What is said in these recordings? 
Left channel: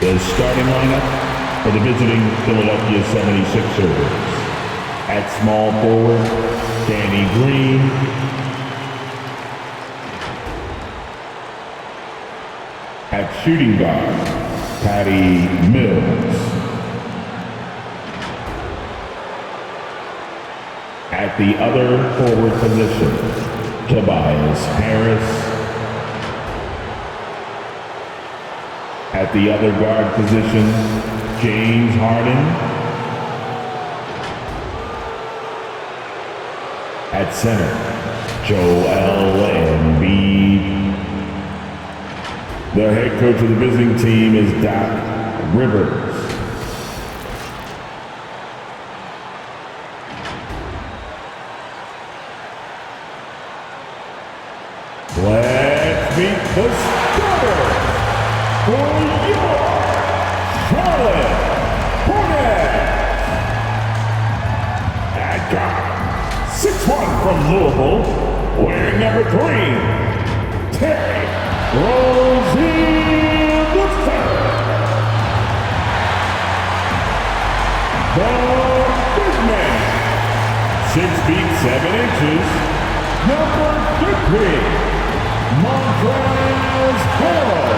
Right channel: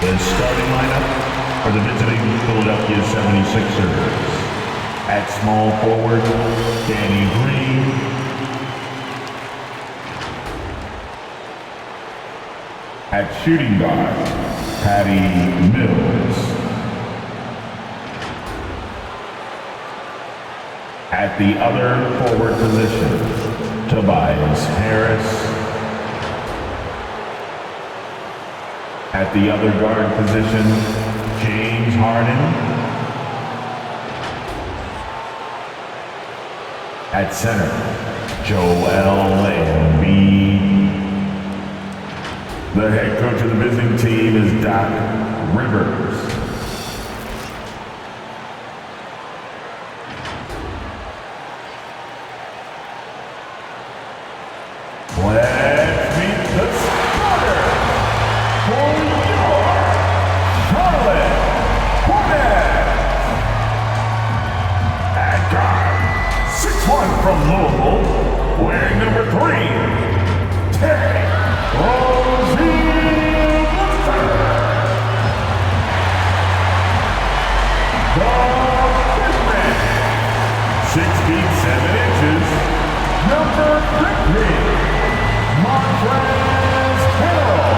The starting lineup for the visiting Philadelphia 76ers. At small forward, Danny Green. At shooting guard, Patty Mills. At the other forward position, Tobias Harris. At the other guard position, James Harden. At center, Joel Embiid. The head coach of the visiting team is Doc Rivers. Let's meet the starters for your Charlotte Hornets. At guard, 6'1" from Louisville, wearing number 3, Terry Rozier III. The big man, 6 feet 7 inches, number 50, Montrezl Harrell.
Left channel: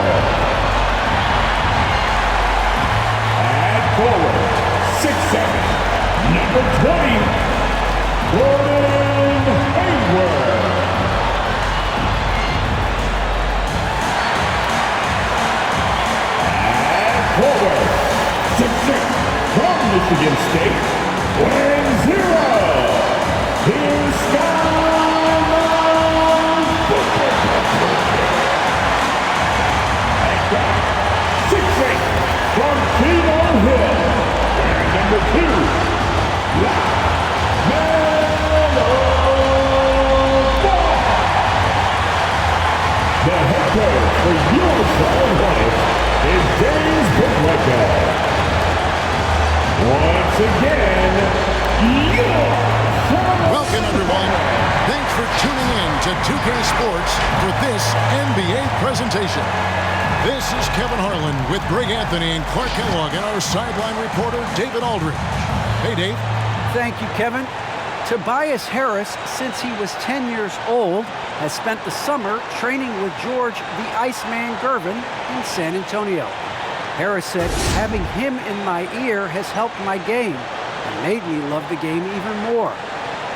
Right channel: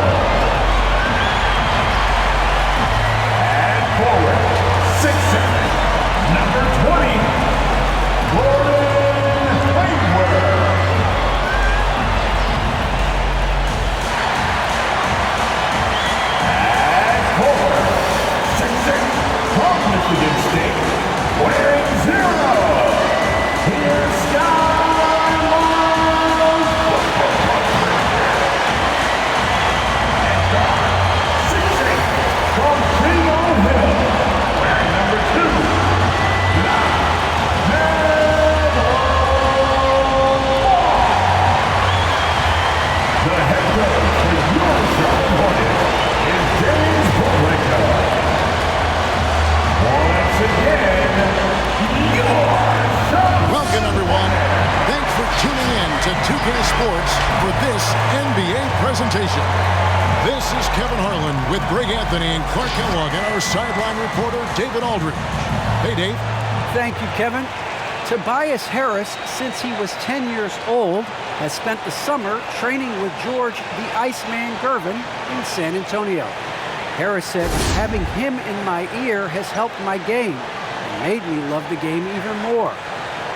At forward, 6'7", number 20, Gordon Hayward. At forward, 6'6", from Michigan State, wearing 0, here's Sky Miles Bridges. At guard, 6'8", from Cleveland Hill, wearing number 2, the head coach for your Charlotte Hornets is James Borrego. Once again, your Charlotte. Welcome, everyone. Thanks for tuning in to 2K Sports for this NBA presentation. This is Kevin Harlan with Greg Anthony and Clark Kellogg and our sideline reporter, David Aldridge. Hey, Dave. Thank you, Kevin. Tobias Harris, since he was 10 years old, has spent the summer training with George the Iceman Gervin in San Antonio. Harris said, having him in my ear has helped my game and made me love the game even more.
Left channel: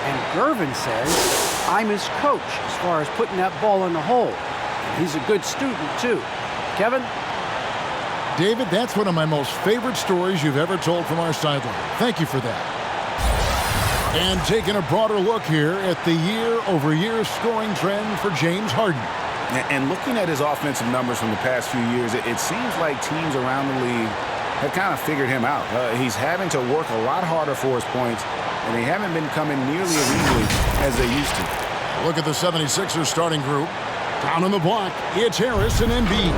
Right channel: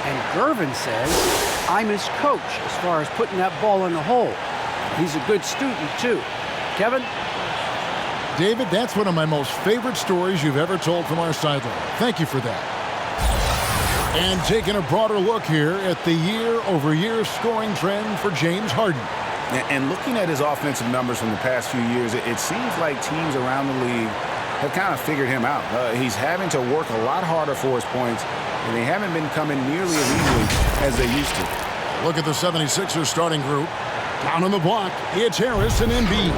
And Gervin says, I'm his coach as far as putting that ball in the hole. And he's a good student, too. Kevin? David, that's one of my most favorite stories you've ever told from our sideline. Thank you for that. And taking a broader look here at the year-over-year scoring trend for James Harden. And looking at his offensive numbers from the past few years, it seems like teams around the league have kind of figured him out. He's having to work a lot harder for his points, and they haven't been coming nearly as easily as they used to. Look at the 76ers starting group. Down on the block, it's Harris and Embiid.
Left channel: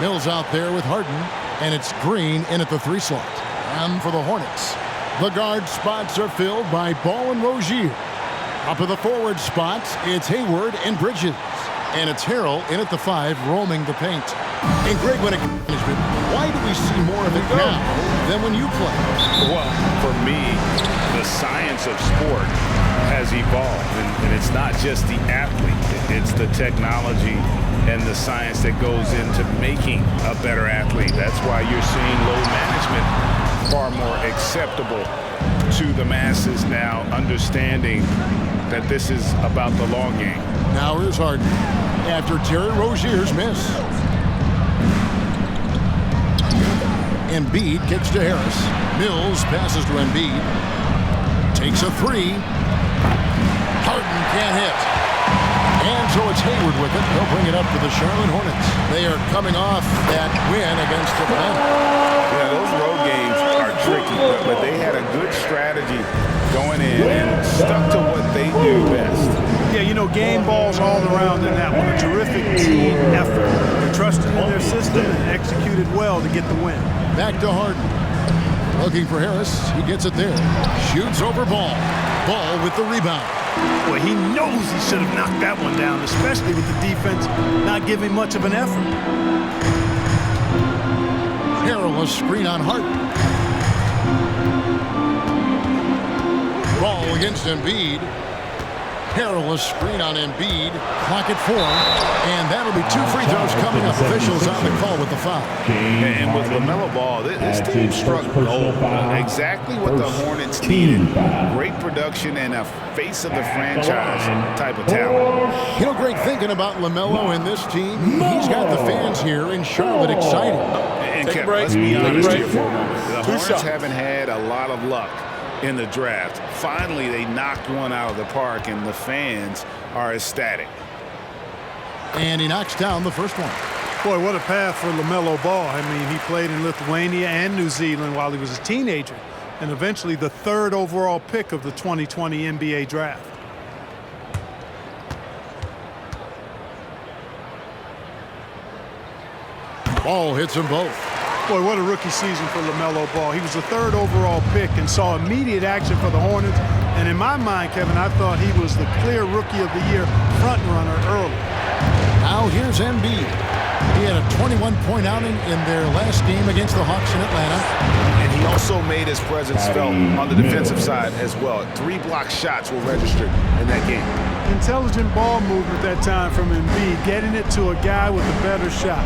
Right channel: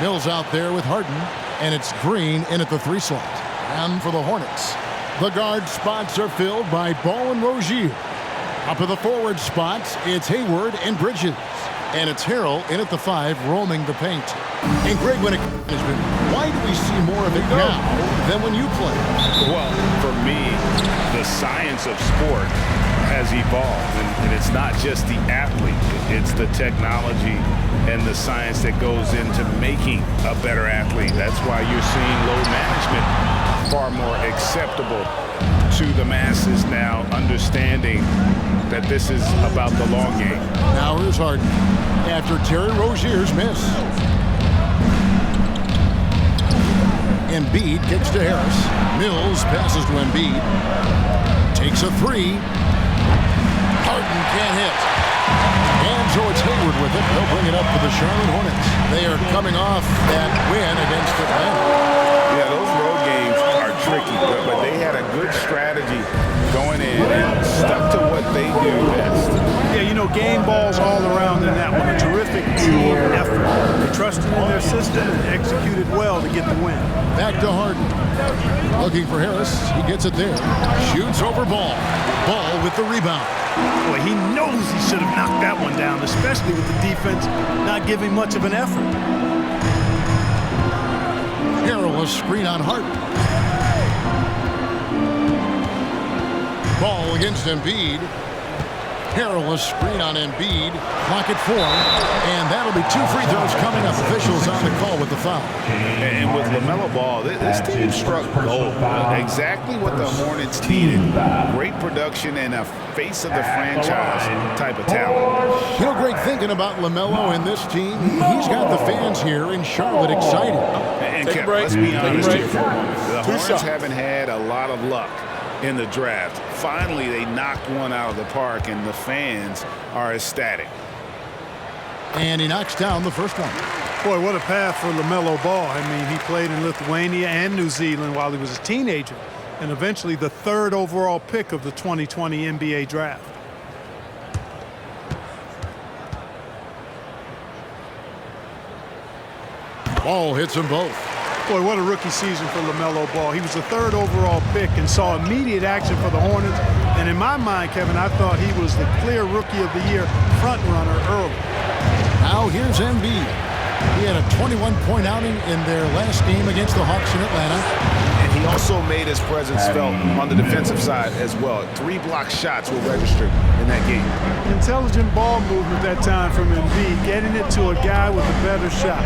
Mills out there with Harden, and it's Green in at the 3 slot. And for the Hornets, the guard spots are filled by Ball and Rozier. Up at the forward spots, it's Hayward and Bridges. And it's Harrell in at the 5, roaming the paint. And Greg, when it comes to management, why do we see more of it now than when you play? Well, for me, the science of sport has evolved. And it's not just the athlete. It's the technology and the science that goes into making a better athlete. That's why you're seeing load management far more acceptable to the masses now, understanding that this is about the long game. Now here's Harden after Terry Rozier's miss. Embiid kicks to Harris. Mills passes to Embiid. Takes a 3. Harden can't hit. And so it's Hayward with it. They'll bring it up for the Charlotte Hornets. They are coming off that win against Atlanta. Yeah, those road games are tricky, but they had a good strategy going in and stuck to what they do best. Yeah, you know, game balls all around in that one. A terrific team effort. They trusted in their system and executed well to get the win. Back to Harden. Looking for Harris. He gets it there. Shoots over Ball. Ball with the rebound. Boy, he knows he should have knocked that one down, especially with the defense not giving much of an effort. Perilous screen on Harden. Ball against Embiid. Perilous screen on Embiid. Clock at 4. And that'll be 2 free throws coming up. Officials on the call with the foul. And with LaMelo Ball, this team struck gold. Exactly what the Hornets needed. Great production and a face of the franchise type of talent. You know, Greg, thinking about LaMelo and this team, he's got the fans here in Charlotte excited. And Kevin, let's be honest here for a moment. The Hornets haven't had a lot of luck in the draft. Finally, they knocked one out of the park, and the fans are ecstatic. And he knocks down the first one. Boy, what a path for LaMelo Ball. I mean, he played in Lithuania and New Zealand while he was a teenager, and eventually the 3rd overall pick of the 2020 NBA draft. Ball hits them both. Boy, what a rookie season for LaMelo Ball. He was the 3rd overall pick and saw immediate action for the Hornets. And in my mind, Kevin, I thought he was the clear Rookie of the Year front runner early. Now here's Embiid. He had a 21-point outing in their last game against the Hawks in Atlanta. And he also made his presence felt on the defensive side as well. 3 block shots were registered in that game. Intelligent ball movement that time from Embiid, getting it to a guy with a better shot.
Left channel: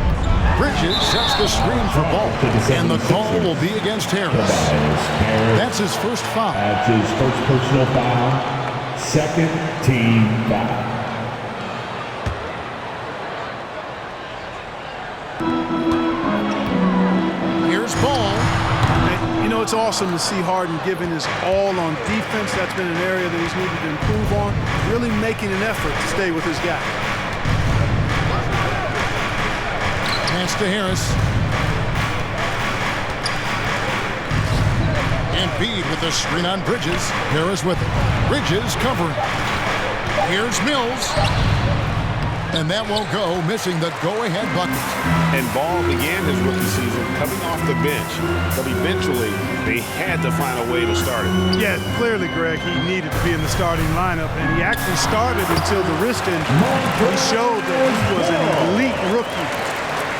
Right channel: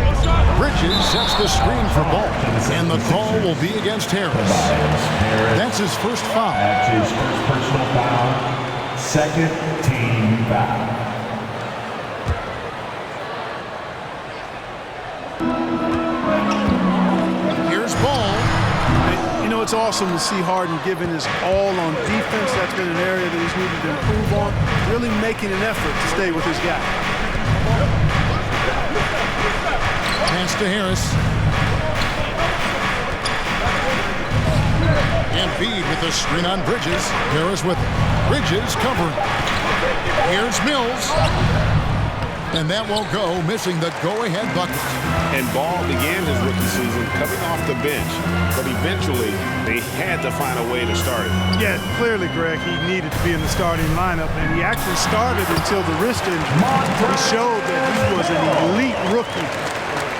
Bridges sets the screen for Ball, and the call will be against Harris. That's his first foul. That's his first personal foul. 2nd team foul. Here's Ball. And, you know, it's awesome to see Harden giving his all on defense. That's been an area that he's needed to improve on. Really making an effort to stay with his guy. Pass to Harris. Embiid with the screen on Bridges. Harris with it. Bridges covering. Here's Mills. And that won't go, missing the go-ahead bucket. And Ball began his rookie season coming off the bench, but eventually they had to find a way to start it. Yeah, clearly, Greg, he needed to be in the starting lineup, and he actually started until the wrist injury. He showed that he was an elite rookie.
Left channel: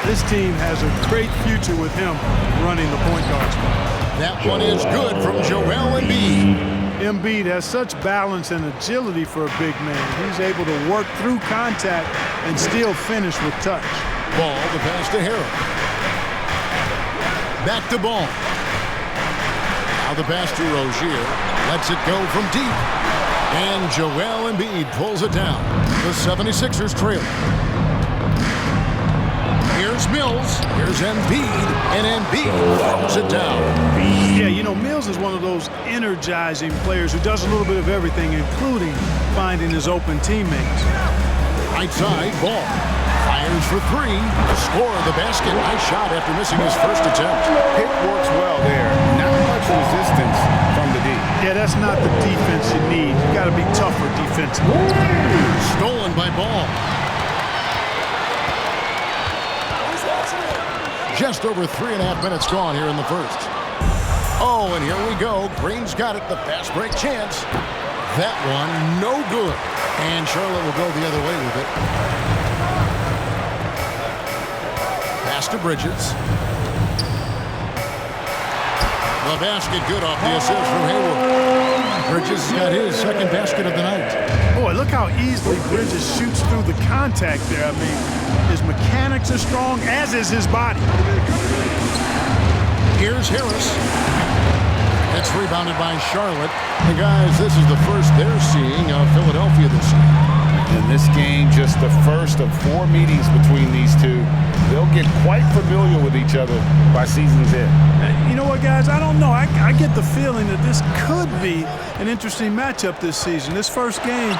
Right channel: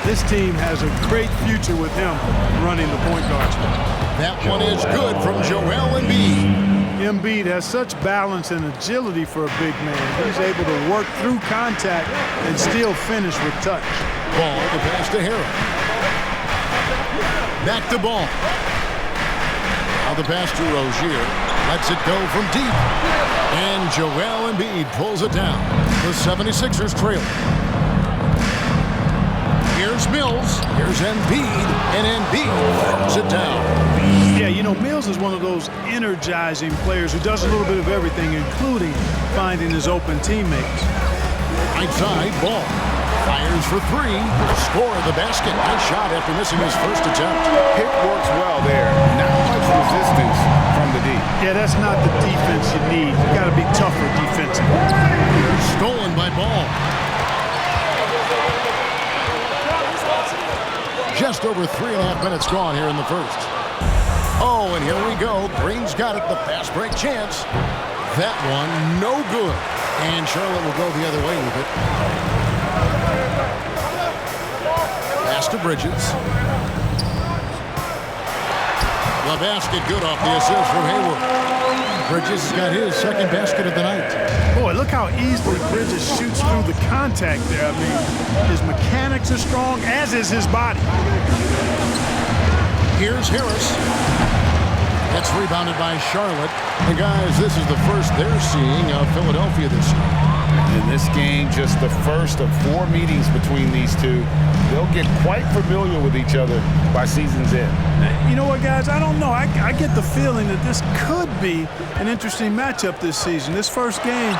This team has a great future with him running the point guard spot. That one is good from Joel Embiid. Embiid has such balance and agility for a big man. He's able to work through contact and still finish with touch. Ball, the pass to Harris. Back to Ball. Now the pass to Rozier. Lets it go from deep. And Joel Embiid pulls it down. The 76ers trail. Here's Mills. Here's Embiid. And Embiid throws it down. Yeah, you know, Mills is one of those energizing players who does a little bit of everything, including finding his open teammates. Right side, Ball. Fires for 3. Score the basket. Nice shot after missing his first attempt. Pick works well there. Not much resistance from the D. Yeah, that's not the defense you need. You got to be tougher defensively. Stolen by Ball. Just over 3.5 minutes gone here in the first. Oh, and here we go. Green's got it. The fast break chance. That one, no good. And Charlotte will go the other way with it. Pass to Bridges. The basket good off the assist from Hayward. Bridges has got his 2nd basket of the night. Boy, look how easily Bridges shoots through the contact there. I mean, his mechanics are strong, as is his body. Here's Harris. It's rebounded by Charlotte. And guys, this is the first they're seeing of Philadelphia this year. In this game, just the first of 4 meetings between these two. They'll get quite familiar with each other by season's end. You know what, guys? I don't know. I get the feeling that this could be an interesting matchup this season. This first game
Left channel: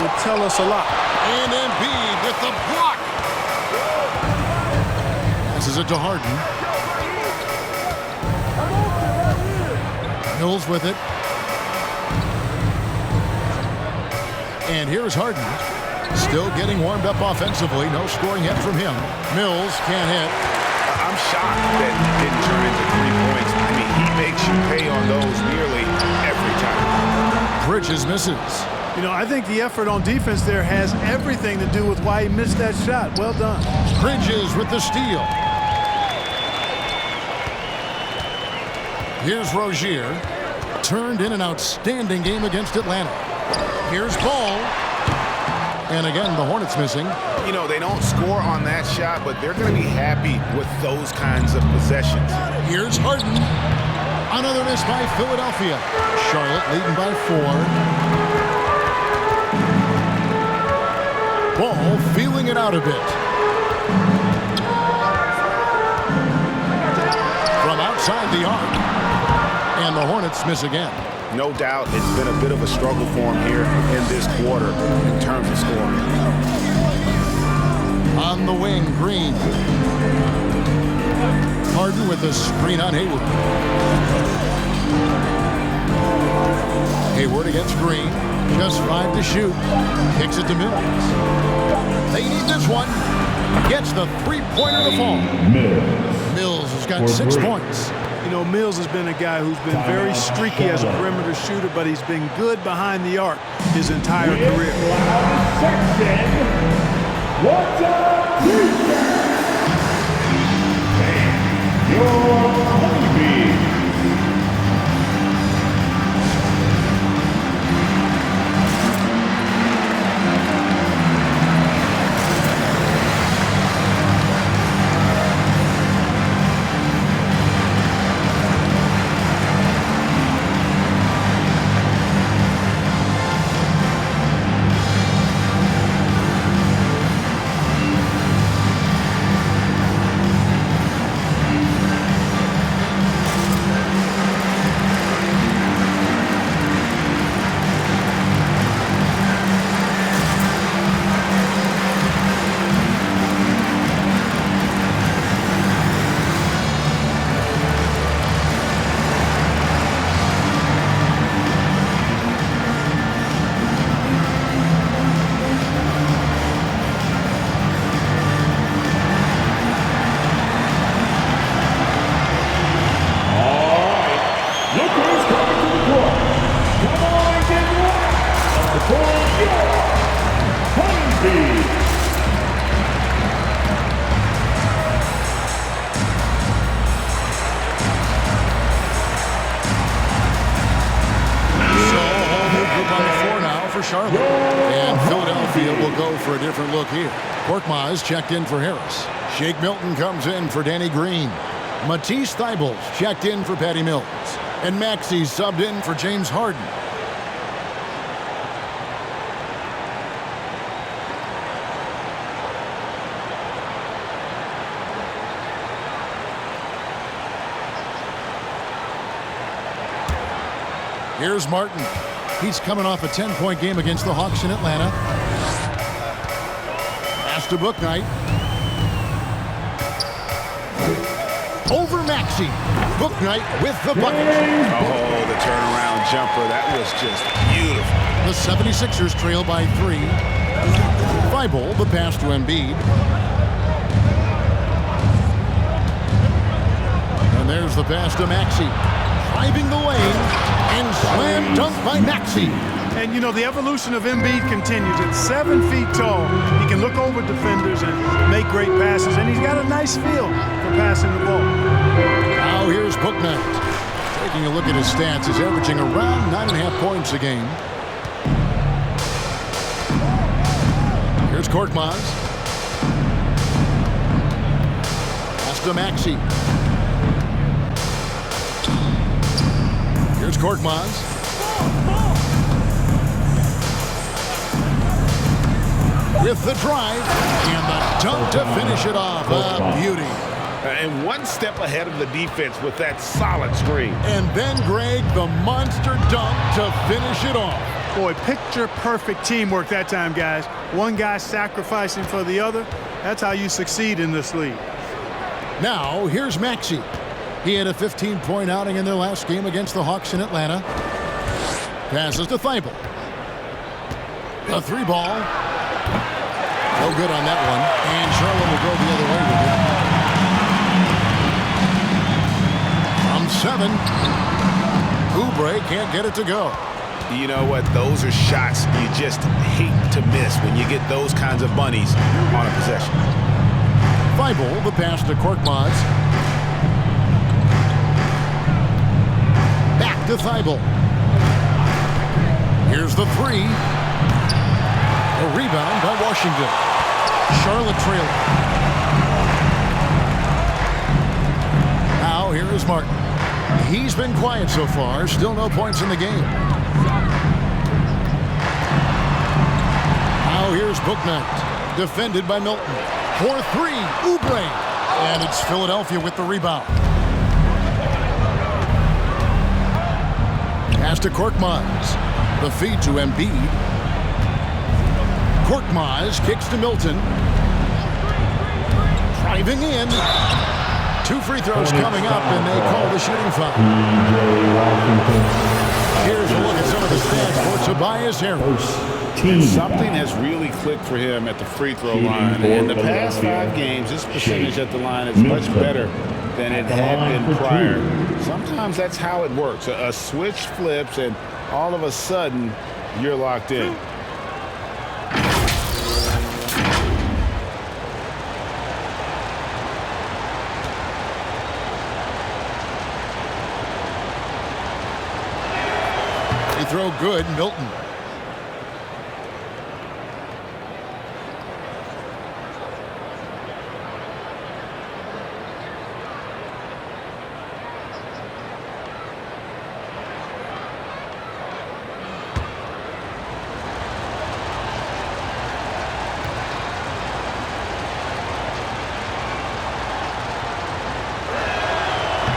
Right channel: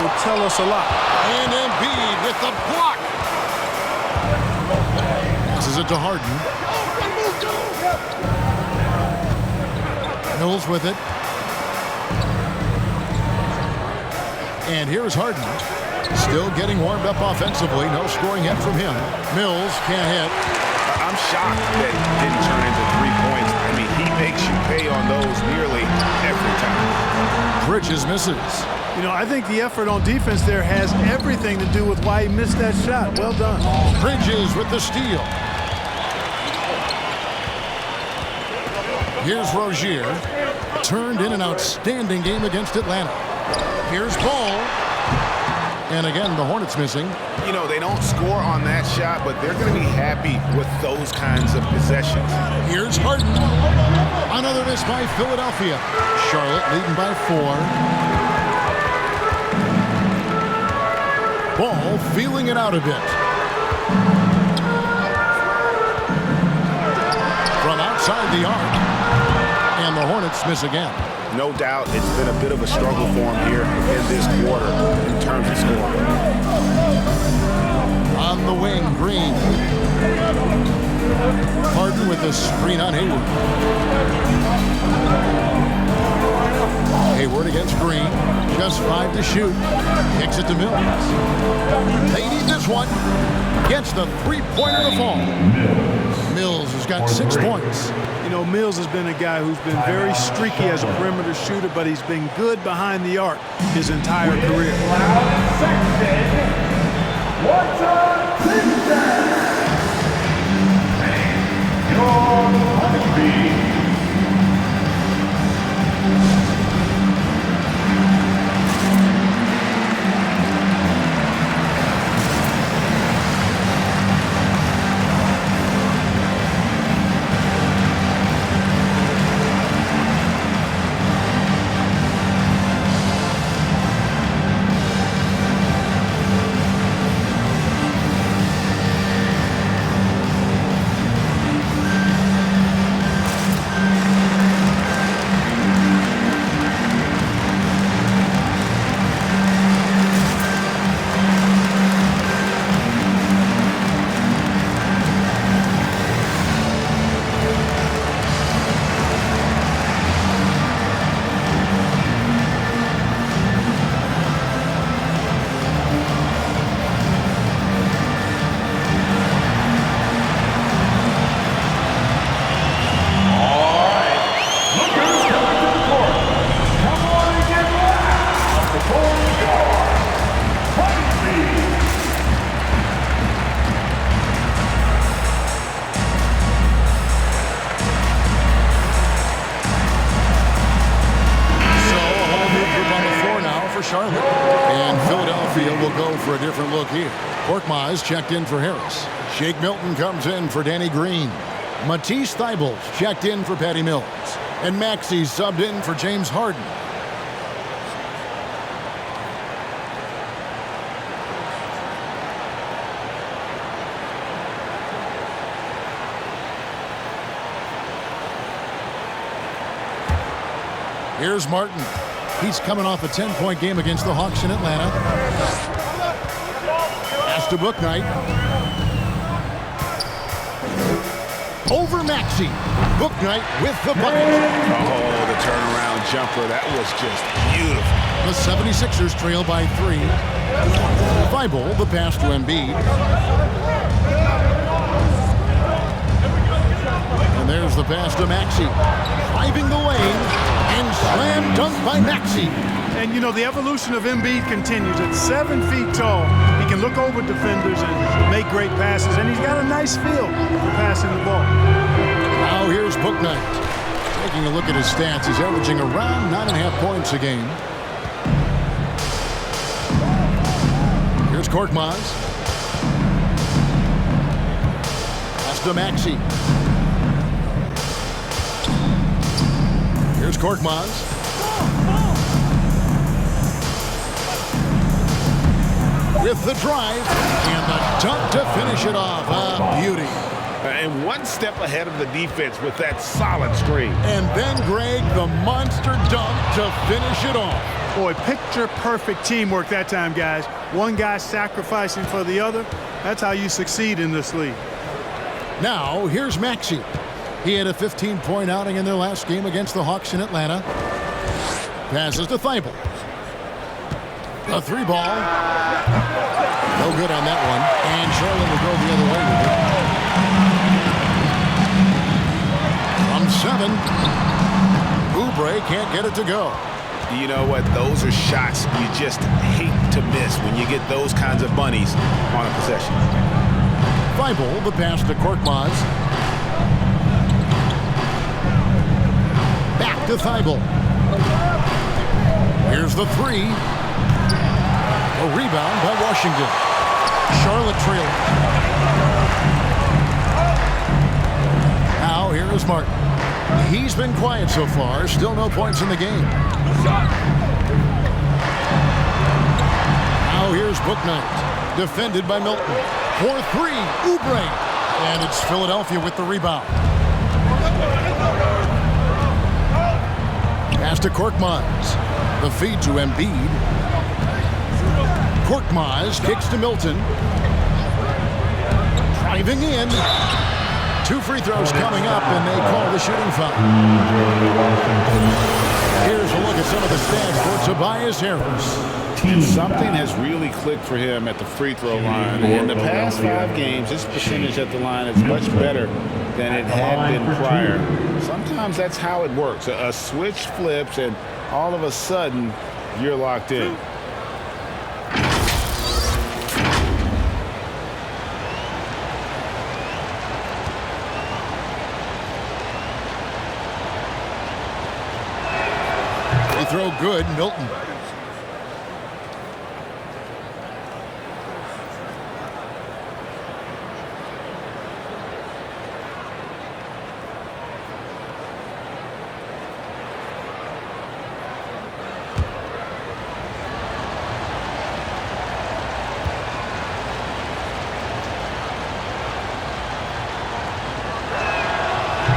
will tell us a lot. And Embiid with the block. Passes it to Harden. Mills with it. And here's Harden. Still getting warmed up offensively. No scoring yet from him. Mills can't hit. I'm shocked that didn't turn into 3 points. I mean, he makes you pay on those nearly every time. Bridges misses. You know, I think the effort on defense there has everything to do with why he missed that shot. Well done. Bridges with the steal. Here's Rozier. Turned in an outstanding game against Atlanta. Here's Ball. And again, the Hornets missing. You know, they don't score on that shot, but they're going to be happy with those kinds of possessions. Here's Harden. Another miss by Philadelphia. Charlotte leading by 4. Ball feeling it out a bit. From outside the arc. And the Hornets miss again. No doubt it's been a bit of a struggle for him here in this quarter in terms of scoring. On the wing, Green. Harden with the screen on Hayward. Hayward against Green. Just 5 to shoot. Kicks it to Mills. They need this one. Gets the three-pointer to fall. Mills has got 6 points. You know, Mills has been a guy who's been very streaky as a perimeter shooter, but he's been good behind the arc his entire career. What's up, Tuesday? And your honeybee. For Charlotte. And Philadelphia will go for a different look here. Korkmaz checked in for Harris. Shake Milton comes in for Danny Green. Matisse Thybulle's checked in for Patty Mills. And Maxey subbed in for James Harden. Here's Martin. He's coming off a 10-point game against the Hawks in Atlanta. Pass to Bouknight. Over Maxey. Bouknight with the bucket. Oh, the turnaround jumper. That was just beautiful. The 76ers trail by 3. Thibault, the pass to Embiid. And there's the pass to Maxey. Driving the lane. And slam dunk by Maxey. And, you know, the evolution of Embiid continues. At 7 feet tall, he can look over defenders and make great passes. And he's got a nice feel for passing the ball. Now here's Bouknight. Taking a look at his stats, he's averaging around 9.5 points a game. Here's Korkmaz. Pass to Maxey. Here's Korkmaz. With the drive and the dunk to finish it off. A beauty. And one step ahead of the defense with that solid screen. And then Greg, the monster dunk to finish it off. Boy, picture-perfect teamwork that time, guys. One guy sacrificing for the other. That's how you succeed in this league. Now, here's Maxey. He had a 15-point outing in their last game against the Hawks in Atlanta. Passes to Thibault. A 3-ball. No good on that one. And Charlotte will go the other way with it. From 7. Oubre can't get it to go. You know what? Those are shots you just hate to miss when you get those kinds of bunnies on a possession. Thibault, the pass to Korkmaz. to Thibault. Here's the three. A rebound by Washington. Charlotte trailing. Now here is Martin. He's been quiet so far. Still no points in the game. Now here's Bouknight. Defended by Milton. 4-3. Oubre. And it's Philadelphia with the rebound. Pass to Korkmaz. The feed to Embiid. Korkmaz kicks to Milton. Driving in. 2 free throws coming up, and they call the shooting foul. Here's a look at some of the stats for Tobias Harris. And something has really clicked for him at the free throw line. In the past 5 games, his percentage at the line is much better than it had been prior. Sometimes that's how it works. A switch flips, and all of a sudden, you're locked in. Free throw good, Milton.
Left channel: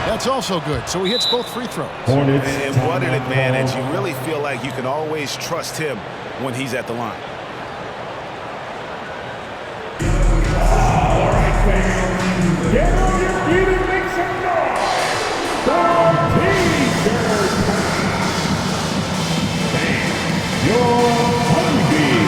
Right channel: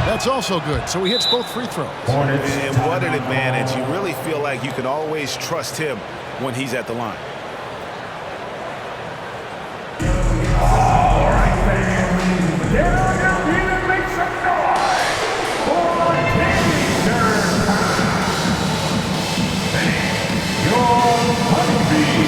That's also good. So he hits both free throws. Hornets. And what an advantage. You really feel like you can always trust him when he's at the line. All right, fans. Get on your feet and make some noise for T-shirt time. Your honeybee.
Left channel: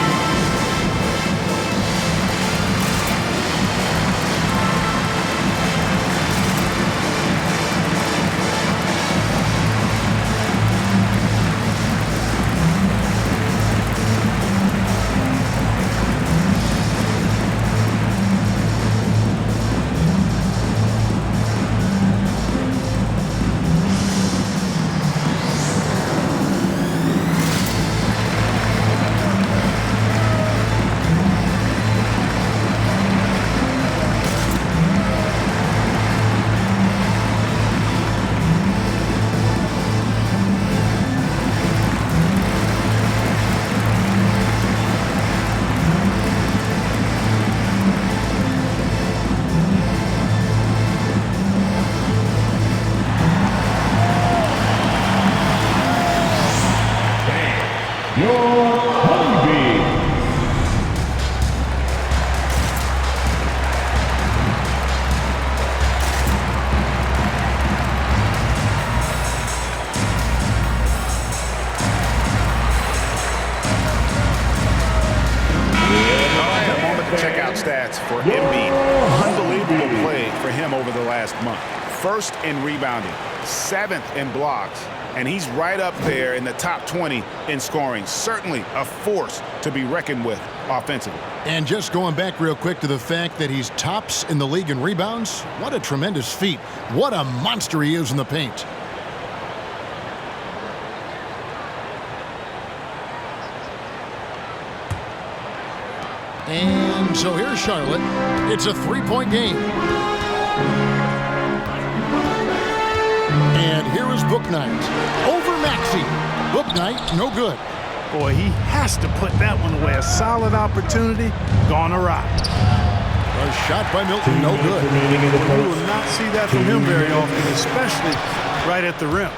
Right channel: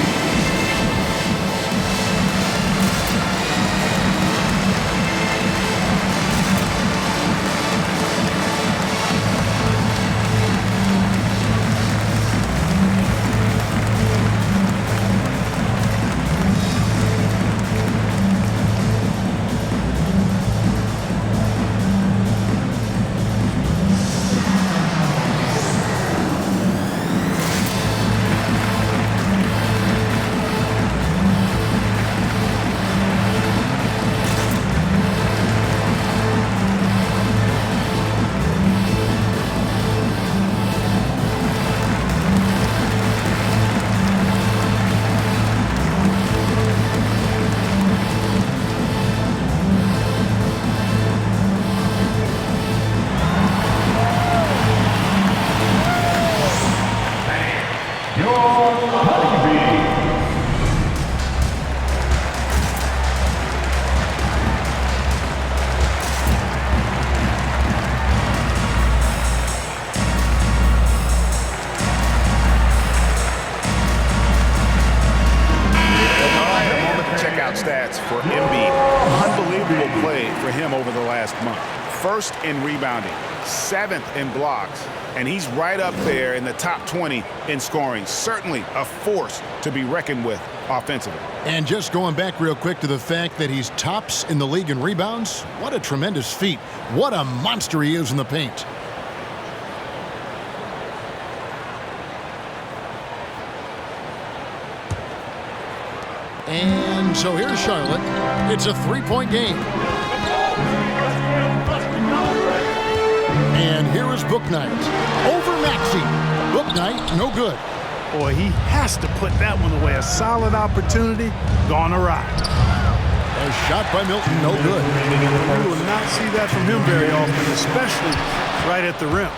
Checkout stats for Embiid. Unbelievable play for him over the last month. 1st in rebounding, 7th in blocks, and he's right up there in the top 20 in scoring. Certainly a force to be reckoned with offensively. And just going back real quick to the fact that he's tops in the league in rebounds, what a tremendous feat. What a monster he is in the paint. And so here's Charlotte. It's a 3-point game. And here is Bouknight. Over Maxey. Bouknight, no good. Boy, he has to put that one away. A solid opportunity, gone awry. A shot by Milton, no good. Well, you will not see that from him very often, especially right at the rim.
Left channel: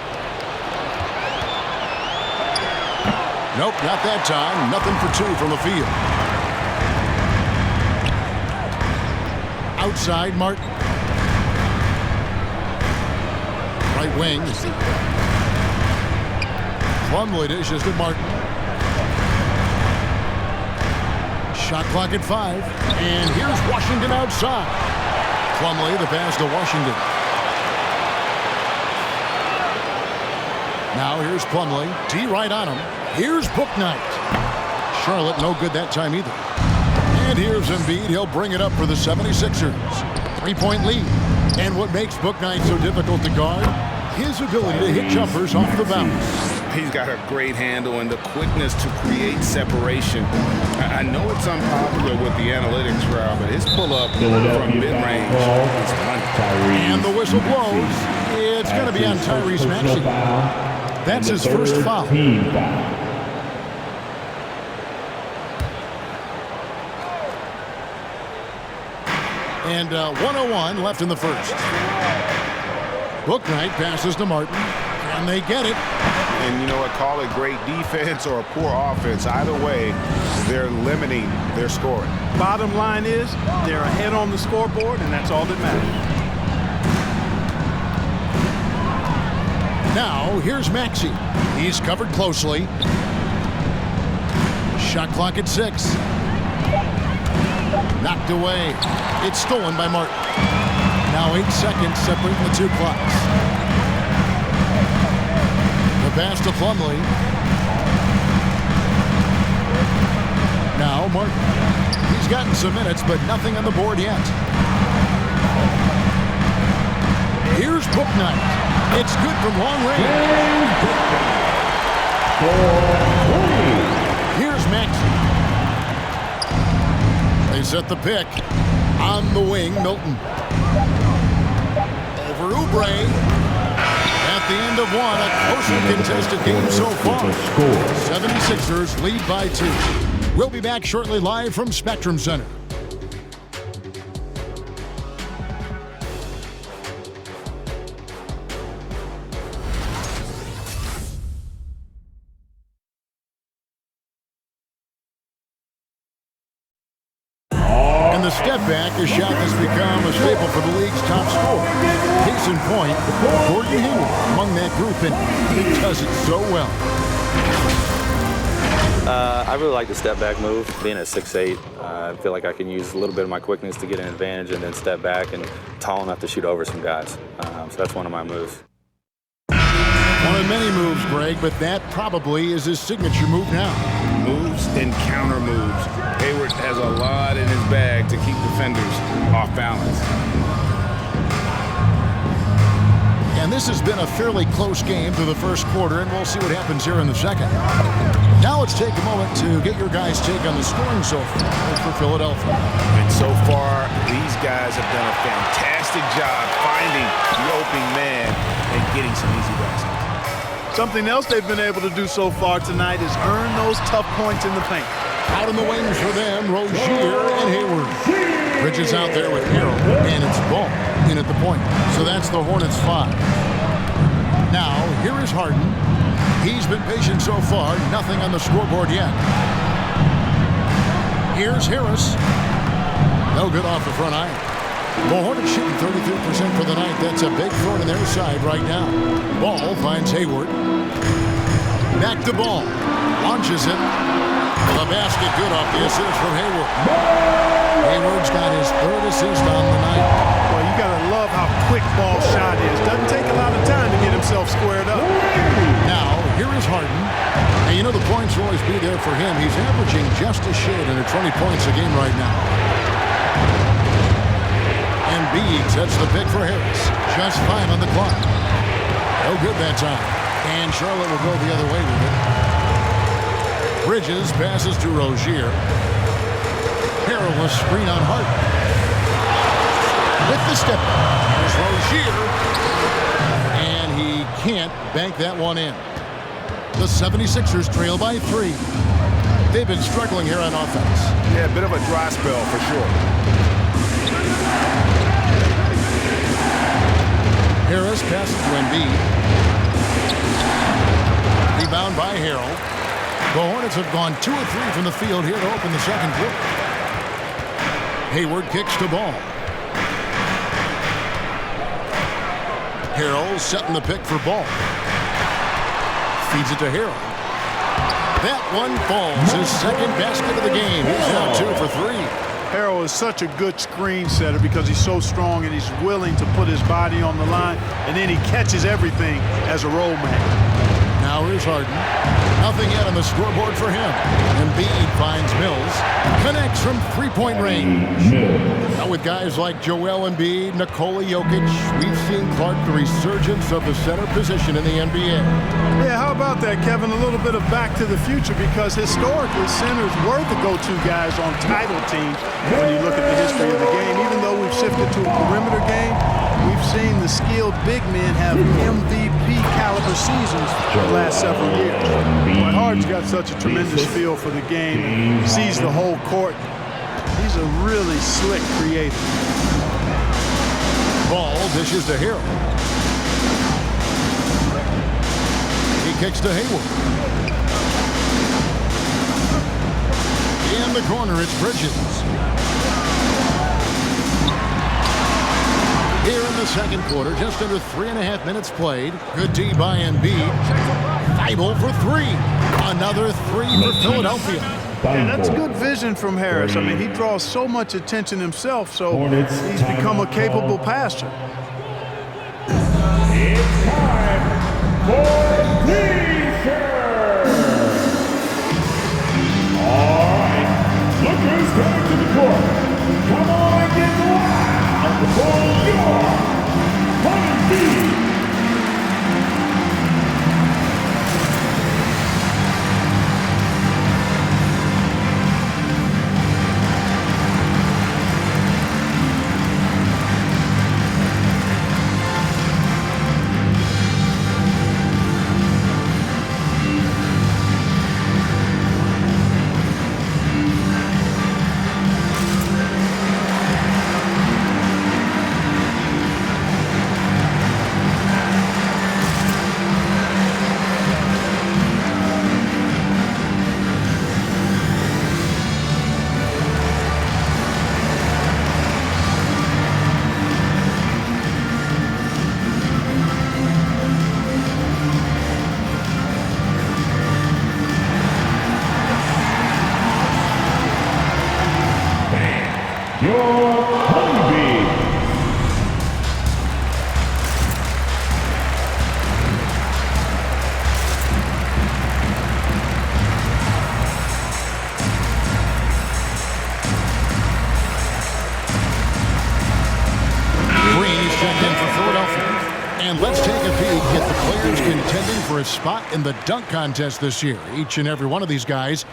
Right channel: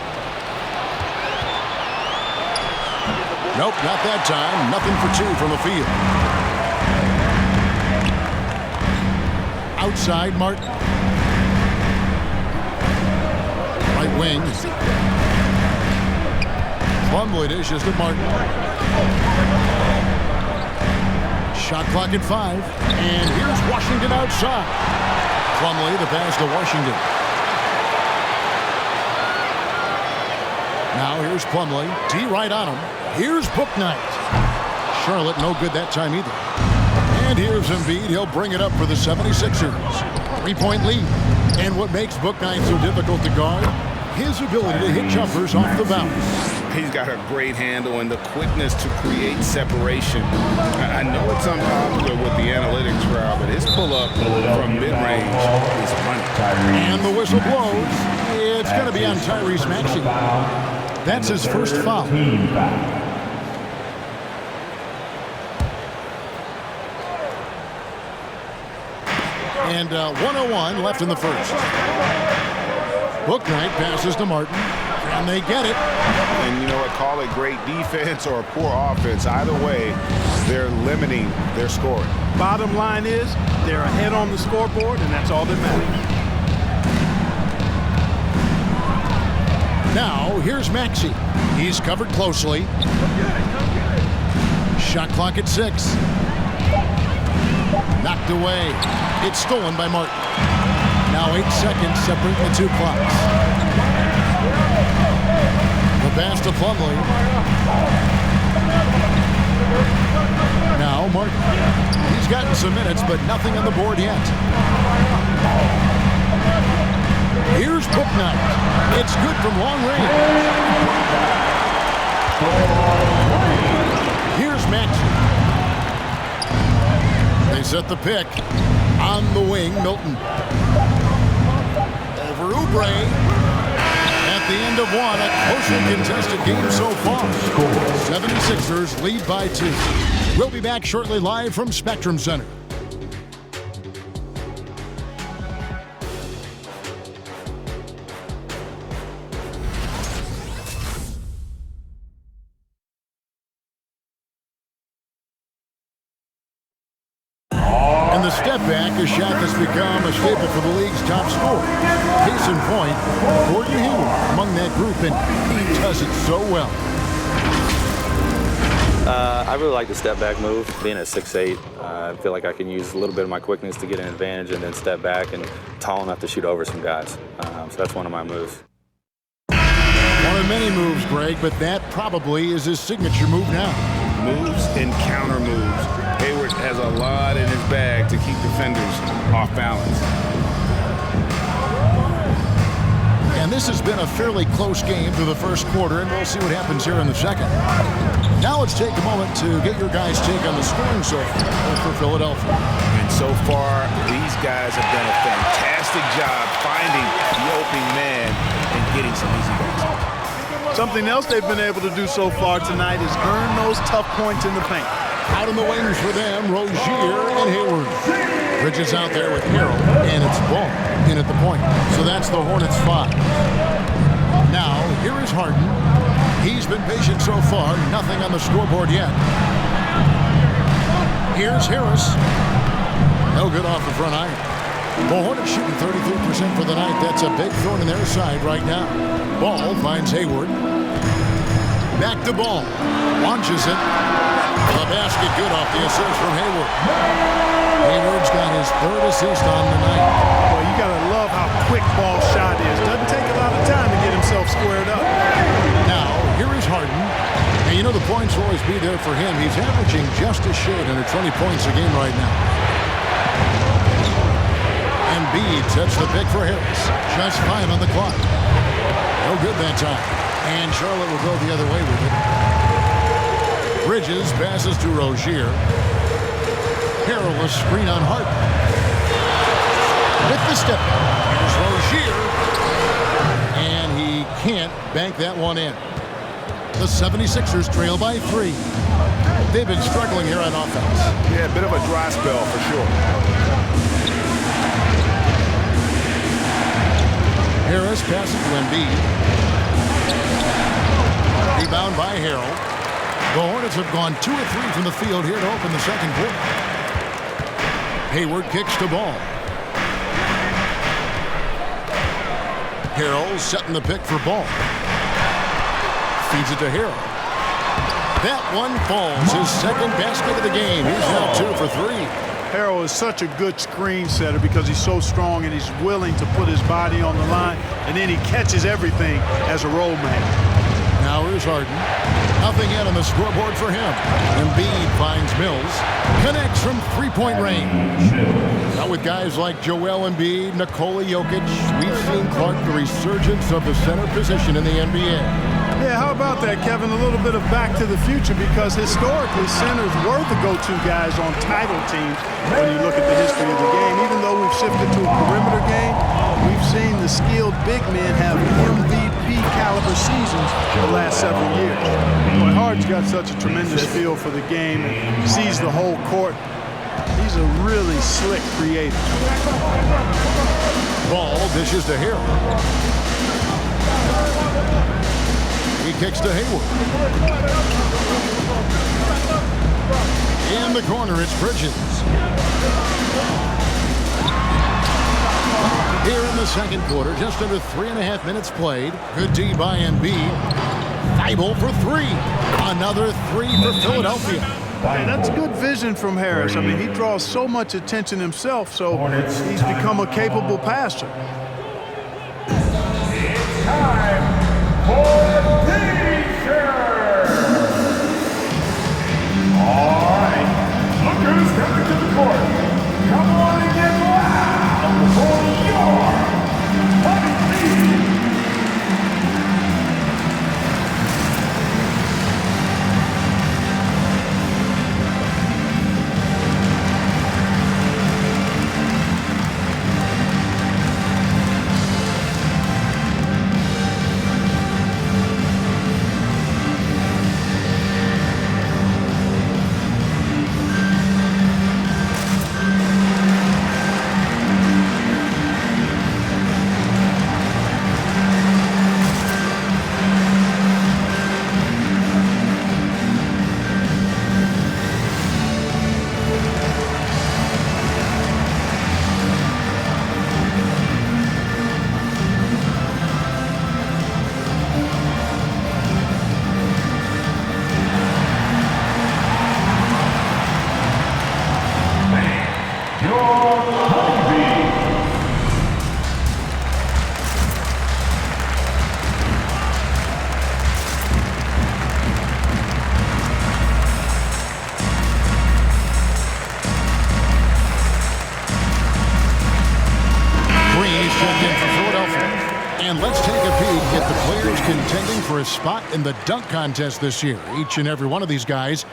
Nope, not that time. Nothing for 2 from the field. Outside, Martin. Right wing. Plumlee dishes to Martin. Shot clock at 5. And here's Washington outside. Plumlee, the pass to Washington. Now here's Plumlee. D right on him. Here's Bouknight. Charlotte no good that time either. And here's Embiid. He'll bring it up for the 76ers. 3-point lead. And what makes Bouknight so difficult to guard? his ability to hit jumpers off the bounce. He's got a great handle and the quickness to create separation. I know it's unpopular with the analytics crowd, but his pull-up from mid-range is money. And the whistle blows. It's going to be on Tyrese Maxey. That's his first foul. Team foul. And 1:01 left in the first. Bouknight passes to Martin. Can they get it? And you know what? Call it great defense or a poor offense. Either way, they're limiting their scoring. Bottom line is they're ahead on the scoreboard, and that's all that matters. Now, here's Maxey. He's covered closely. Shot clock at 6. Knocked away. It's stolen by Martin. Now 8 seconds separating the two clocks. The pass to Plumlee. Now Martin. He's gotten some minutes, but nothing on the board yet. Here's Bouknight. It's good from long range. Here's Maxey. They set the pick. On the wing, Milton. Over Oubre. At the end of one, a closely contested game so far. 76ers lead by 2. We'll be back shortly live from Spectrum Center. And the step back, a shot that's become a staple for the league's top scorer. Case in point, Gordon Hayward among that group, and he does it so well. I really like the step back move. Being at 6'8", I feel like I can use a little bit of my quickness to get an advantage and then step back and tall enough to shoot over some guys. So that's one of my moves. One of many moves, Greg, but that probably is his signature move now. Moves and counter moves. Hayward has a lot in his bag to keep defenders off balance. And this has been a fairly close game through the first quarter, and we'll see what happens here in the second. Now let's take a moment to get your guys' take on the scoring so far for Philadelphia. And so far, these guys have done a fantastic job finding the opening man and getting some easy baskets. Something else they've been able to do so far tonight is earn those tough points in the paint. Out on the wings for them, Rozier and Hayward. Bridges out there with Harrell, and it's Ball in at the point. So that's the Hornets 5. Now, here is Harden. He's been patient so far, nothing on the scoreboard yet. Here's Harris. No good off the front iron. The Hornets shooting 33% for the night. That's a big thorn in their side right now. Ball finds Hayward. Back to Ball. Launches it. The basket good off the assist from Hayward. Hayward's got his 3rd assist on the night. Well, you got to love how quick Ball's shot is. Doesn't take a lot of time to get himself squared up. Now, here is Harden. And you know the points will always be there for him. He's averaging just a shade under 20 points a game right now. Embiid sets the pick for Harris. Just 5 on the clock. No good that time. And Charlotte will go the other way with it. Bridges passes to Rozier. Perilous screen on Harden. With the step back. Here's Rozier. And he can't bank that one in. The 76ers trail by 3. They've been struggling here on offense. Yeah, a bit of a dry spell for sure. Harris passes to Embiid. Rebound by Harrell. The Hornets have gone 2 of 3 from the field here to open the second quarter. Hayward kicks to Ball. Harrell setting the pick for Ball. Feeds it to Harrell. That one falls. His second basket of the game. He's now 2 for 3. Harrell is such a good screen setter because he's so strong and he's willing to put his body on the line, and then he catches everything as a roll man. Now here's Harden. Nothing yet on the scoreboard for him. Embiid finds Mills. Connects from three-point range. Now with guys like Joel Embiid, Nikola Jokic, we've seen, Clark, the resurgence of the center position in the NBA. Yeah, how about that, Kevin? A little bit of back to the future, because historically centers were the go-to guys on title teams when you look at the history of the game. Even though we've shifted to a perimeter game, we've seen the skilled big men have MVP caliber seasons the last several years. Boy, Harden's got such a tremendous feel for the game and sees the whole court. He's a really slick creator. Ball dishes to Harold. He kicks to Hayward. In the corner, it's Bridges. Here in the second quarter, just under 3.5 minutes played. Good D by Embiid. Thibault for three. Another three for Philadelphia. Yeah, that's good vision from Harris. I mean, he draws so much attention himself, so he's become a capable passer. It's time for T-shirt. All right, look who's coming to the court. Come on and get loud for your Honeybee. Your Honeybee. Green is checked in for Philadelphia. And let's take a peek at the players contending for a spot in the dunk contest this year. Each and every one of these guys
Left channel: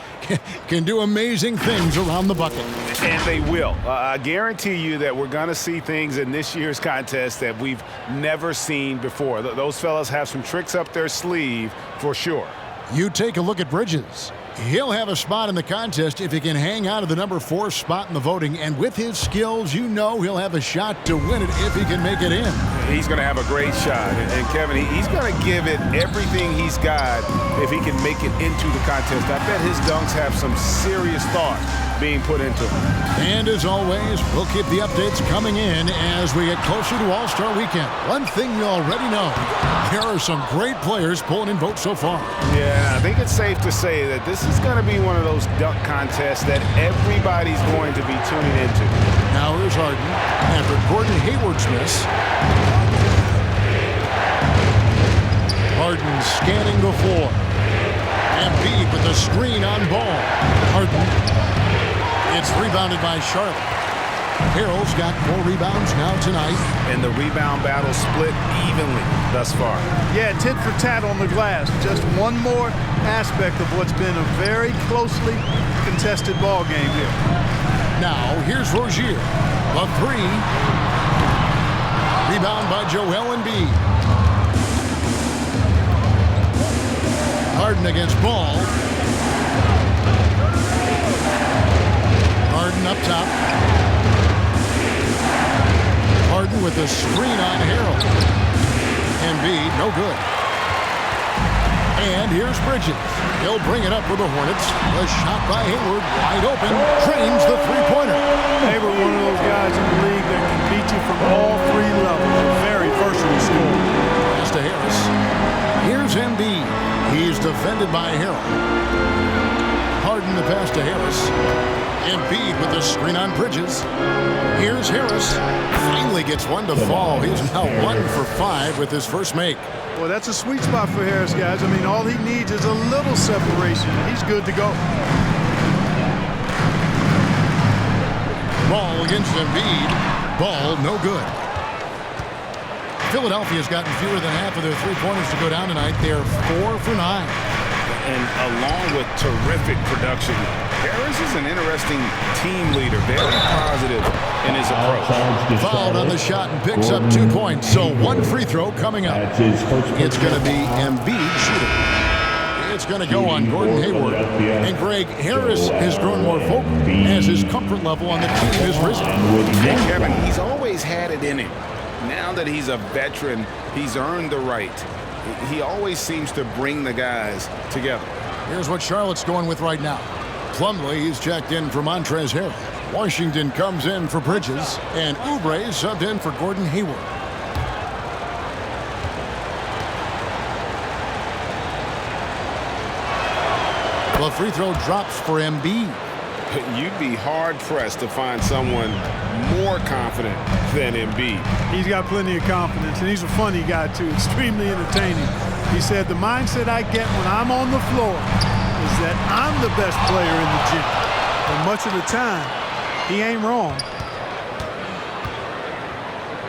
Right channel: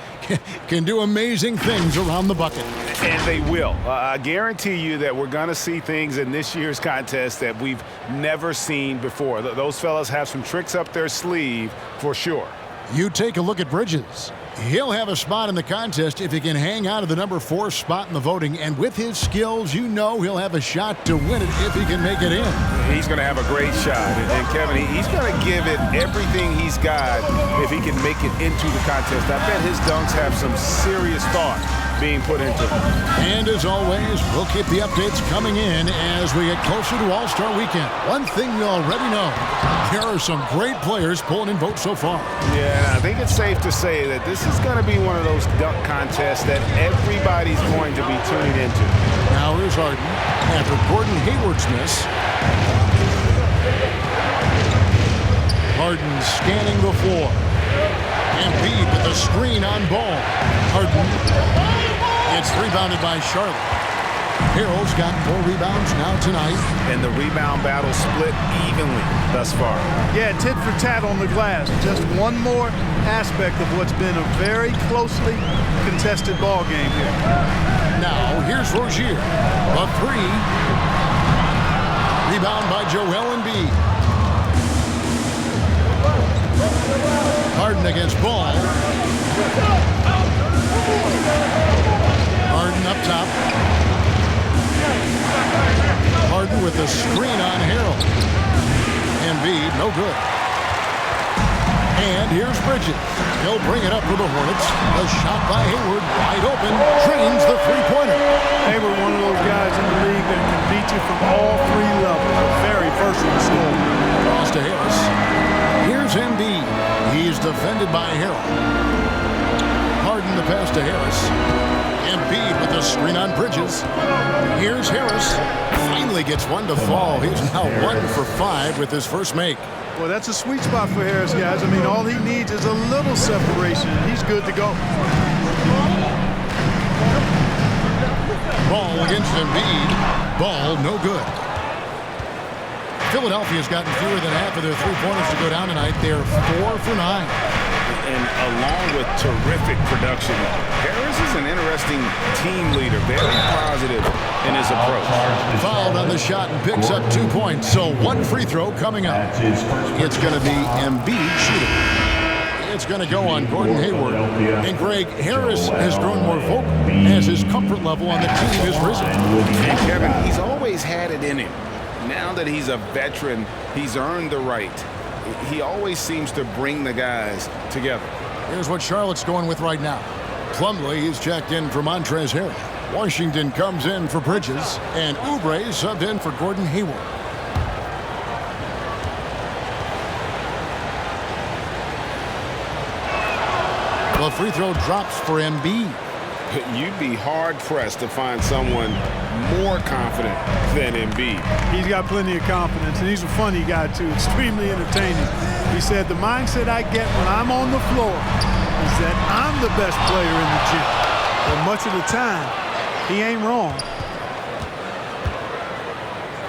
can do amazing things around the bucket. And they will. I guarantee you that we're going to see things in this year's contest that we've never seen before. Those fellas have some tricks up their sleeve for sure. You take a look at Bridges. He'll have a spot in the contest if he can hang out of the number 4 spot in the voting. And with his skills, you know he'll have a shot to win it if he can make it in. He's going to have a great shot. And Kevin, he's going to give it everything he's got if he can make it into the contest. I bet his dunks have some serious thought being put into them. And as always, we'll keep the updates coming in as we get closer to All-Star Weekend. One thing we already know, there are some great players pulling in votes so far. Yeah, I think it's safe to say that this is going to be one of those dunk contests that everybody's going to be tuning into. Now here's Harden after Gordon Hayward's miss. Harden scanning the floor. Embiid with the screen on Ball. Harden. It's rebounded by Charlotte. Harrell's got 4 rebounds now tonight. And the rebound battle split evenly thus far. Yeah, tit for tat on the glass. Just one more aspect of what's been a very closely contested ball game here. Now, here's Rozier. The 3. Rebound by Joel Embiid. Harden against Ball. Harden up top. Harden with the screen on Harold. Embiid, no good. And here's Bridges. He'll bring it up for the Hornets. The shot by Hayward, wide open, trains the three-pointer. Hayward, one of those guys in the league that can beat you from all 3 levels. A very versatile scorer. Pass to Harris. Here's Embiid. He's defended by Harold. Harden the pass to Harris. Embiid with the screen on Bridges. Here's Harris. Finds finally gets one to fall. He's now 1 for 5 with his first make. Well, that's a sweet spot for Harris, guys. I mean, all he needs is a little separation, and he's good to go. Ball against Embiid. Ball no good. Philadelphia's gotten fewer than half of their three-pointers to go down tonight. They're 4 for 9. And along with terrific production, Harris is an interesting team leader, very positive in his approach. Fouled on the shot and picks up 2 points. So one free throw coming up. It's going to be Embiid shooting. It's going to go on Gordon Hayward. And Greg, Harris has grown more vocal as his comfort level on the team has risen. And Kevin, he's always had it in him. Now that he's a veteran, he's earned the right. He always seems to bring the guys together. Here's what Charlotte's going with right now. Plumlee is checked in for Montrezl Harrell. Washington comes in for Bridges. And Oubre is subbed in for Gordon Hayward. The free throw drops for Embiid. You'd be hard-pressed to find someone more confident than Embiid. He's got plenty of confidence, and he's a funny guy, too, extremely entertaining. He said, the mindset I get when I'm on the floor is that I'm the best player in the gym. But much of the time, he ain't wrong.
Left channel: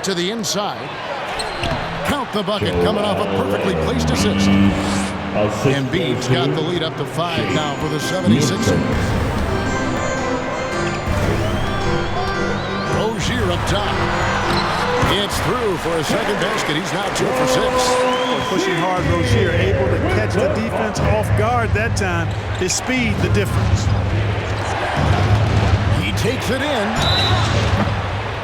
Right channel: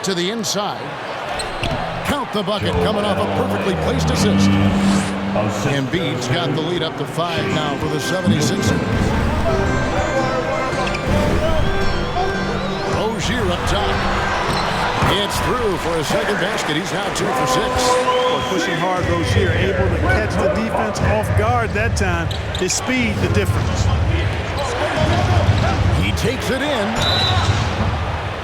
To the inside. Count the bucket coming off a perfectly placed assist. Embiid's got the lead up to 5 now for the 76ers. Rozier up top. It's through for a second basket. He's now 2 for 6. Well, pushing hard, Rozier able to catch the defense off guard that time. His speed, the difference. He takes it in.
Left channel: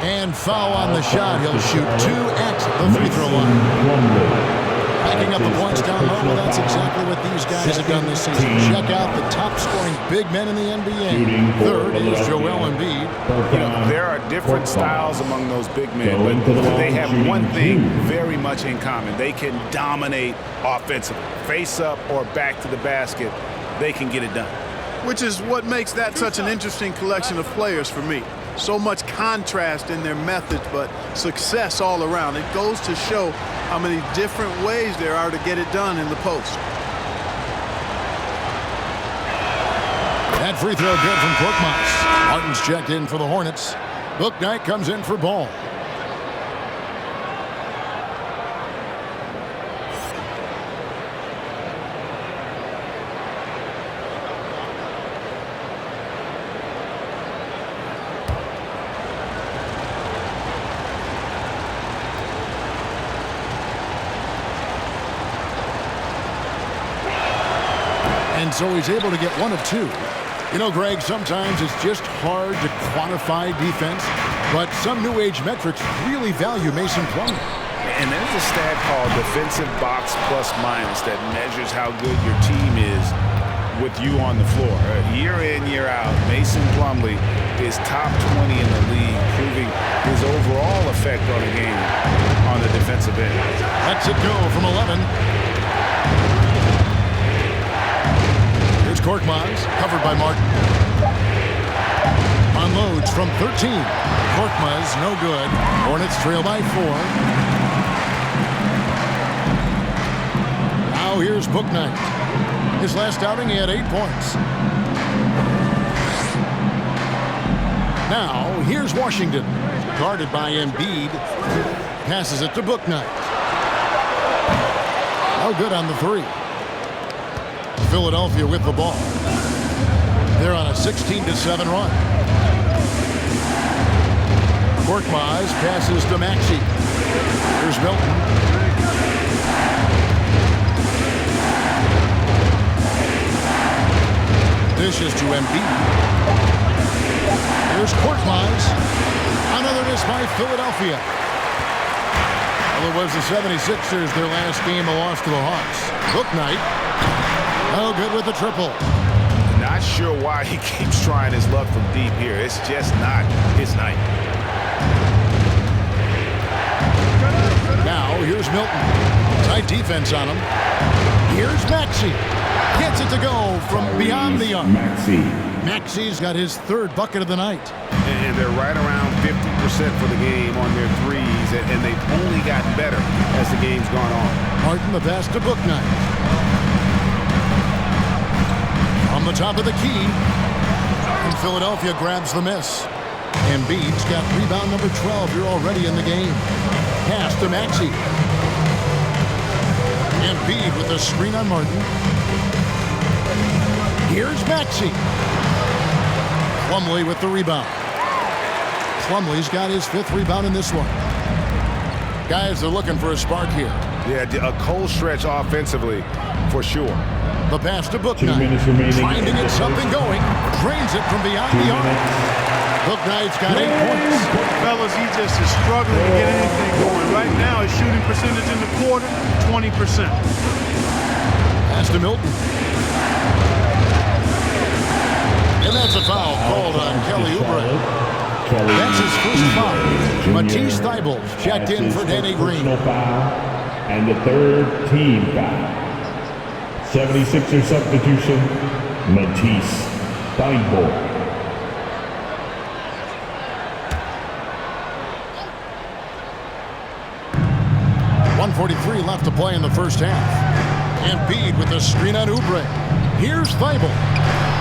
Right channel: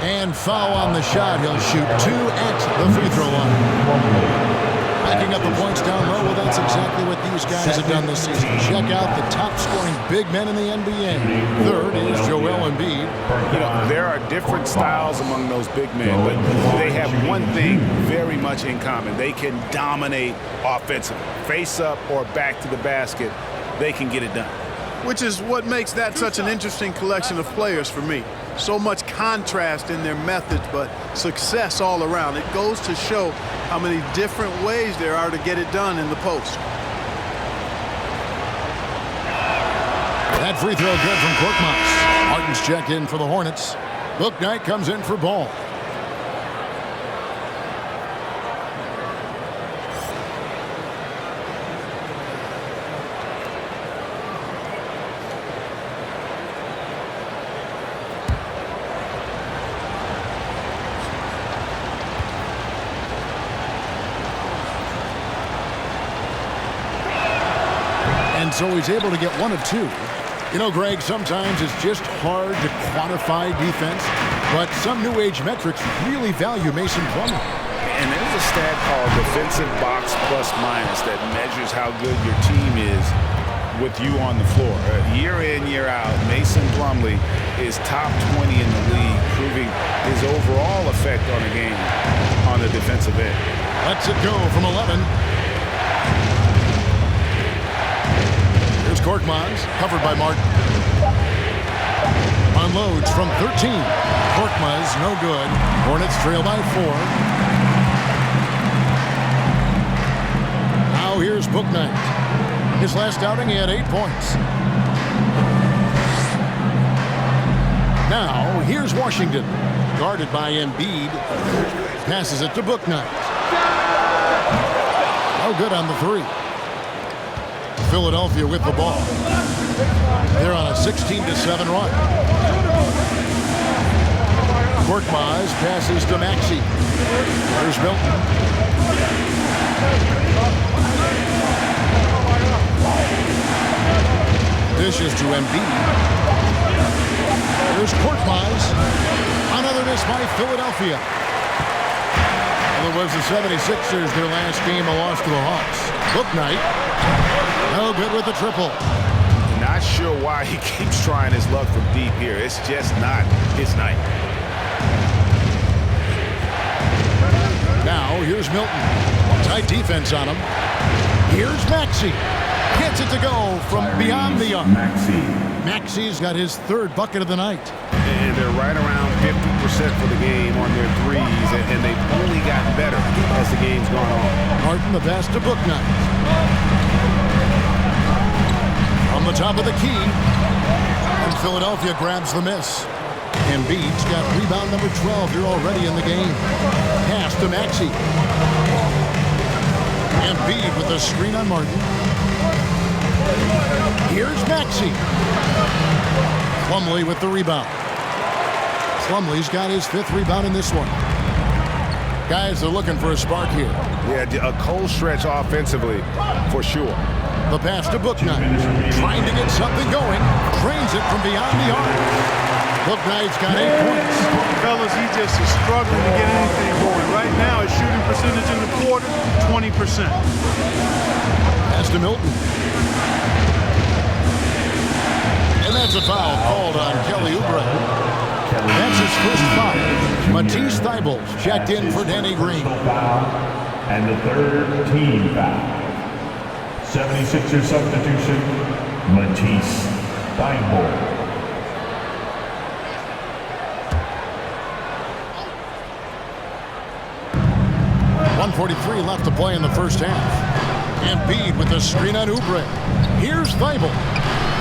And foul on the shot. He'll shoot 2 at the free throw line. Picking up the points down low. Well, that's exactly what these guys have done this season. Check out the top-scoring big men in the NBA. Third is Joel Embiid. You know, there are different styles among those big men, but they have one thing very much in common. They can dominate offensively. Face up or back to the basket, they can get it done. Which is what makes that such an interesting collection of players for me. So much contrast in their methods, but success all around. It goes to show how many different ways there are to get it done in the post. That free throw good from Korkmaz. Harden's checked in for the Hornets. Bouknight comes in for Ball. And so he's able to get 1 of 2. You know, Greg, sometimes it's just hard to quantify defense, but some new age metrics really value Mason Plumlee. And there's a stat called defensive box plus minus that measures how good your team is with you on the floor. Year in, year out, Mason Plumlee is top 20 in the league, proving his overall effect on a game on the defensive end. Lets it go from 11. Here's Korkmaz, covered by Martin. Unloads from 13. Korkmaz, no good. Hornets trail by 4. Now here's Bouknight. His last outing, he had 8 points. Now here's Washington, guarded by Embiid. Passes it to Bouknight. No good on the 3. Philadelphia with the ball. They're on a 16-7 run. Korkmaz passes to Maxey. Here's Milton. Dishes to Embiid. Here's Korkmaz. Another miss by Philadelphia. Well, it was the 76ers, their last game, a loss to the Hawks. Bouknight. No good with the triple. Not sure why he keeps trying his luck from deep here. It's just not his night. Now here's Milton. Tight defense on him. Here's Maxey. Gets it to go from beyond the arc. Maxey. Maxey's got his third bucket of the night. And they're right around 50% for the game on their threes, and they've only gotten better as the game's gone on. Harden the pass to Bouknight. From the top of the key. And Philadelphia grabs the miss. Embiid's got rebound number 12 here already in the game. Pass to Maxey. Embiid with the screen on Martin. Here's Maxey. Plumlee with the rebound. Plumlee's got his 5th rebound in this one. Guys, they're looking for a spark here. Yeah, a cold stretch offensively, for sure. The pass to Bouknight. Trying to get something going. Drains it from beyond the arc. Bouknight's got 8 points. Fellas, he just is struggling to get anything going. Right now, his shooting percentage in the quarter, 20%. Pass to Milton. And that's a foul called on Kelly Oubre. That's his first foul. Matisse Thybulle's checked in for Danny Green. And the 3rd team foul. 76er substitution, Matisse Thybulle. .143 left to play in the first half. Embiid with the screen on Oubre. Here's Thybulle.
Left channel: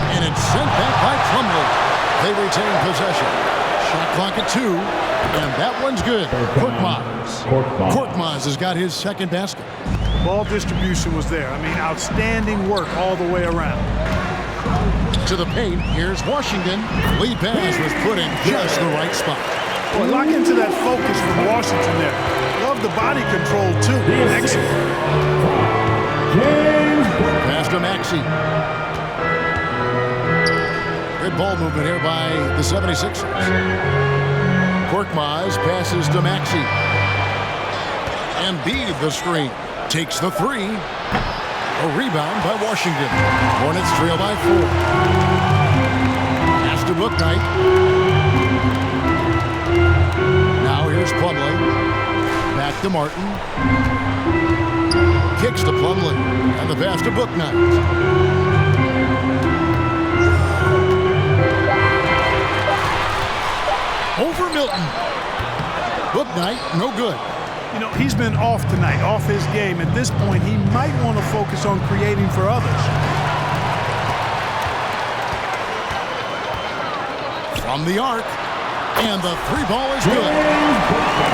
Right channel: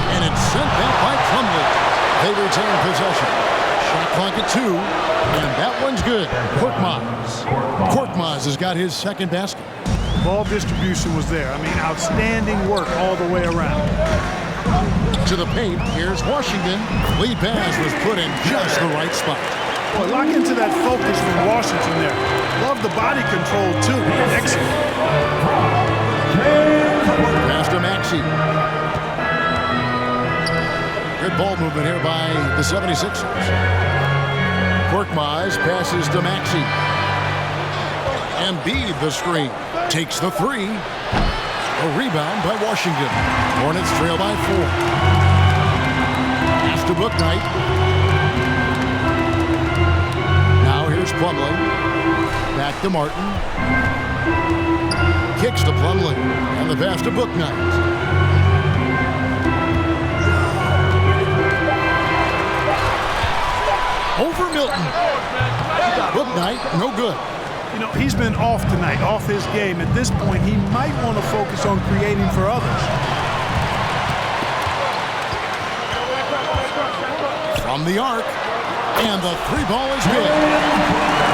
And it's sent back by Plumlee. They retain possession. Shot clock at 2. And that one's good. Korkmaz has got his 2nd basket. Ball distribution was there. I mean, outstanding work all the way around. To the paint, here's Washington. Lead pass was put in just the right spot. Boy, lock into that focus from Washington there. Love the body control, too. Excellent. Pass to Maxey. Good ball movement here by the 76ers. Korkmaz passes to Maxey. Embiid the screen. Takes the 3. A rebound by Washington. Hornets trail by 4. Pass to Bouknight. Now here's Plumlee. Back to Martin. Kicks to Plumlee. And the pass to Bouknight. Over Milton. Bouknight, no good. You know, he's been off tonight, off his game. At this point, he might want to focus on creating for others. From the arc. And the 3 ball is good.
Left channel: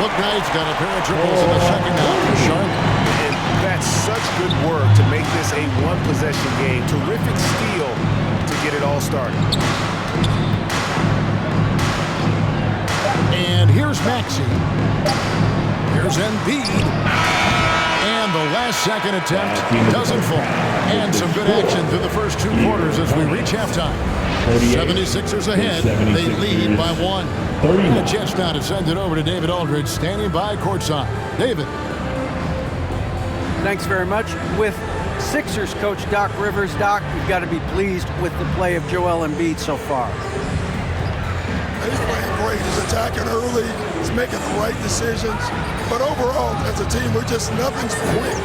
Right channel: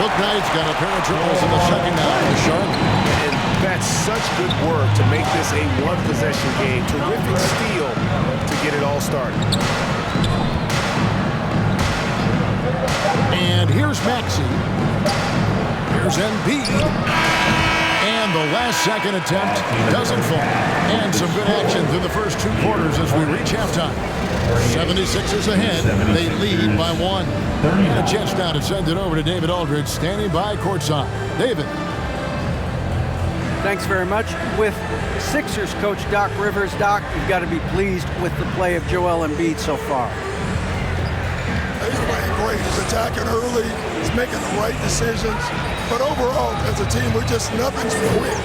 Bouknight's got a pair of triples in the second half for Charlotte. And that's such good work to make this a 1-possession game. Terrific steal to get it all started. And here's Maxey. Here's Embiid. And the last-second attempt doesn't fall. And some good action through the first 2 quarters as we reach halftime. 76ers ahead. They lead by 1. And a chance now to send it over to David Aldridge, standing by courtside. David. Thanks very much. With Sixers coach Doc Rivers. Doc, you've got to be pleased with the play of Joel Embiid so far. He's playing great. He's attacking early. He's making the right decisions. But overall, as a team, nothing's quick.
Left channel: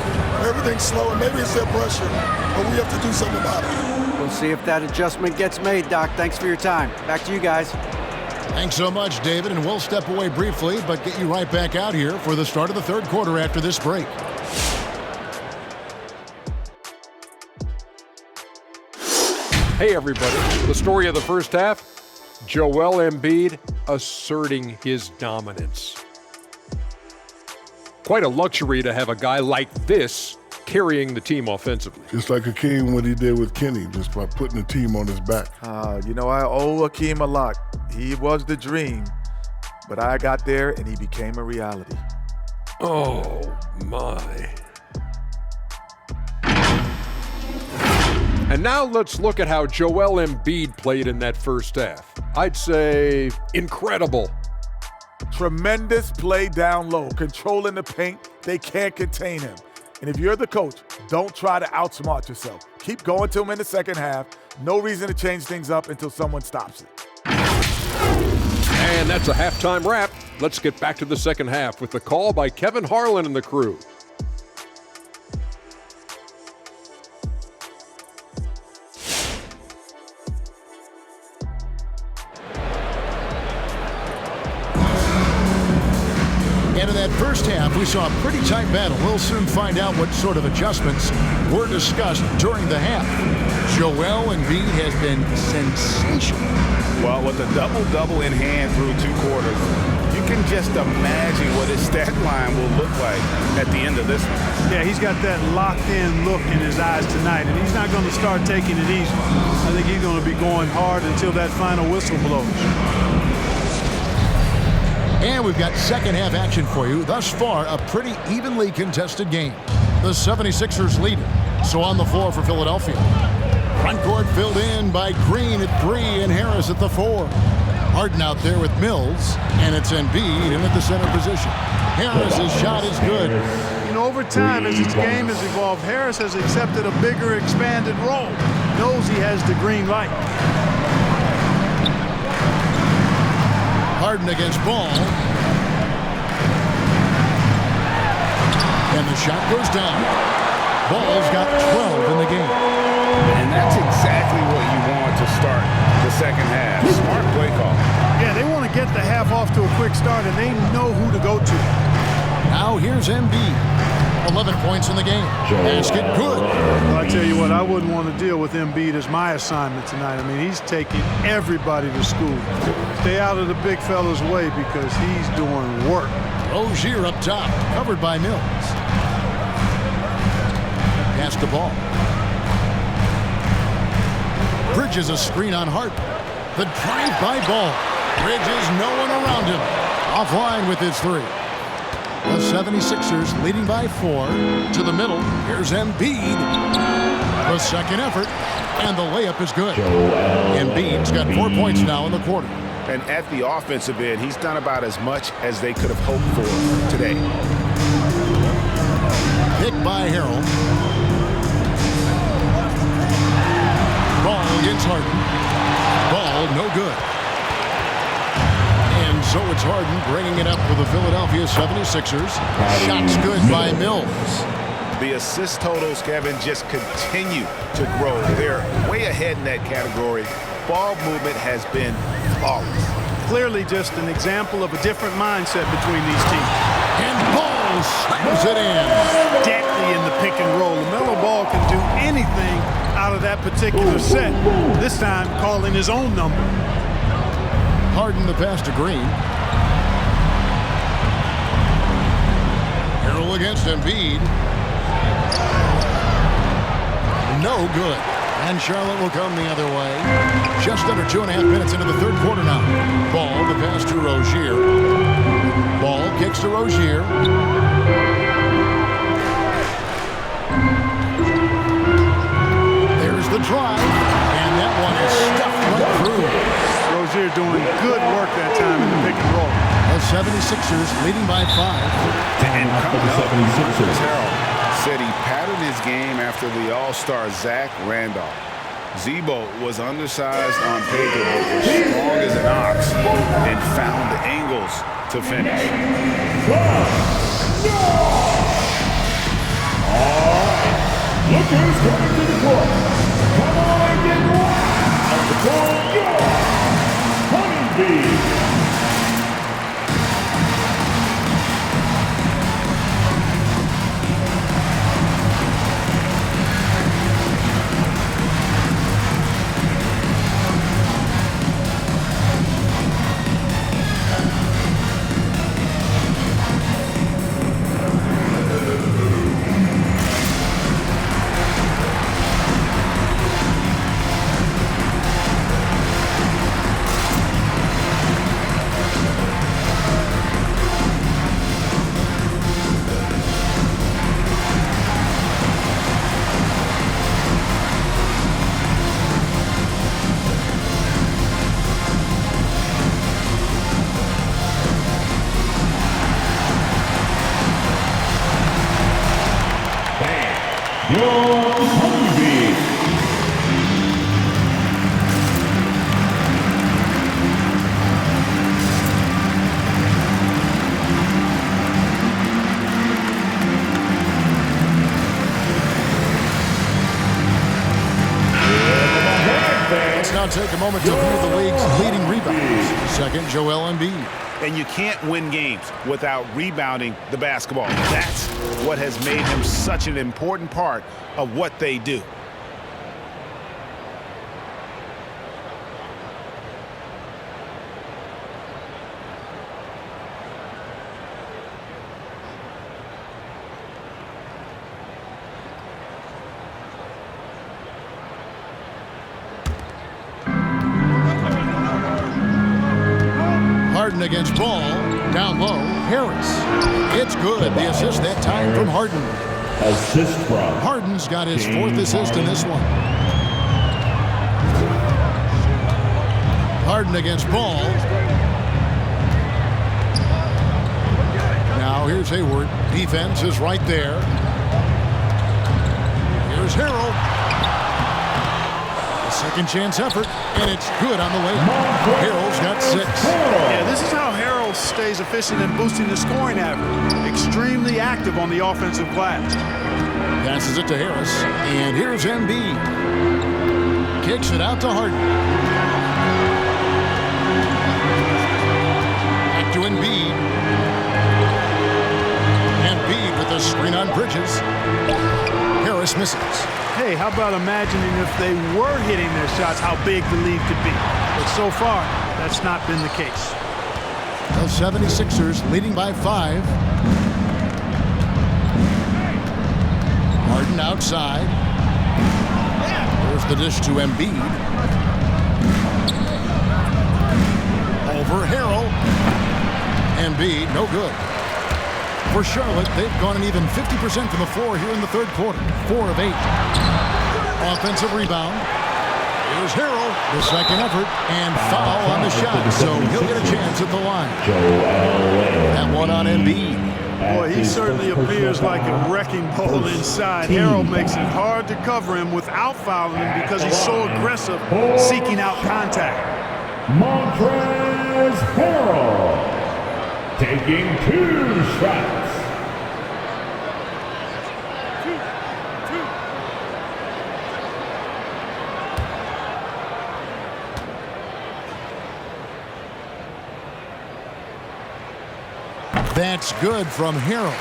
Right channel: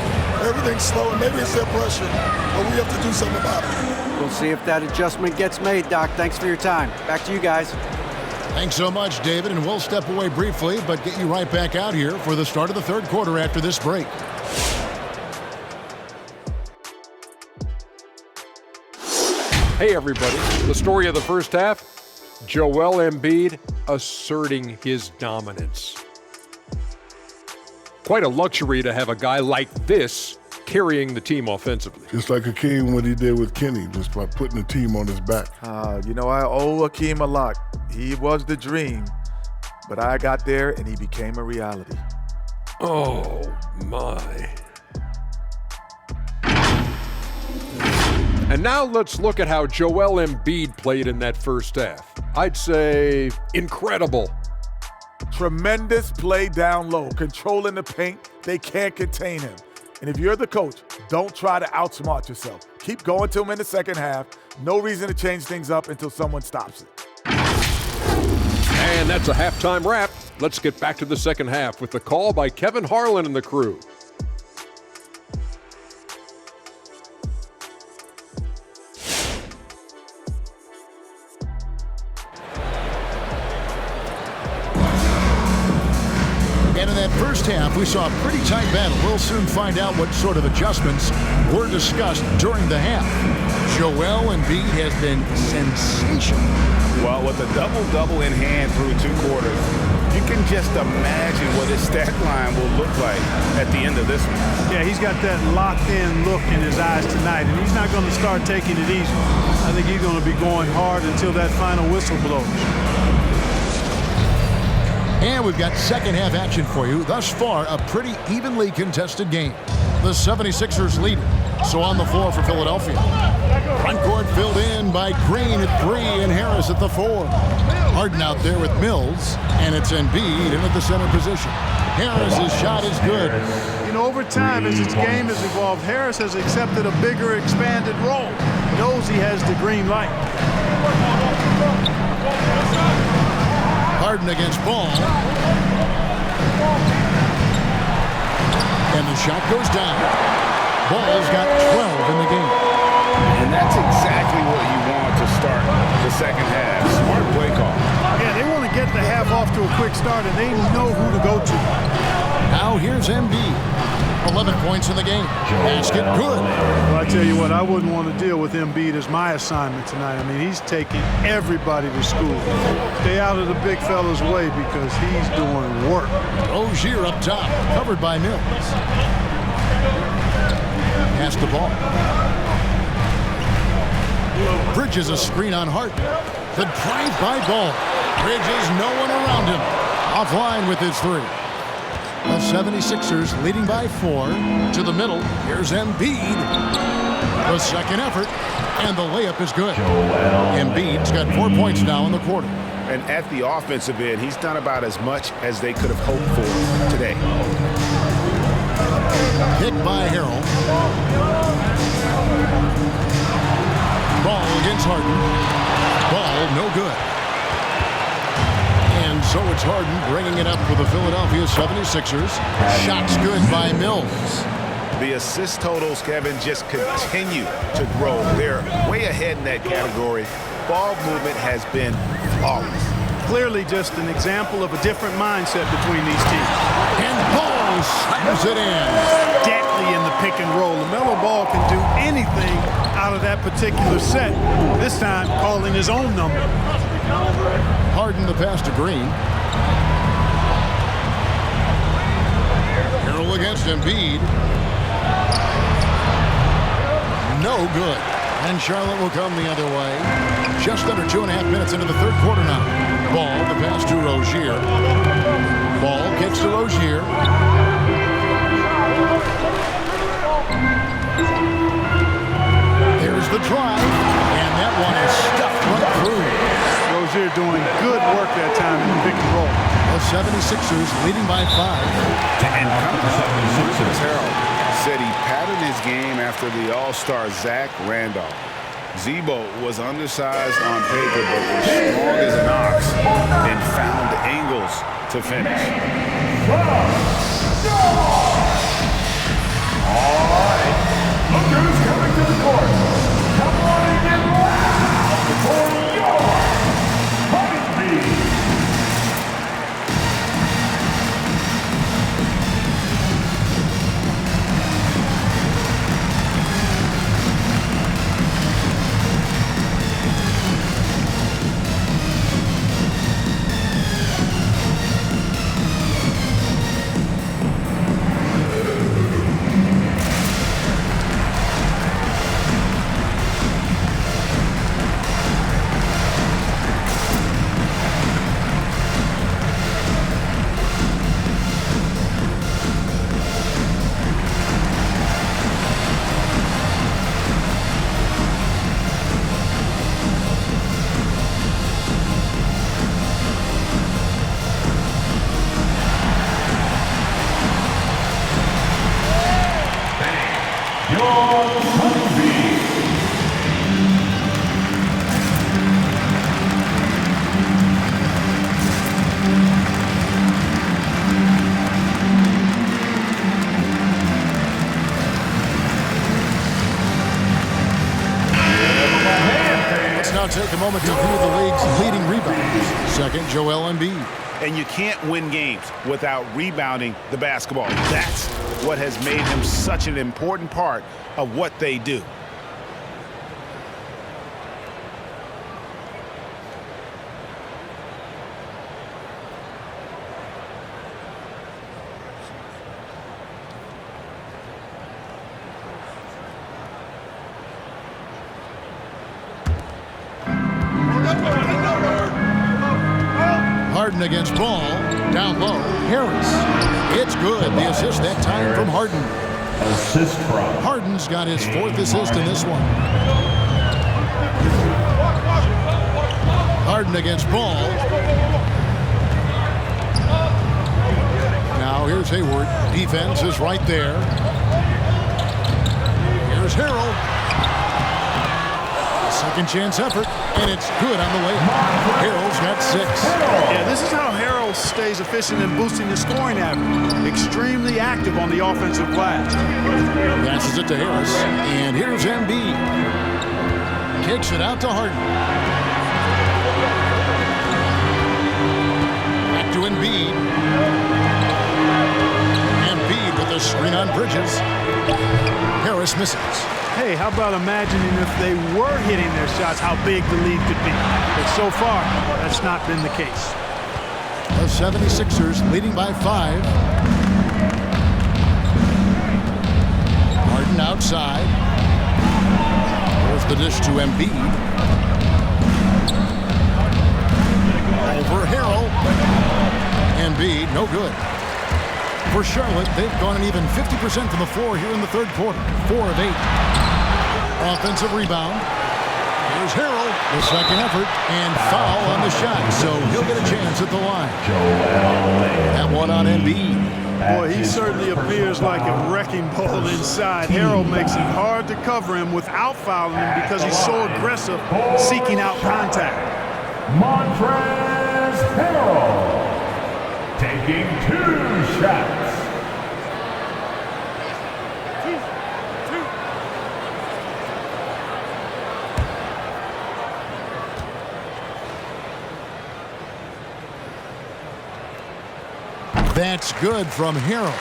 Everything's slow, and maybe it's their pressure, but we have to do something about it. We'll see if that adjustment gets made, Doc. Thanks for your time. Back to you guys. Thanks so much, David, and we'll step away briefly, but get you right back out here for the start of the 3rd quarter after this break. Hey, everybody. The story of the first half, Joel Embiid asserting his dominance. Quite a luxury to have a guy like this carrying the team offensively. Just like Hakeem, what he did with Kenny, just by putting the team on his back. You know, I owe Hakeem a lot. He was the dream, but I got there and he became a reality. Oh, my. And now let's look at how Joel Embiid played in that first half. I'd say incredible. Tremendous play down low, controlling the paint. They can't contain him. And if you're the coach, don't try to outsmart yourself. Keep going to him in the second half. No reason to change things up until someone stops it. And that's a halftime wrap. Let's get back to the second half with the call by Kevin Harlan and the crew. And in that first half, we saw a pretty tight battle. We'll soon find out what sort of adjustments were discussed during the half. Joel Embiid has been sensational. Well, with a double-double in hand through 2 quarters, you can just imagine what his stat line will look like at the end of this one. Yeah, he's got that locked-in look in his eyes tonight, and he's not going to start taking it easy. I think he's going to be going hard until that final whistle blows. And we've got second half action for you. Thus far, a pretty evenly contested game. The 76ers lead it. So on the floor for Philadelphia. Front court filled in by Green at 3 and Harris at the 4. Harden out there with Mills, and it's Embiid in at the center position. Harris's shot is good. You know, over time, as its game has evolved, Harris has accepted a bigger, expanded role. Knows he has the green light. Harden against Ball. And the shot goes down. Ball's got 12 in the game. And that's exactly what you want to start the second half. Smart play call. Yeah, they want to get the half off to a quick start, and they know who to go to. Now here's Embiid. 11 points in the game. Basket good. Well, I tell you what, I wouldn't want to deal with Embiid as my assignment tonight. I mean, he's taking everybody to school. Stay out of the big fella's way because he's doing work. Rozier up top, covered by Mills. Pass the ball. Bridges a screen on Harden. The drive by Ball. Bridges, no one around him. Offline with his 3. The 76ers leading by 4 to the middle. Here's Embiid. The second effort, and the layup is good. Embiid's got 4 points now in the quarter. And at the offensive end, he's done about as much as they could have hoped for today. Pick by Harrell. Ball against Harden. Ball no good. And so it's Harden bringing it up for the Philadelphia 76ers. Shots good by Mills. The assist totals, Kevin, just continue to grow. They're way ahead in that category. Ball movement has been flawless. Clearly just an example of a different mindset between these teams. And Ball slams it in. Deadly in the pick and roll. LaMelo Ball can do anything out of that particular set. This time calling his own number. Harden the pass to Green. Harrell against Embiid. No good. And Charlotte will come the other way. Just under 2.5 minutes into the third quarter now. Ball, the pass to Rozier. Ball kicks to Rozier. There's the drive. And that one is stuffed right through. Rozier doing good work that time in the pick and roll. The 76ers leading by 5. And coming up, Tobias Harris said he patterned his game after the All-Star Zach Randolph. Zebo was undersized on paper, but was strong as an ox and found angles to finish. All right, look who's coming to the court. Come on and get loud for your Honeybee. Let's now take a moment to view the league's leading rebounds. Second, Joel Embiid. And you can't win games without rebounding the basketball. That's what has made him such an important part of what they do. Harden against Ball. Down low, Harris. It's good. The assist that time from Harden. Assist from Harden's got his fourth assist in this one. Harden against Ball. Now here's Hayward. Defense is right there. Here's Harrell. A second chance effort, and it's good on the way up. Harrell's got 6. Yeah, this is how Harrell stays efficient in boosting the scoring average. Extremely active on the offensive glass. Passes it to Harris, and here's Embiid. Kicks it out to Harden. Back to Embiid. Embiid with a screen on Bridges. Harris misses. Hey, how about imagining if they were hitting their shots, how big the lead could be. But so far, that's not been the case. The 76ers leading by 5. Harden outside. There's the dish to Embiid. Over Harrell. Embiid, no good. For Charlotte, they've gone an even 50% from the floor here in the third quarter. 4 of 8. Offensive rebound. Here's Harrell, the second effort, and foul on the shot, so he'll get a chance at the line. That one on Embiid. Boy, he certainly appears like a wrecking ball inside. Harrell makes it hard to cover him without fouling him because he's so aggressive, seeking out contact. Montrezl Harrell taking 2 shots. That's good from Harrell.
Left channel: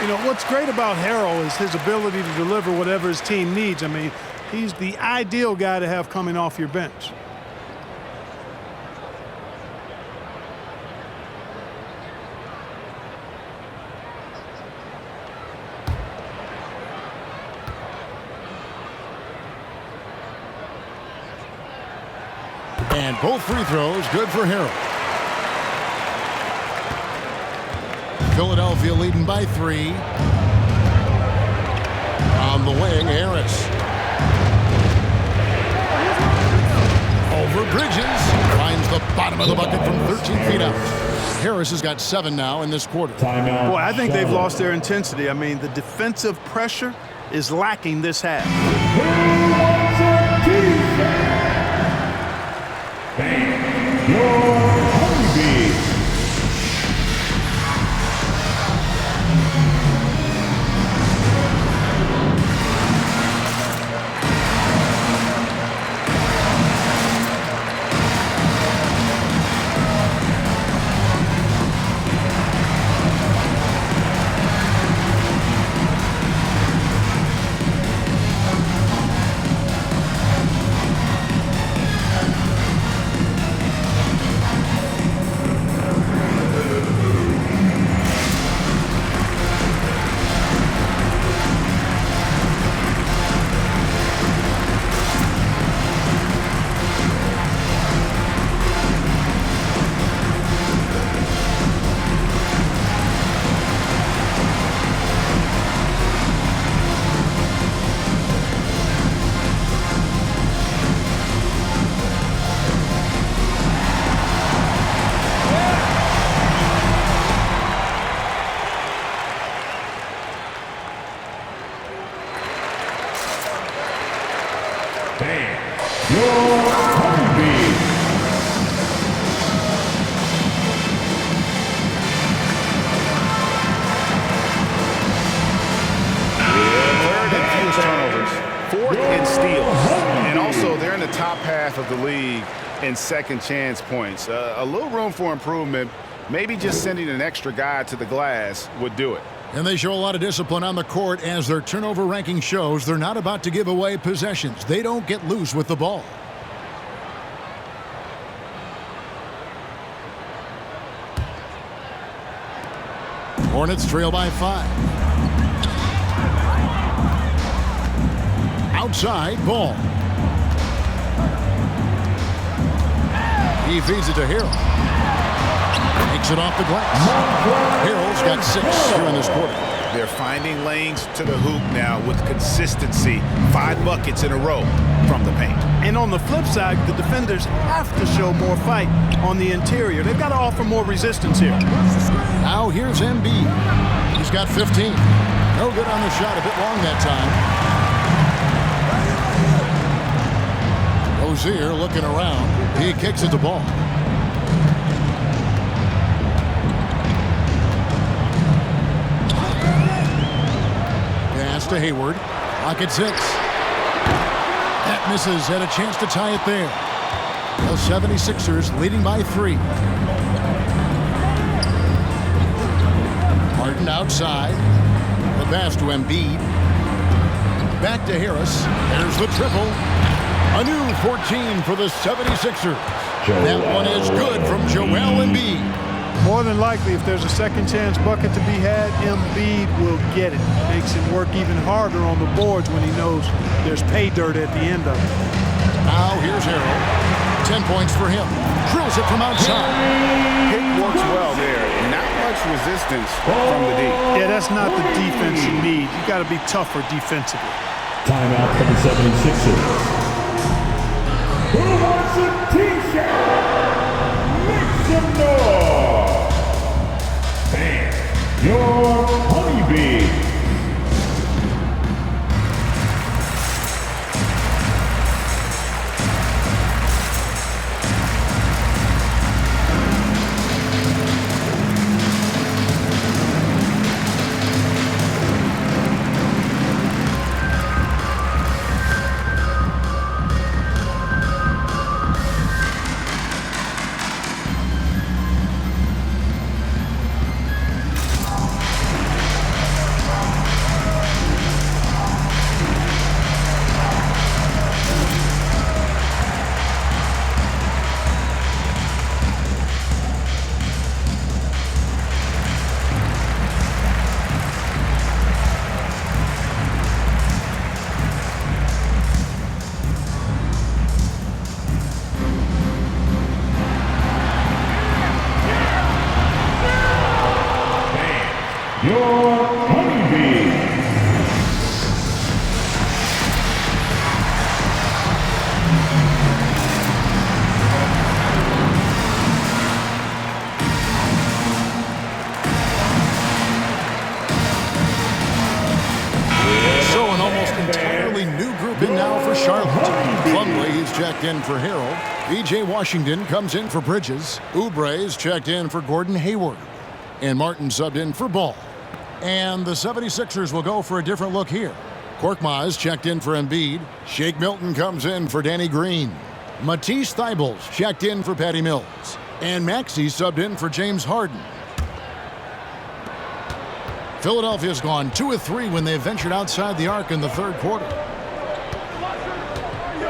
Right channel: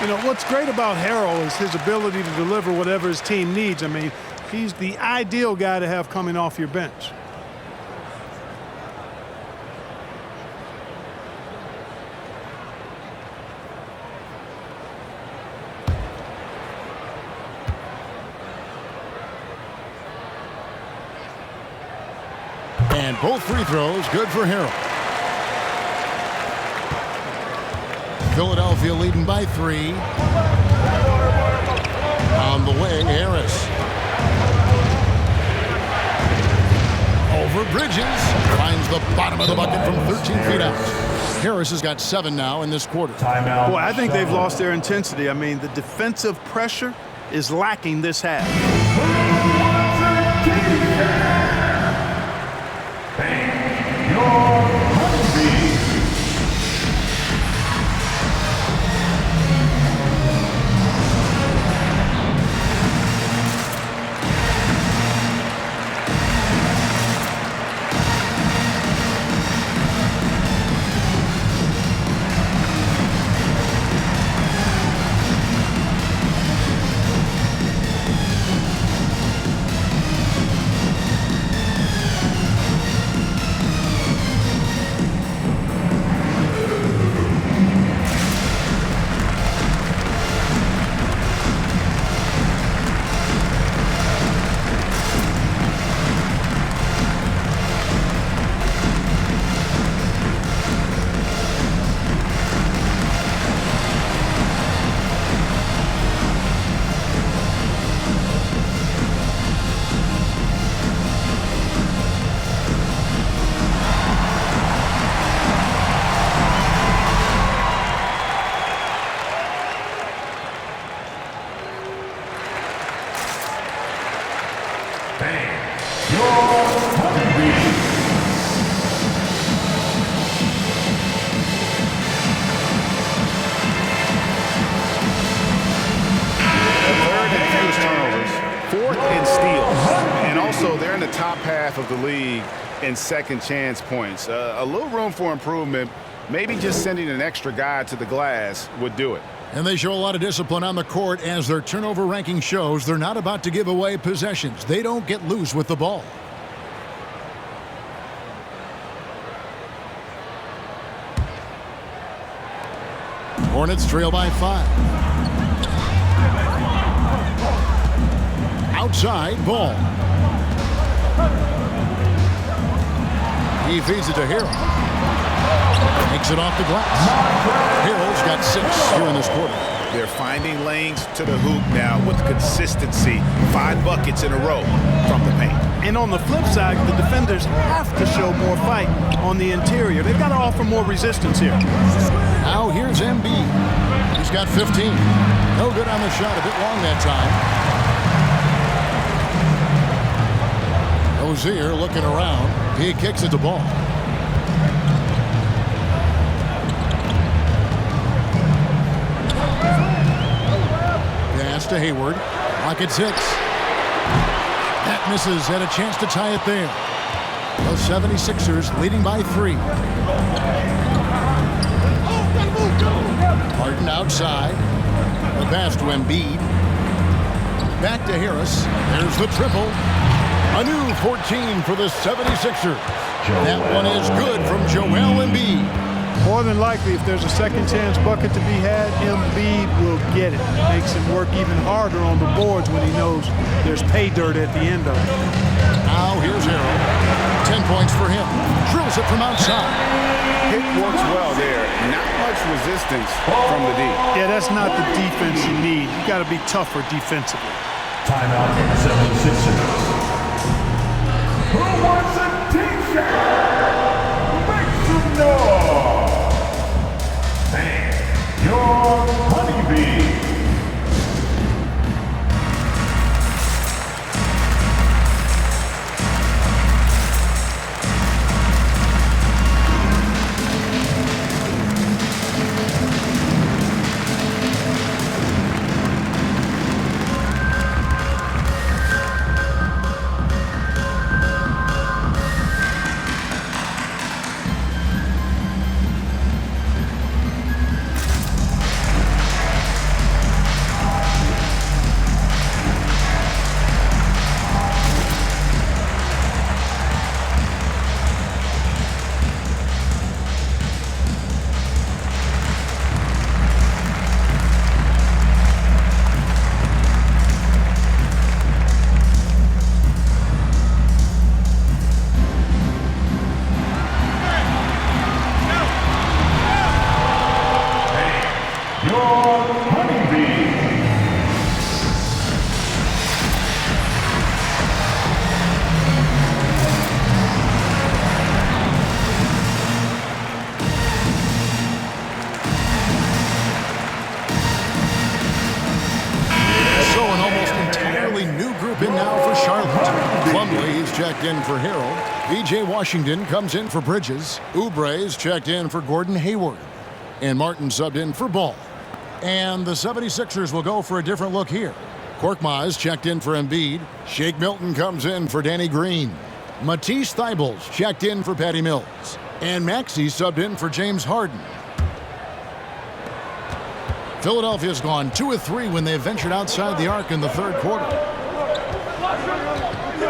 You know, what's great about Harrell is his ability to deliver whatever his team needs. I mean, he's the ideal guy to have coming off your bench. And both free throws good for Harrell. Philadelphia leading by 3. On the wing, Harris. Over Bridges. Finds the bottom of the bucket from 13 feet out. Harris has got 7 now in this quarter. Timeout. Boy, I think they've lost their intensity. I mean, the defensive pressure is lacking this half. Who wants a t-shirt? Thank your Honeybee. In the top half of the league in second chance points. A little room for improvement, maybe just sending an extra guy to the glass would do it. And they show a lot of discipline on the court as their turnover ranking shows. They're not about to give away possessions. They don't get loose with the ball. Hornets trail by 5. Outside, ball. He feeds it to Harrell. Takes it off the glass. Harrell's got 6 here in this quarter. They're finding lanes to the hoop now with consistency. 5 buckets in a row from the paint. And on the flip side, the defenders have to show more fight on the interior. They've got to offer more resistance here. Now here's Embiid. He's got 15. No good on the shot. A bit long that time. Rozier looking around. He kicks at the ball. Pass to Hayward. Lock at 6. That misses. Had a chance to tie it there. The 76ers leading by 3. Harden outside. The pass to Embiid. Back to Harris. There's the triple. A new 14 for the 76ers. That one is good from Joel Embiid. More than likely, if there's a second chance bucket to be had, Embiid will get it. Makes him work even harder on the boards when he knows there's pay dirt at the end of it. Now here's Harrell. 10 points for him. Drills it from outside. It works well there. Not much resistance from the D. Yeah, that's not the defense you need. You got to be tougher defensively. Timeout from the 76ers. Who wants a t-shirt? Make some noise. And your honeybee. Plumlee's checked in for Harrell. B.J. Washington comes in for Bridges. Oubre's checked in for Gordon Hayward. And Martin subbed in for Ball. And the 76ers will go for a different look here. Korkmaz checked in for Embiid. Shake Milton comes in for Danny Green. Matisse Thybulle's checked in for Patty Mills. And Maxey subbed in for James Harden. Philadelphia's gone 2 of 3 when they ventured outside the arc in the third quarter.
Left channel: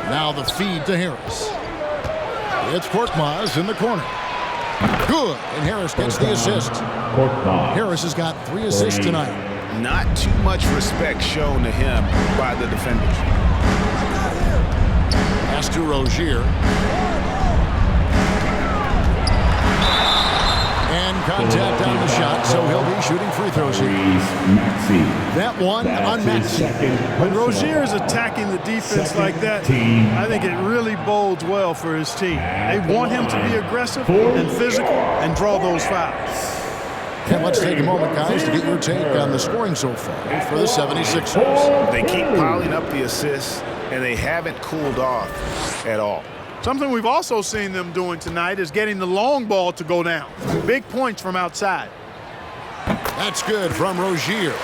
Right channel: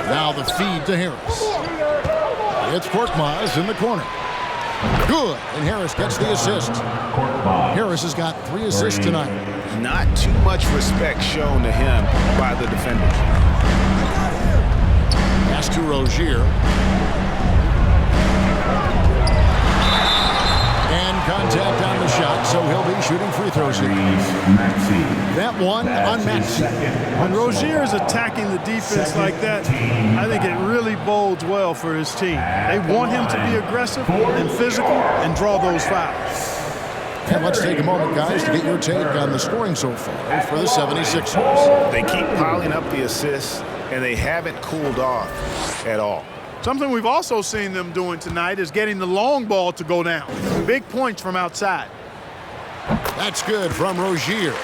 Now the feed to Harris. It's Korkmaz in the corner. Good, and Harris gets the assist. Harris has got 3 assists tonight. Not too much respect shown to him by the defenders. Pass to Rozier. And contact on the shot, so he'll be shooting free throws here. That one on Maxey. When Rozier is attacking the defense like that, I think it really bodes well for his team. They want him to be aggressive and physical and draw those fouls. And let's take a moment, guys, to get your take on the scoring so far for the 76ers. They keep piling up the assists, and they haven't cooled off at all. Something we've also seen them doing tonight is getting the long ball to go down. Big points from outside. That's good from Rozier.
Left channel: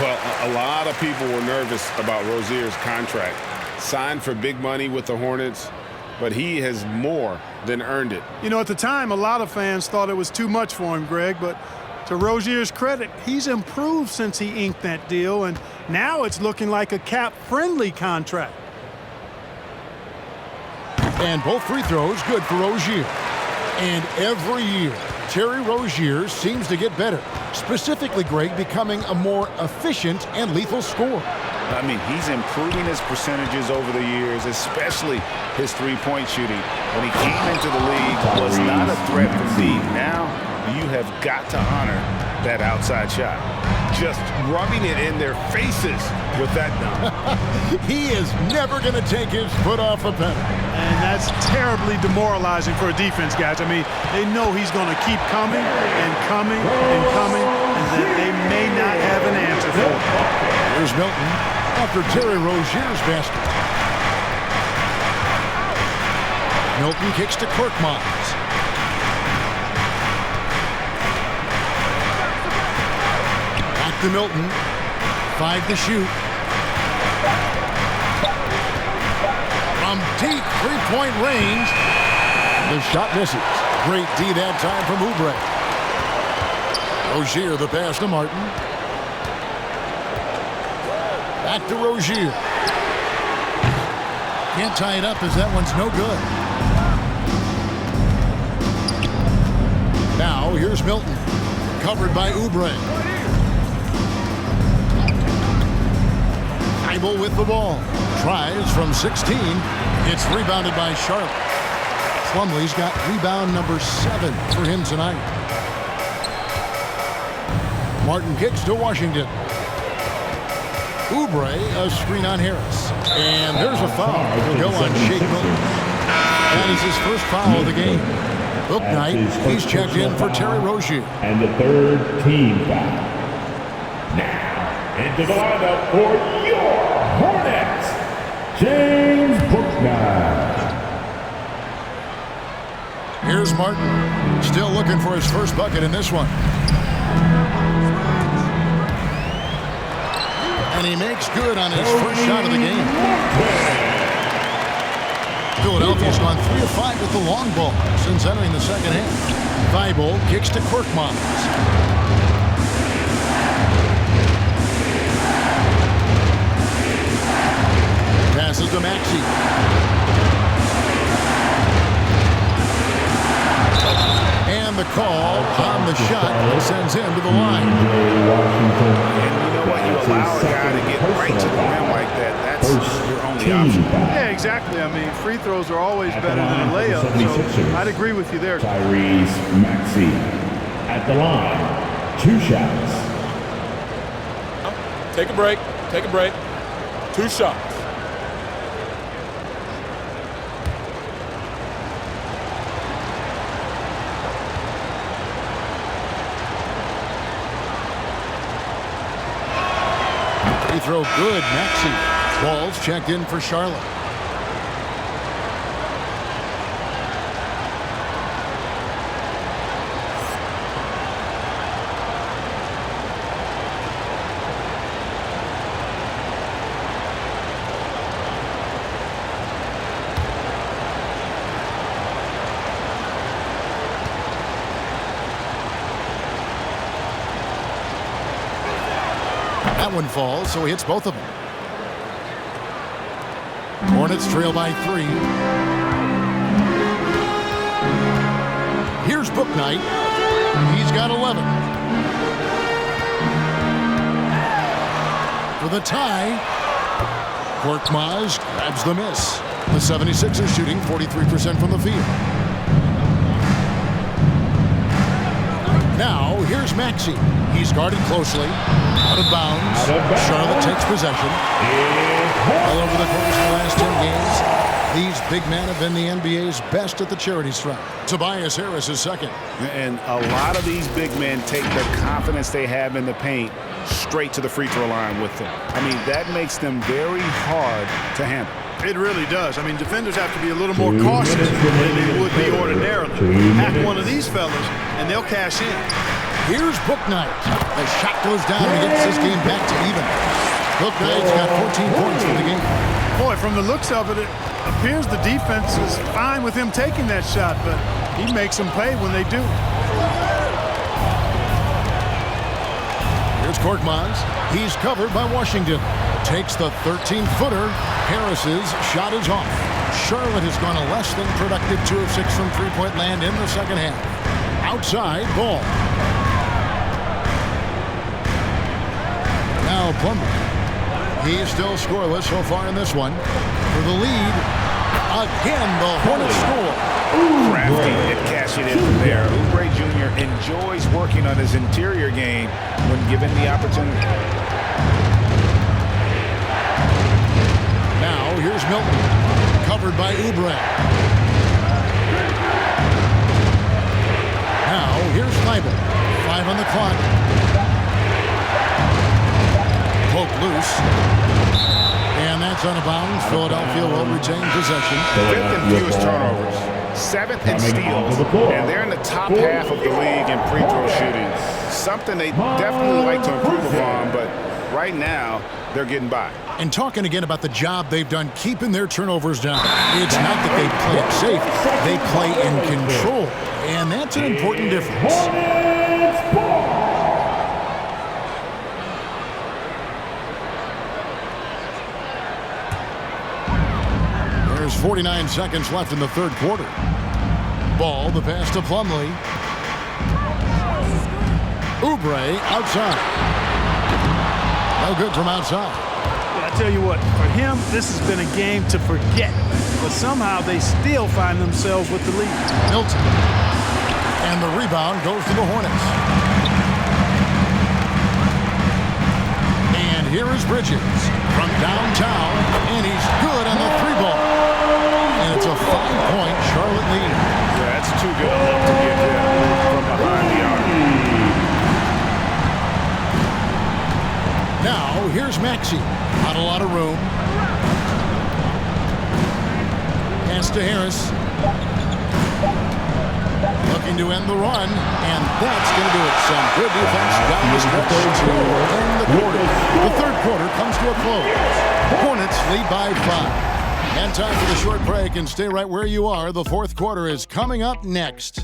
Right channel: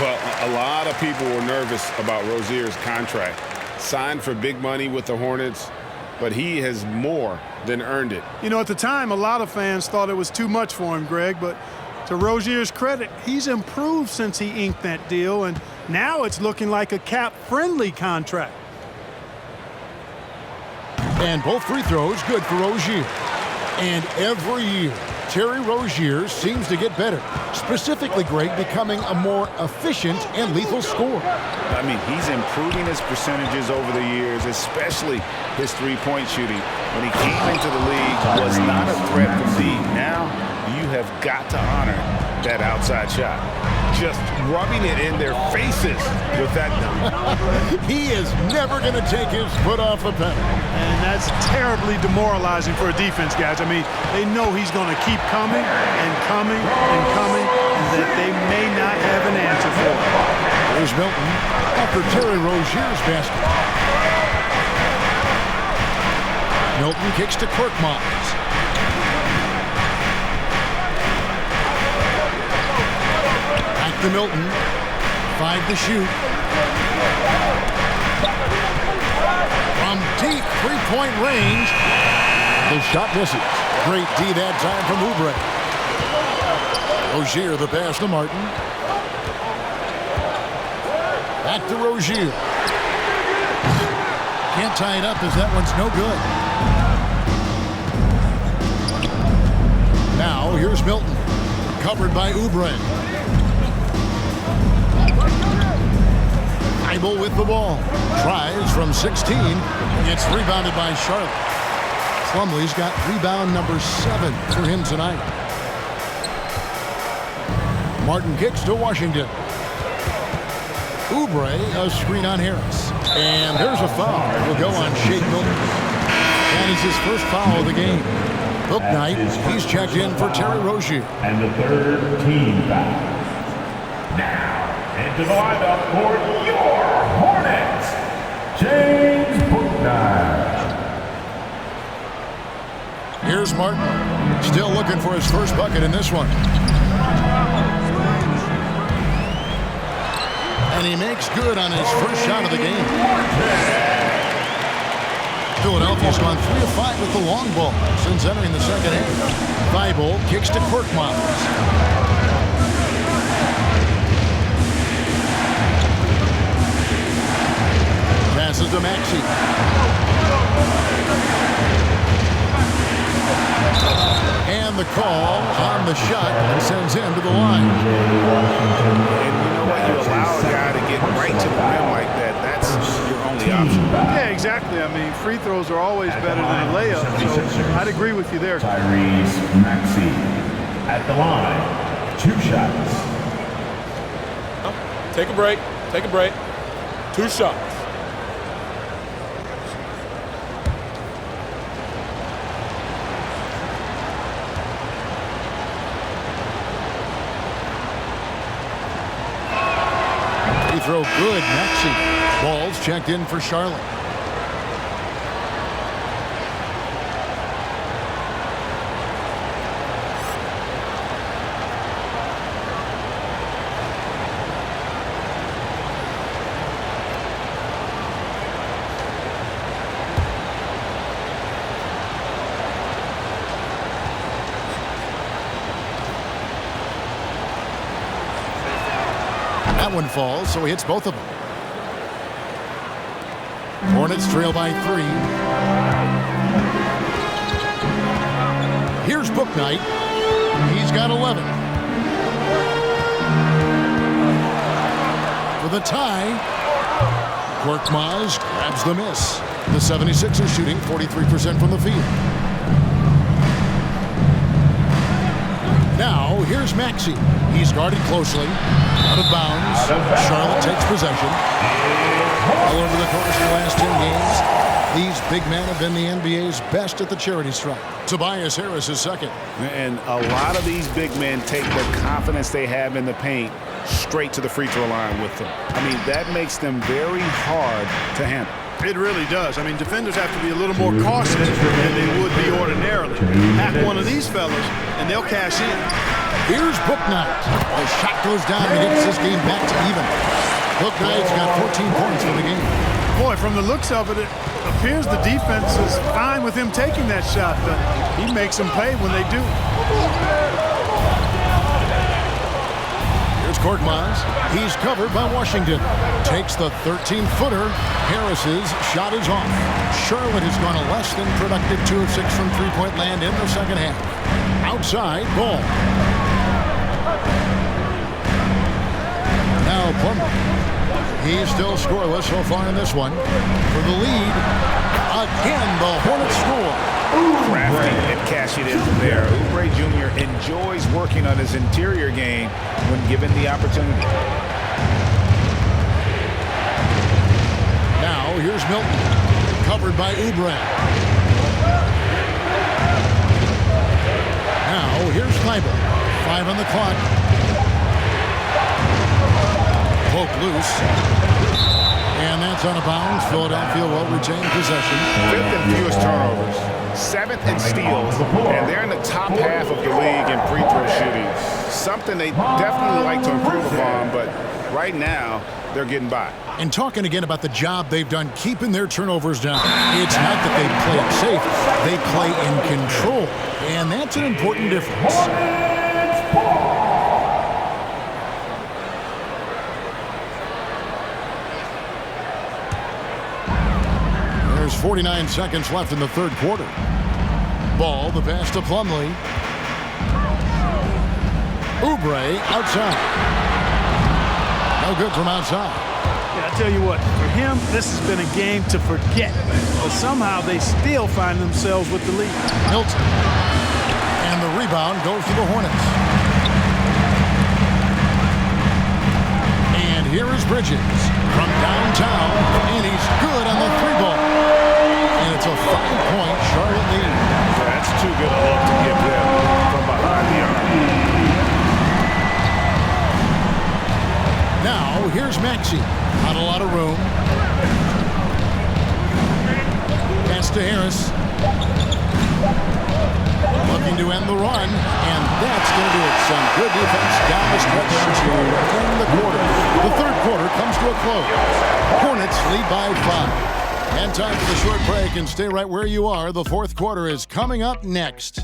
Well, a lot of people were nervous about Rozier's contract. Signed for big money with the Hornets. but he has more than earned it. You know, at the time, a lot of fans thought it was too much for him, Greg, but to Rozier's credit, he's improved since he inked that deal, and now it's looking like a cap-friendly contract. And both free throws good for Rozier. And every year, Terry Rozier seems to get better. Specifically, Greg, becoming a more efficient and lethal scorer. I mean, he's improving his percentages over the years, especially his three-point shooting. When he came into the league, was not a threat from deep. Now, you have got to honor that outside shot. Just rubbing it in their faces with that dunk. He is never going to take his foot off the pedal. And that's terribly demoralizing for a defense, guys. I mean, they know he's going to keep coming and coming and coming, and that they may not have an answer for it. Here's Milton after Terry Rozier's basket. Milton kicks to Korkmaz. Back to Milton. 5 to shoot. From deep three-point range, the shot misses. Great D that time from Oubre. Rozier the pass to Martin. Back to Rozier. Can't tie it up as that one's no good. Now here's Milton. Covered by Oubre. Thibault with the ball. Tries from 16. It's rebounded by Charlotte. Plumlee's got rebound number 7 for him tonight. Martin kicks to Washington. Oubre, a screen on Harris. And there's a foul. Will go on Shake Milton. That is his first foul of the game. Book night, he's checked in for Terry Rozier. And the third team foul. Now, into the lineup for your Hornets, James Bouknight. Here's Martin, still looking for his first bucket in this one. And he makes good on his first shot of the game. Philadelphia's gone 3 of 5 with the long ball since entering the second half. Thibault kicks to Korkmaz. Passes to Maxey. And the call on the shot that sends him to the line. And you know what? You allow a guy to get right to the rim like that. That's your only option. Yeah, exactly. I mean, free throws are always better than a layup, so I'd agree with you there. Tyrese Maxey at the line. 2 shots. Take a break. Take a break. 2 shots. Free throw good, Maxey. Ball's checked in for Charlotte. That one falls, so he hits both of them. Hornets trail by 3. Here's Bouknight. He's got 11. For the tie, Korkmaz grabs the miss. The 76ers shooting 43% from the field. Now, here's Maxey. He's guarded closely. Out of bounds. Charlotte takes possession. All over the course of the last 10 games, these big men have been the NBA's best at the charity stripe. Tobias Harris is second. And a lot of these big men take the confidence they have in the paint straight to the free throw line with them. I mean, that makes them very hard to handle. It really does. I mean, defenders have to be a little more cautious than they would be ordinarily. Hack one of these fellas, and they'll cash in. Here's Bouknight. The shot goes down and gets this game back to even. Bouknight's got 14 points for the game. Boy, from the looks of it, it appears the defense is fine with him taking that shot, but he makes them pay when they do. Here's Korkmaz. He's covered by Washington. Takes the 13-footer. Harris's shot is off. Charlotte has gone a less than productive 2 of 6 from three-point land in the second half. Outside, Ball. Now Plumlee. He's still scoreless so far in this one. For the lead, again, the Hornets score. Crafty at cashing in from there. Oubre Jr. enjoys working on his interior game when given the opportunity. Now here's Milton, covered by Oubre. Now here's Thibault. 5 on the clock. Poke loose. And that's out of bounds. Philadelphia will retain possession. 5th and fewest turnovers. 7th in steals. And they're in the top half of the league in free throw shooting. Something they definitely like to improve upon, but right now they're getting by. And talking again about the job they've done keeping their turnovers down. It's not that they play it safe. They play in control. And that's an important difference. There's 49 seconds left in the third quarter. Ball, the pass to Plumlee. Oubre outside. No good from outside. Yeah, I tell you what, for him, this has been a game to forget. But somehow they still find themselves with the lead. Milton. And the rebound goes to the Hornets. And here is Bridges from downtown. And he's good on the 3-ball. And it's a 5-point Charlotte lead. Yeah, that's too good a look to give them from behind the arc. Now, here's Maxey. Not a lot of room. Pass to Harris. Looking to end the run, and that's going to do it. Some good defense down the stretch to end the quarter. The third quarter comes to a close. Hornets lead by 5. And time for the short break, and stay right where you are. The fourth quarter is coming up next.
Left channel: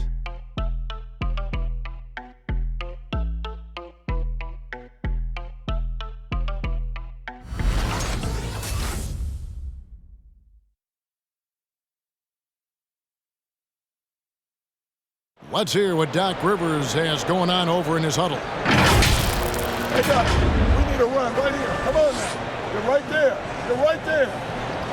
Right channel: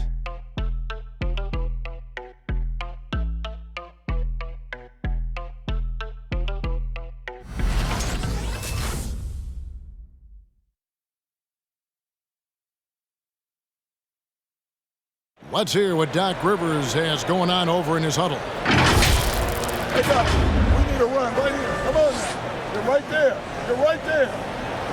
Let's hear what Doc Rivers has going on over in his huddle. Hey, Doc, we need a run right here. Come on now. You're right there. You're right there.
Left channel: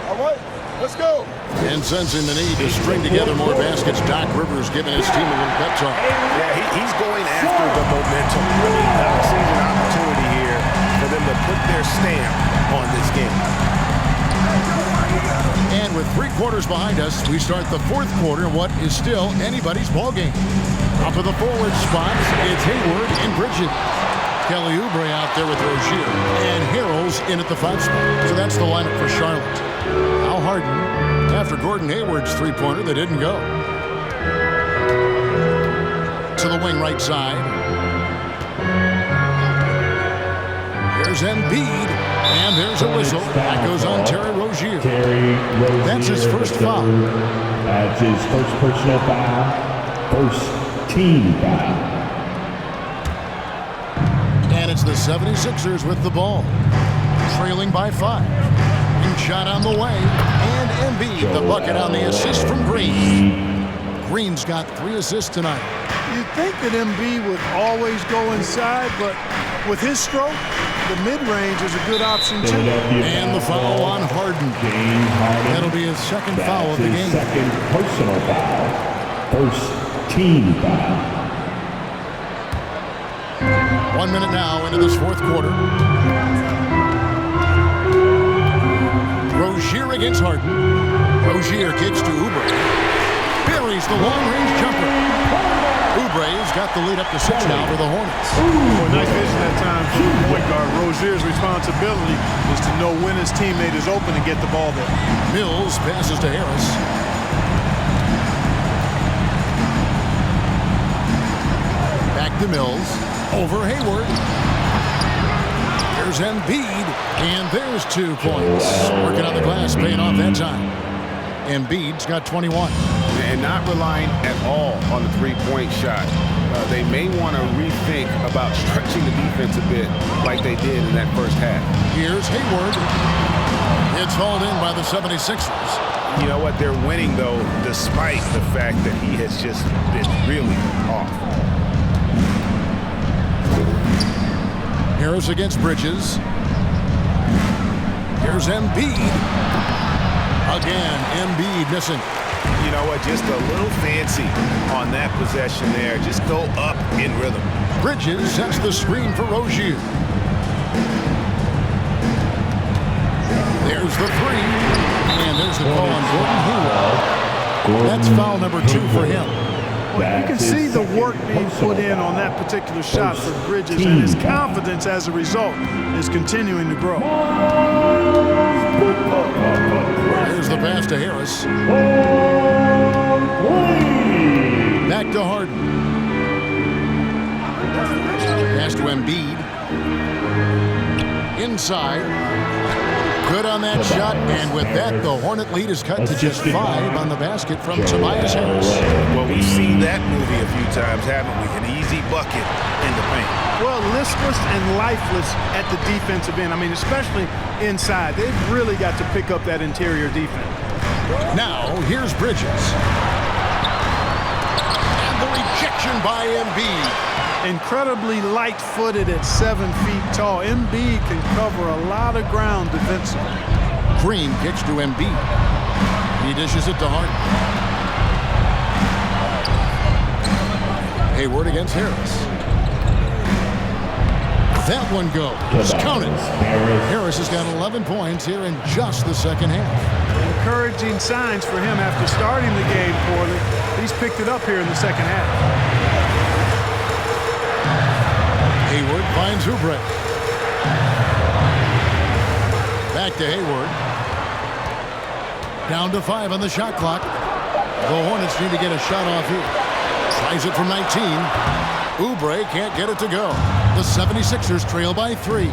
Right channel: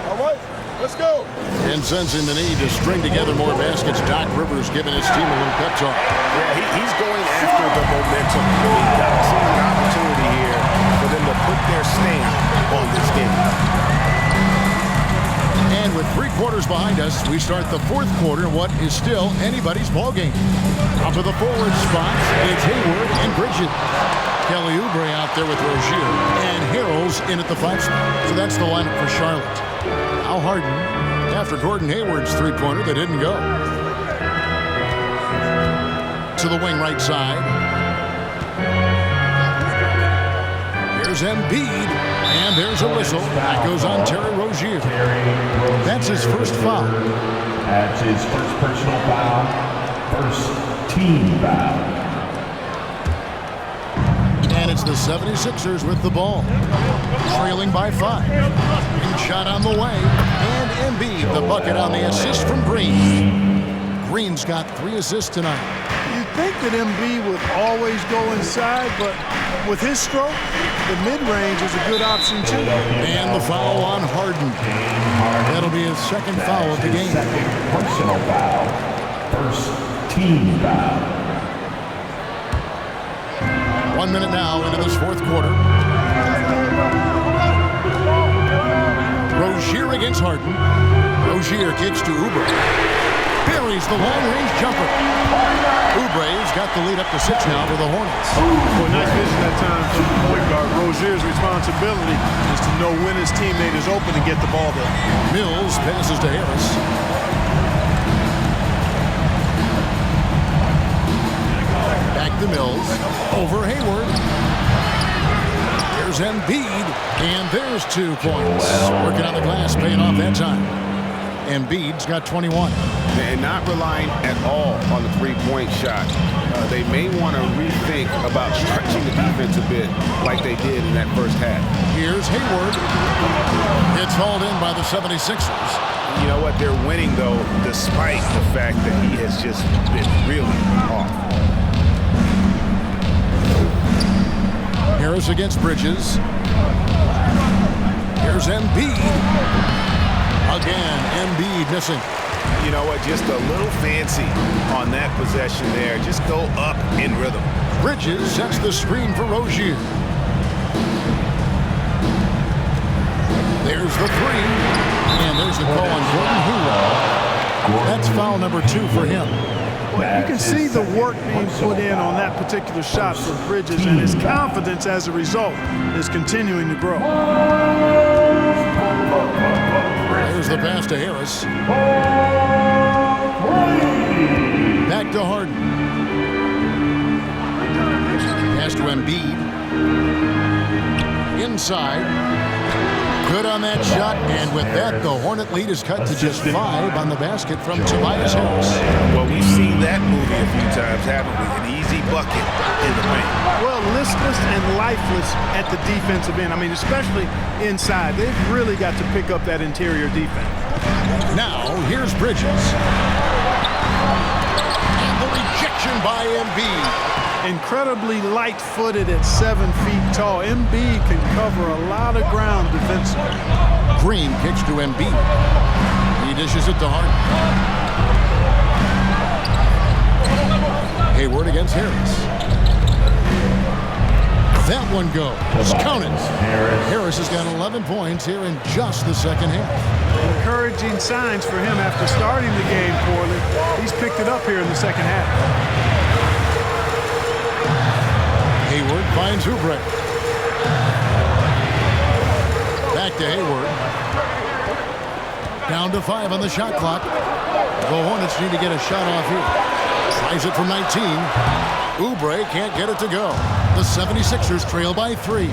All right, let's go. And sensing the need to string together more baskets, Doc Rivers giving his team a little pep talk. Yeah, he's going after the momentum. I mean, Doc sees an opportunity here for them to put their stamp on this game. And with 3 quarters behind us, we start the fourth quarter in what is still anybody's ball game. Up to the forward spots, it's Hayward and Bridges. Kelly Oubre out there with Rozier, and Harrell's in at the 5 spot. So that's the lineup for Charlotte. Now Harden, after Gordon Hayward's 3-pointer, that didn't go. To the wing right side. Here's Embiid, and there's a whistle. That goes on Terry Rozier. That's his first foul. That's his first personal foul, first team foul. And it's the 76ers with the ball, trailing by 5. Green shot on the way, and Embiid the bucket on the assist from Green. Green's got 3 assists tonight. You'd think that Embiid would always go inside, but with his stroke, the mid-range is a good option too. And the foul on Harden. That'll be his second foul of the game. Second personal foul, first team foul. 1 minute now into this fourth quarter. Rozier against Harden. Rozier kicks to Oubre. Buries the long-range jumper. Oubre's got the lead up to 6 now for the Hornets. Boy, nice vision that time from the point guard. Rozier's responsibility is to know when his teammate is open and get the ball there. Mills passes to Harris. Back to Mills. Over Hayward. Here's Embiid. And there's 2 points. Working on the glass, paying off that time. Embiid's got 21. And not relying at all on the three-point shot. They may want to rethink about stretching the defense a bit like they did in that first half. Here's Hayward. It's hauled in by the 76ers. You know what? They're winning, though, despite the fact that he has just been really off. Harris against Bridges. Here's Embiid. Again, Embiid missing. You know what? Just a little fancy on that possession there. Just go up in rhythm. Bridges sets the screen for Rozier. There's the three. And there's the call on Gordon Hayward. That's foul number 2 for him. Well, you can see the work being put in on that particular shot for Bridges, and his confidence as a result is continuing to grow. There's the pass to Harris. Back to Harden. Pass to Embiid. Inside. Good on that shot, and with that, the Hornet lead is cut to just 5 on the basket from Tobias Harris. Well, we've seen that movie a few times, haven't we? An easy bucket in the paint. Well, listless and lifeless at the defensive end. I mean, especially inside. They've really got to pick up that interior defense. Now, here's Bridges. And the rejection by Embiid. Incredibly light-footed at 7 feet tall. Embiid can cover a lot of ground defensively. Green kicks to Embiid. He dishes it to Harden. Hayward against Harris. That one goes. Count it. Harris has got 11 points here in just the second half. Encouraging signs for him after starting the game poorly. He's picked it up here in the second half. Hayward finds Oubre. Back to Hayward. Down to 5 on the shot clock. The Hornets need to get a shot off here. Tries it from 19. Oubre can't get it to go. The 76ers trail by 3.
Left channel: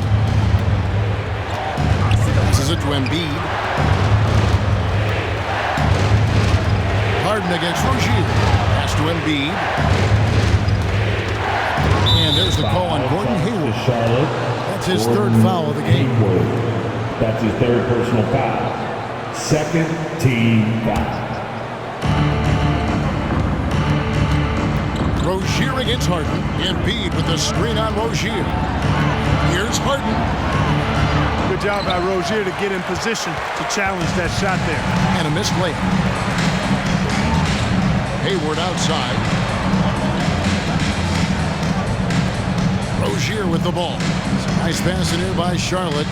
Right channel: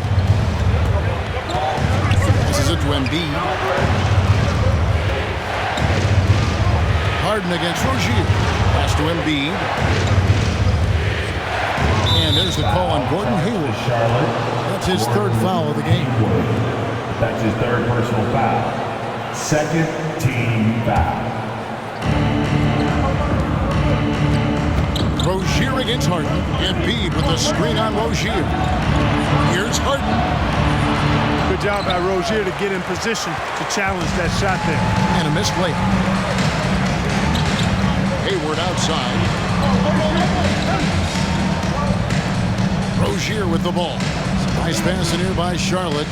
Passes it to Embiid. Harden against Rozier. Pass to Embiid. And there's the call on Gordon Hayward. That's his third foul of the game. That's his third personal foul. Second team foul. Rozier against Harden. Embiid with the screen on Rozier. Here's Harden. Good job by Rozier to get in position to challenge that shot there. And a missed layup. Hayward outside. Rozier with the ball. Nice pass in here by Charlotte.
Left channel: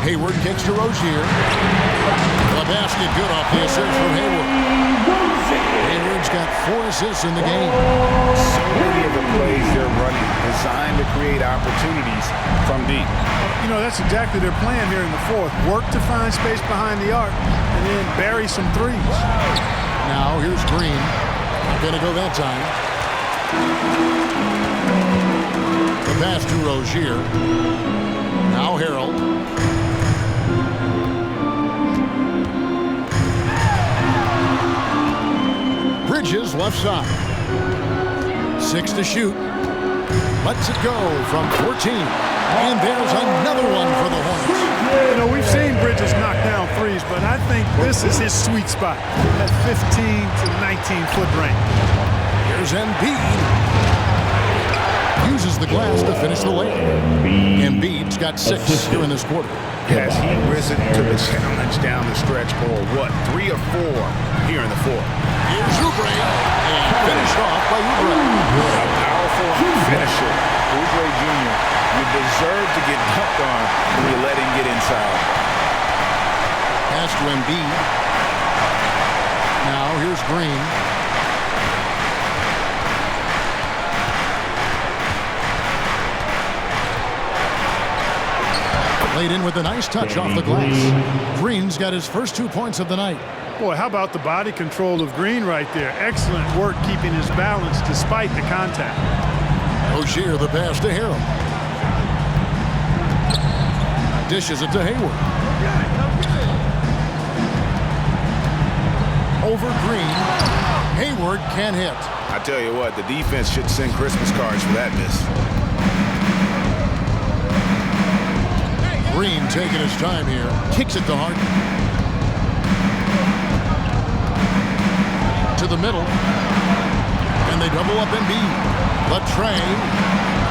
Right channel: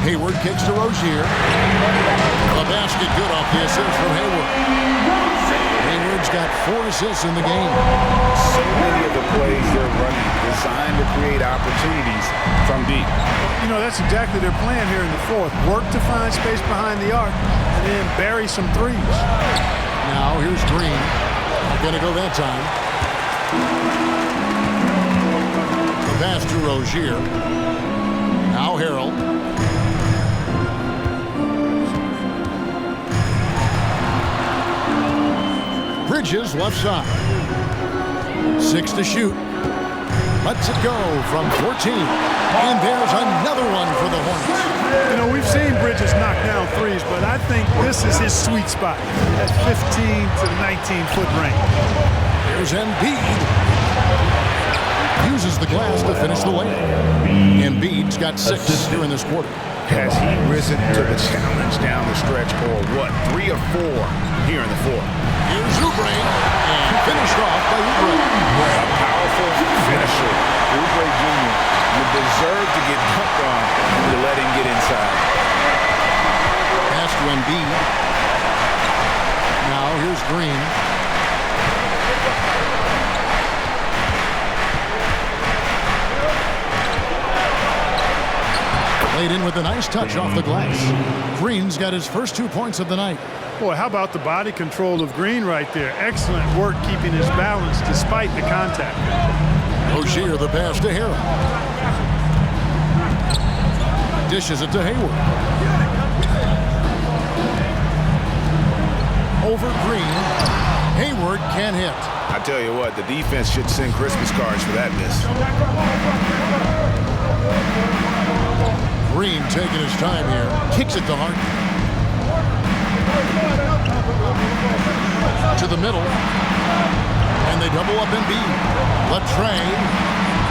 Hayward kicks to Rozier. The basket good off the assist from Hayward. Hayward's got 4 assists in the game. So many of the plays they're running designed to create opportunities from deep. You know, that's exactly their plan here in the fourth. Work to find space behind the arc and then bury some threes. Now here's Green. Not going to go that time. The pass to Rozier. Now Harrell. Bridges left side. 6 to shoot. Lets it go from 14. And there's another one for the Hornets. You know, we've seen Bridges knock down threes, but I think this is his sweet spot. That 15 to 19-foot range. Here's Embiid. Uses the glass to finish the layup. Embiid's got 6 here in this quarter. Has he risen to the challenge down the stretch, or what? 3 or 4 here in the fourth. Here's Oubre, and finished off by Oubre. A powerful finisher. Oubre Jr., you deserve to get dunked on when you let him get inside. Pass to Embiid. Now here's Green. Laid in with a nice touch off the glass. Green's got his first 2 points of the night. Boy, how about the body control of Green right there? Excellent work keeping his balance despite the contact. Rozier the pass to Harrell. Dishes it to Hayward. over Green. Hayward can't hit. I tell you what, the defense should send Christmas cards for that miss. Green taking his time here. Kicks it to Harden. To the middle. And they double up Embiid. Latre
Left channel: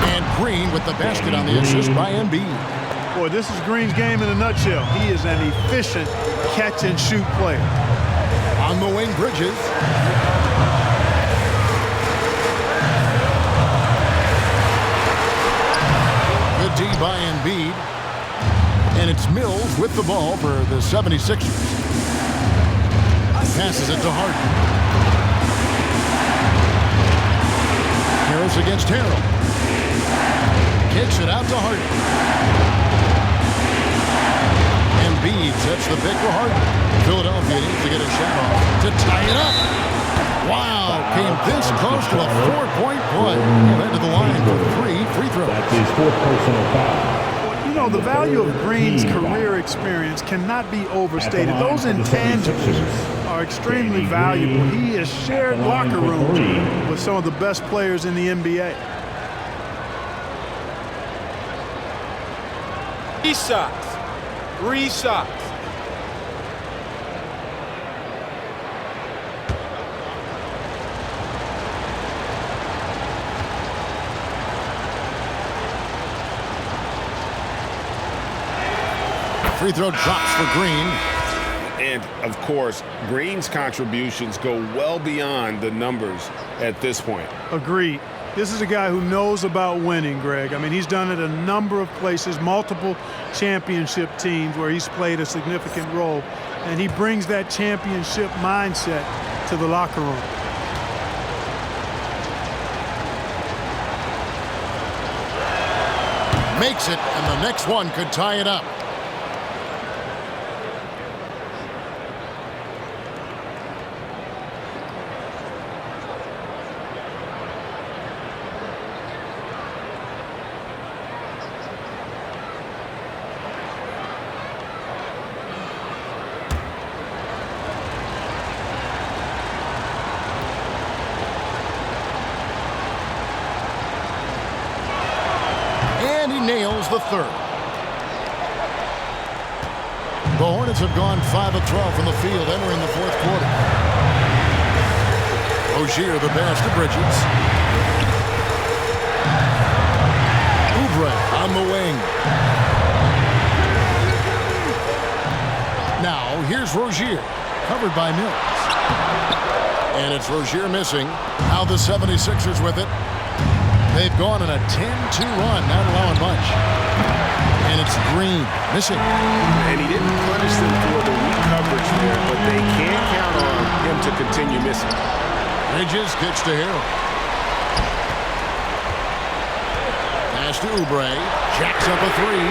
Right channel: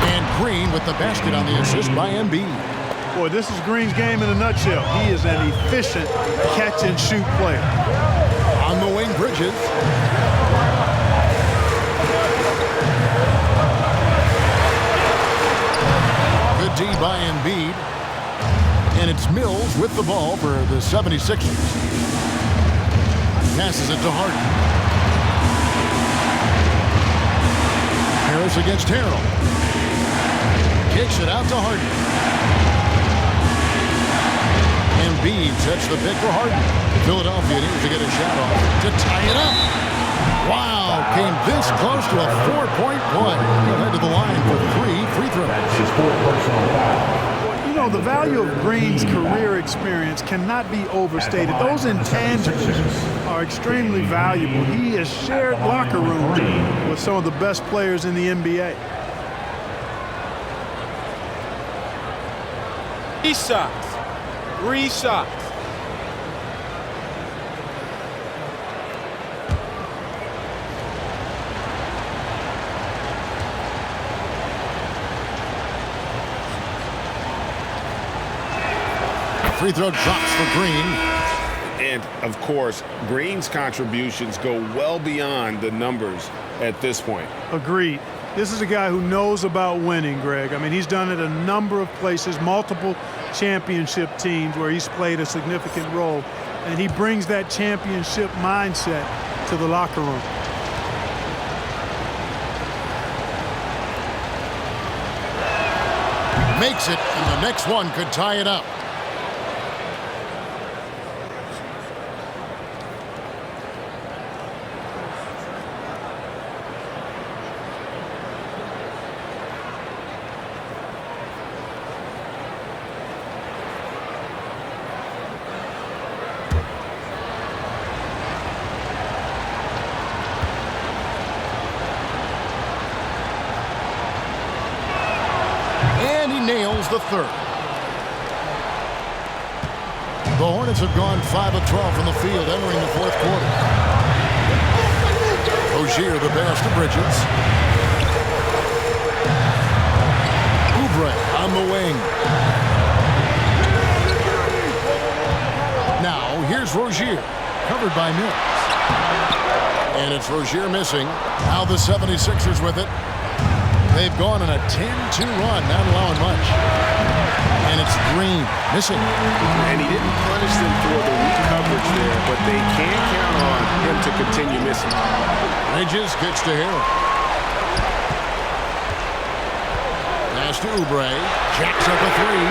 and Green with the basket on the assist by Embiid. Boy, this is Green's game in a nutshell. He is an efficient catch-and-shoot player. On the wing, Bridges. Good D by Embiid. And it's Mills with the ball for the 76ers. Passes it to Harden. Harris against Harrell. Kicks it out to Harden. Embiid sets the pick for Harden. Philadelphia needs to get a shot off to tie it up. Wow, came this close to a 4-point play. He'll head to the line for 3 free throws. That's his 4th personal foul. Well, you know, the value of Green's career experience cannot be overstated. Those intangibles are extremely valuable. He has shared locker rooms with some of the best players in the NBA. 3 shots. 3 shots. Free throw drops for Green. And, of course, Green's contributions go well beyond the numbers at this point. Agreed. This is a guy who knows about winning, Greg. I mean, he's done it a number of places, multiple championship teams where he's played a significant role. And he brings that championship mindset to the locker room. Makes it, and the next one could tie it up. And he nails the third. The Hornets have gone 5 of 12 from the field entering the 4th quarter. Rozier the pass to Bridges. Oubre on the wing. Now here's Rozier, covered by Mills. And it's Rozier missing. Now the 76ers with it. They've gone on a 10-2 run, not allowing much. And it's Green missing. And he didn't punish them for the weak coverage there, but they can't count on him to continue missing. Bridges kicks to Harrell. Pass to Oubre. Jacks up a 3.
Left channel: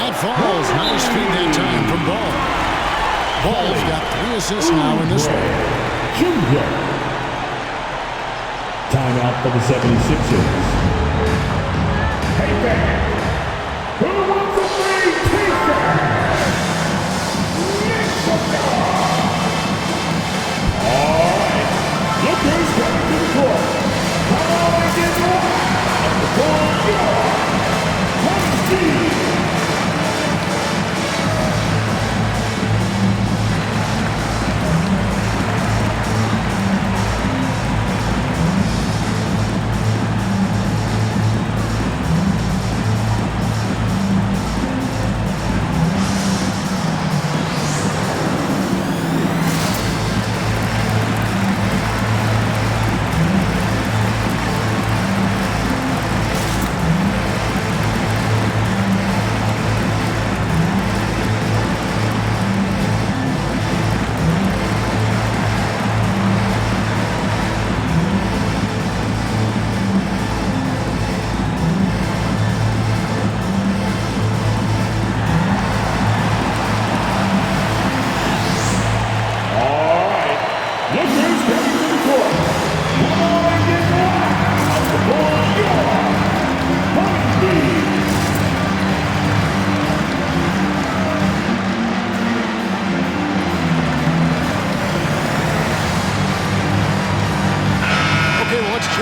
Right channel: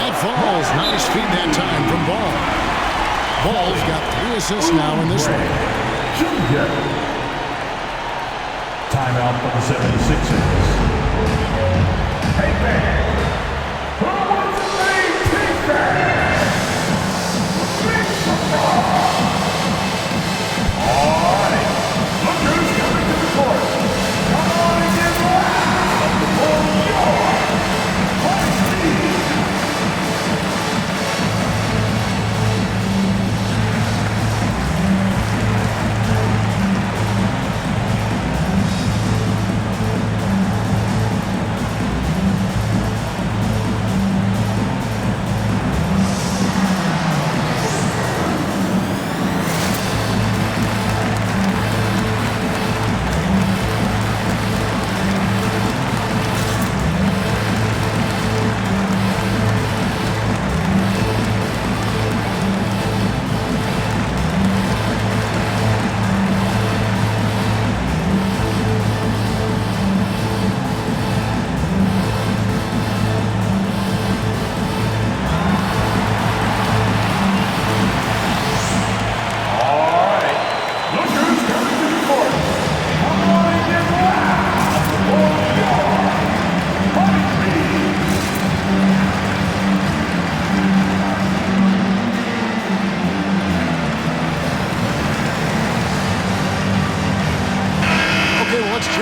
That falls. Nice feed that time from Ball. Ball's got 3 assists now in this one. Junior. Timeout for the 76ers. Hey, man. Who wants a free t-shirt? Mix them up. All right. Look who's coming to the court. Come on and get loud. The ball yard. Hornets.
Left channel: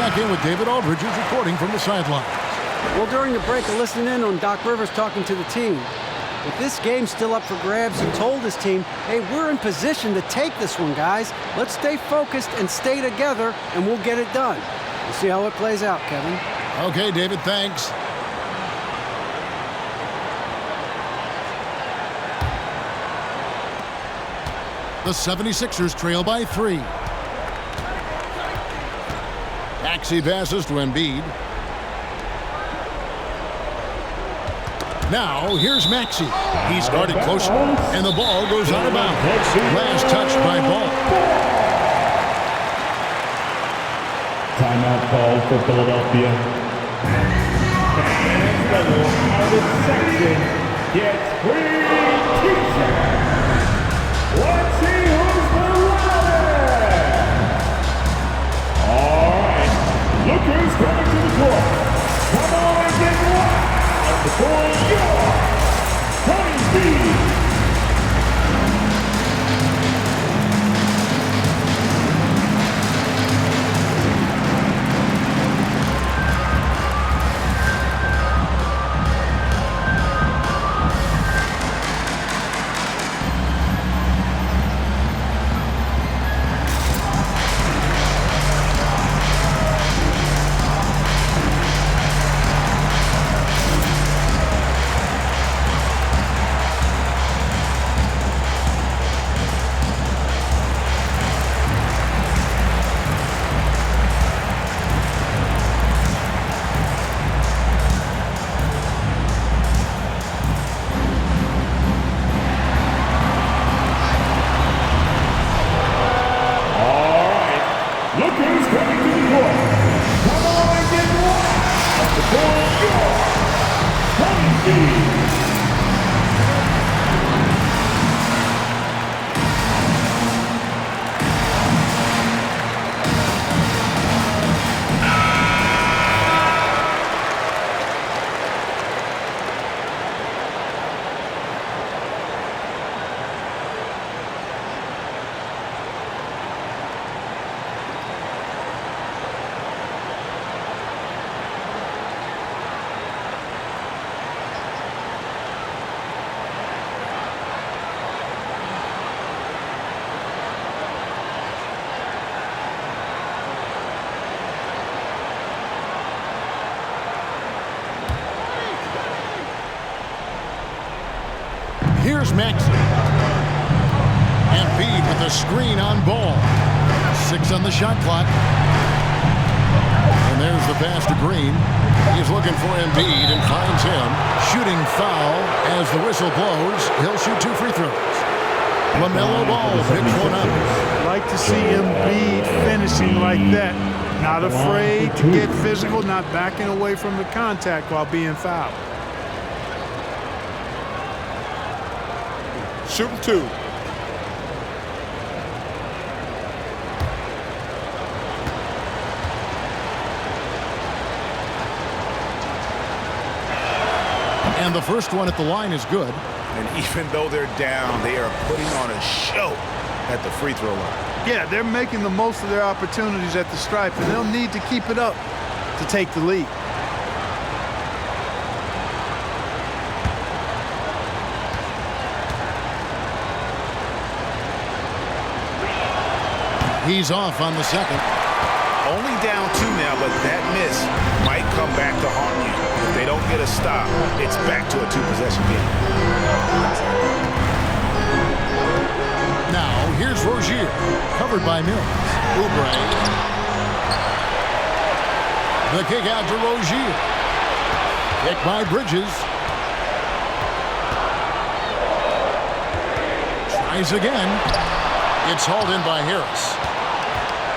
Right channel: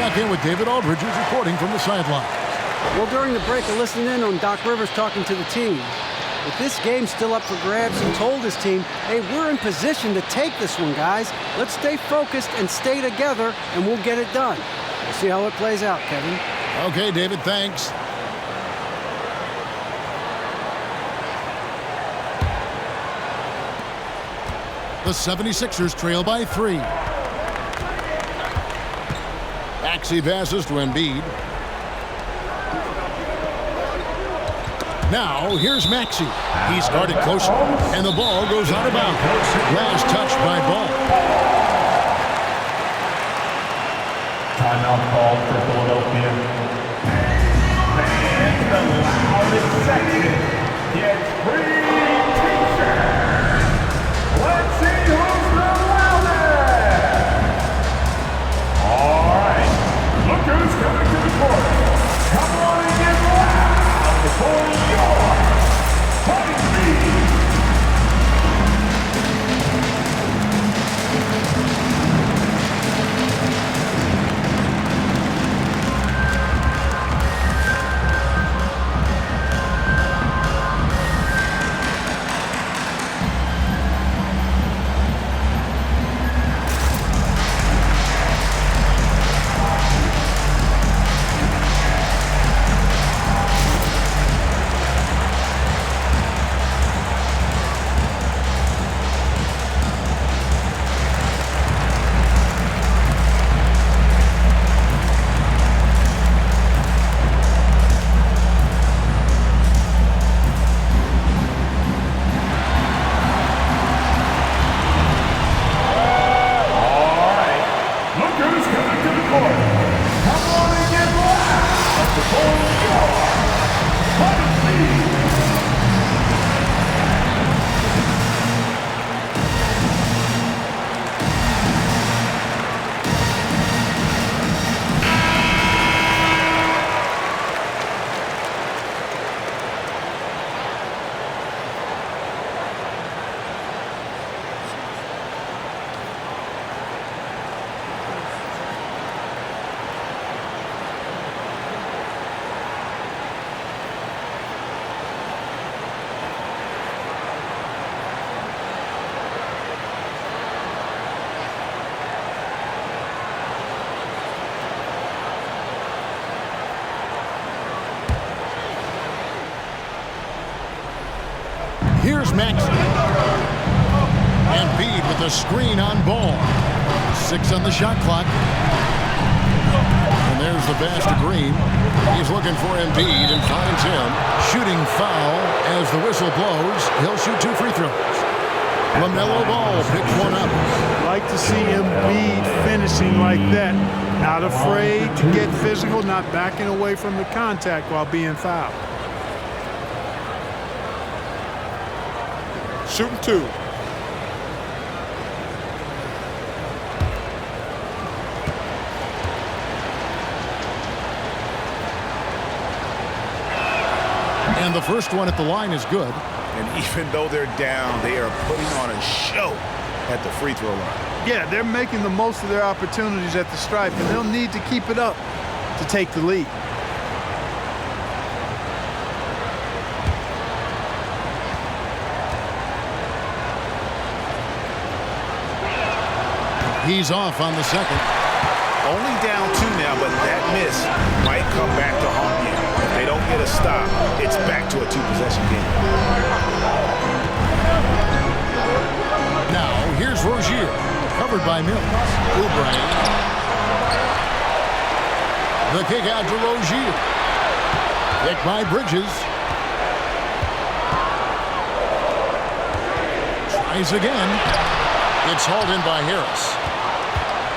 back in with David Aldridge, who's reporting from the sidelines. Well, during the break, I listened in on Doc Rivers talking to the team. With this game still up for grabs, he told his team, hey, we're in position to take this one, guys. Let's stay focused and stay together, and we'll get it done. We'll see how it plays out, Kevin. Okay, David, thanks. The 76ers trail by 3. Maxey passes to Embiid. Now, here's Maxey. He's guarded closely, and the ball goes out of bounds. Last touch by Ball. Timeout called for Philadelphia. And the loudest section gets free t-shirts. Let's see who's the loudest. All right, look who's coming to the court. Come on and get loud for your Honeybee. Here's Maxey. Embiid with a screen on Ball. 6 on the shot clock. And there's the pass to Green. He's looking for Embiid and finds him. Shooting foul as the whistle blows. He'll shoot 2 free throws. LaMelo Ball picks one up. Like to see Embiid finishing like that. Not afraid to get physical, not backing away from the contact while being fouled. Shooting 2. And the first one at the line is good. And even though they're down, they are putting on a show at the free throw line. Yeah, they're making the most of their opportunities at the stripe, and they'll need to keep it up to take the lead. He's off on the second. Only down 2 now, but that miss might come back to haunt you. If they don't get a stop, it's back to a 2-possession game. Now, here's Rozier, covered by Mills. Oubre. The kick out to Rozier. Kick by Bridges. Tries again. It's hauled in by Harris.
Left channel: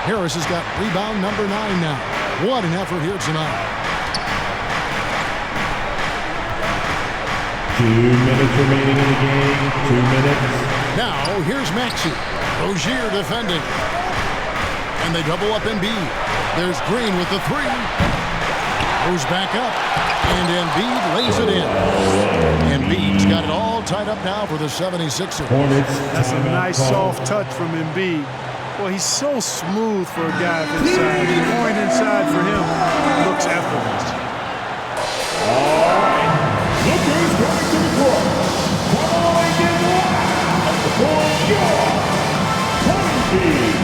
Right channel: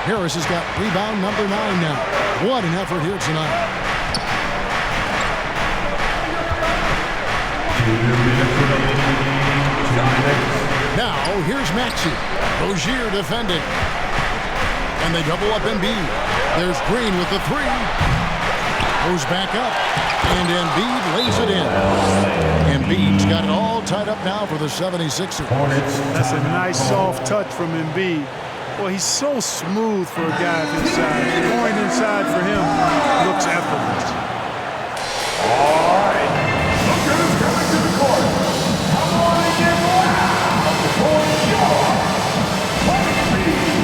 Harris has got rebound number 9 now. What an effort here tonight. 2 minutes remaining in the game. 2 minutes. Now, here's Maxey. Rozier defending. And they double up Embiid. There's Green with the 3. Goes back up. And Embiid lays it in. Embiid's got it all tied up now for the 76ers. Hornets. That's a nice soft touch from Embiid. Well, he's so smooth for a guy of his size. Going inside for him looks effortless. All right. Look who's coming to the court. Come on and get loud for your Honeybee.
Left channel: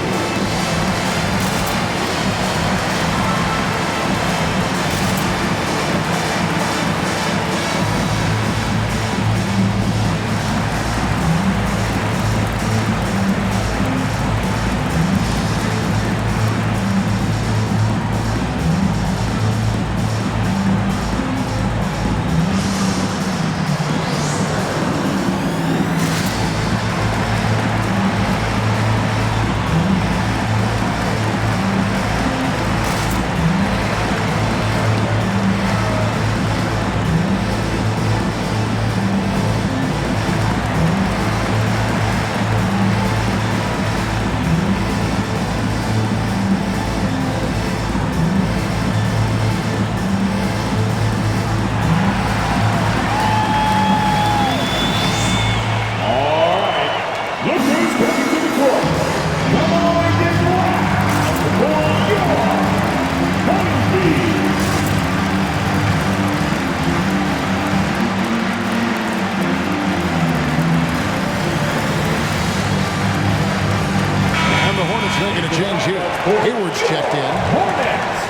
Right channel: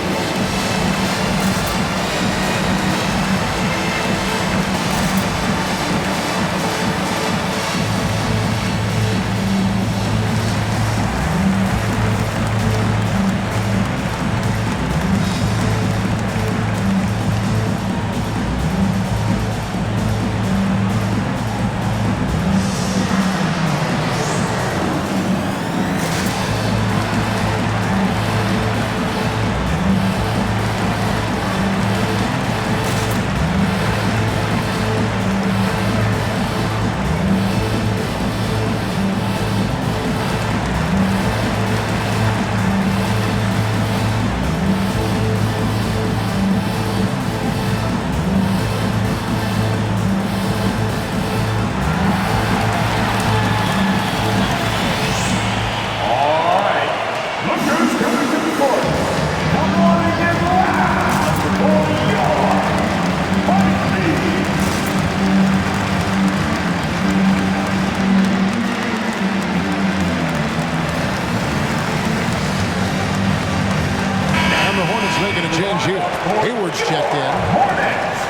The Hornets making a change here. Hayward's checked in. Hornets,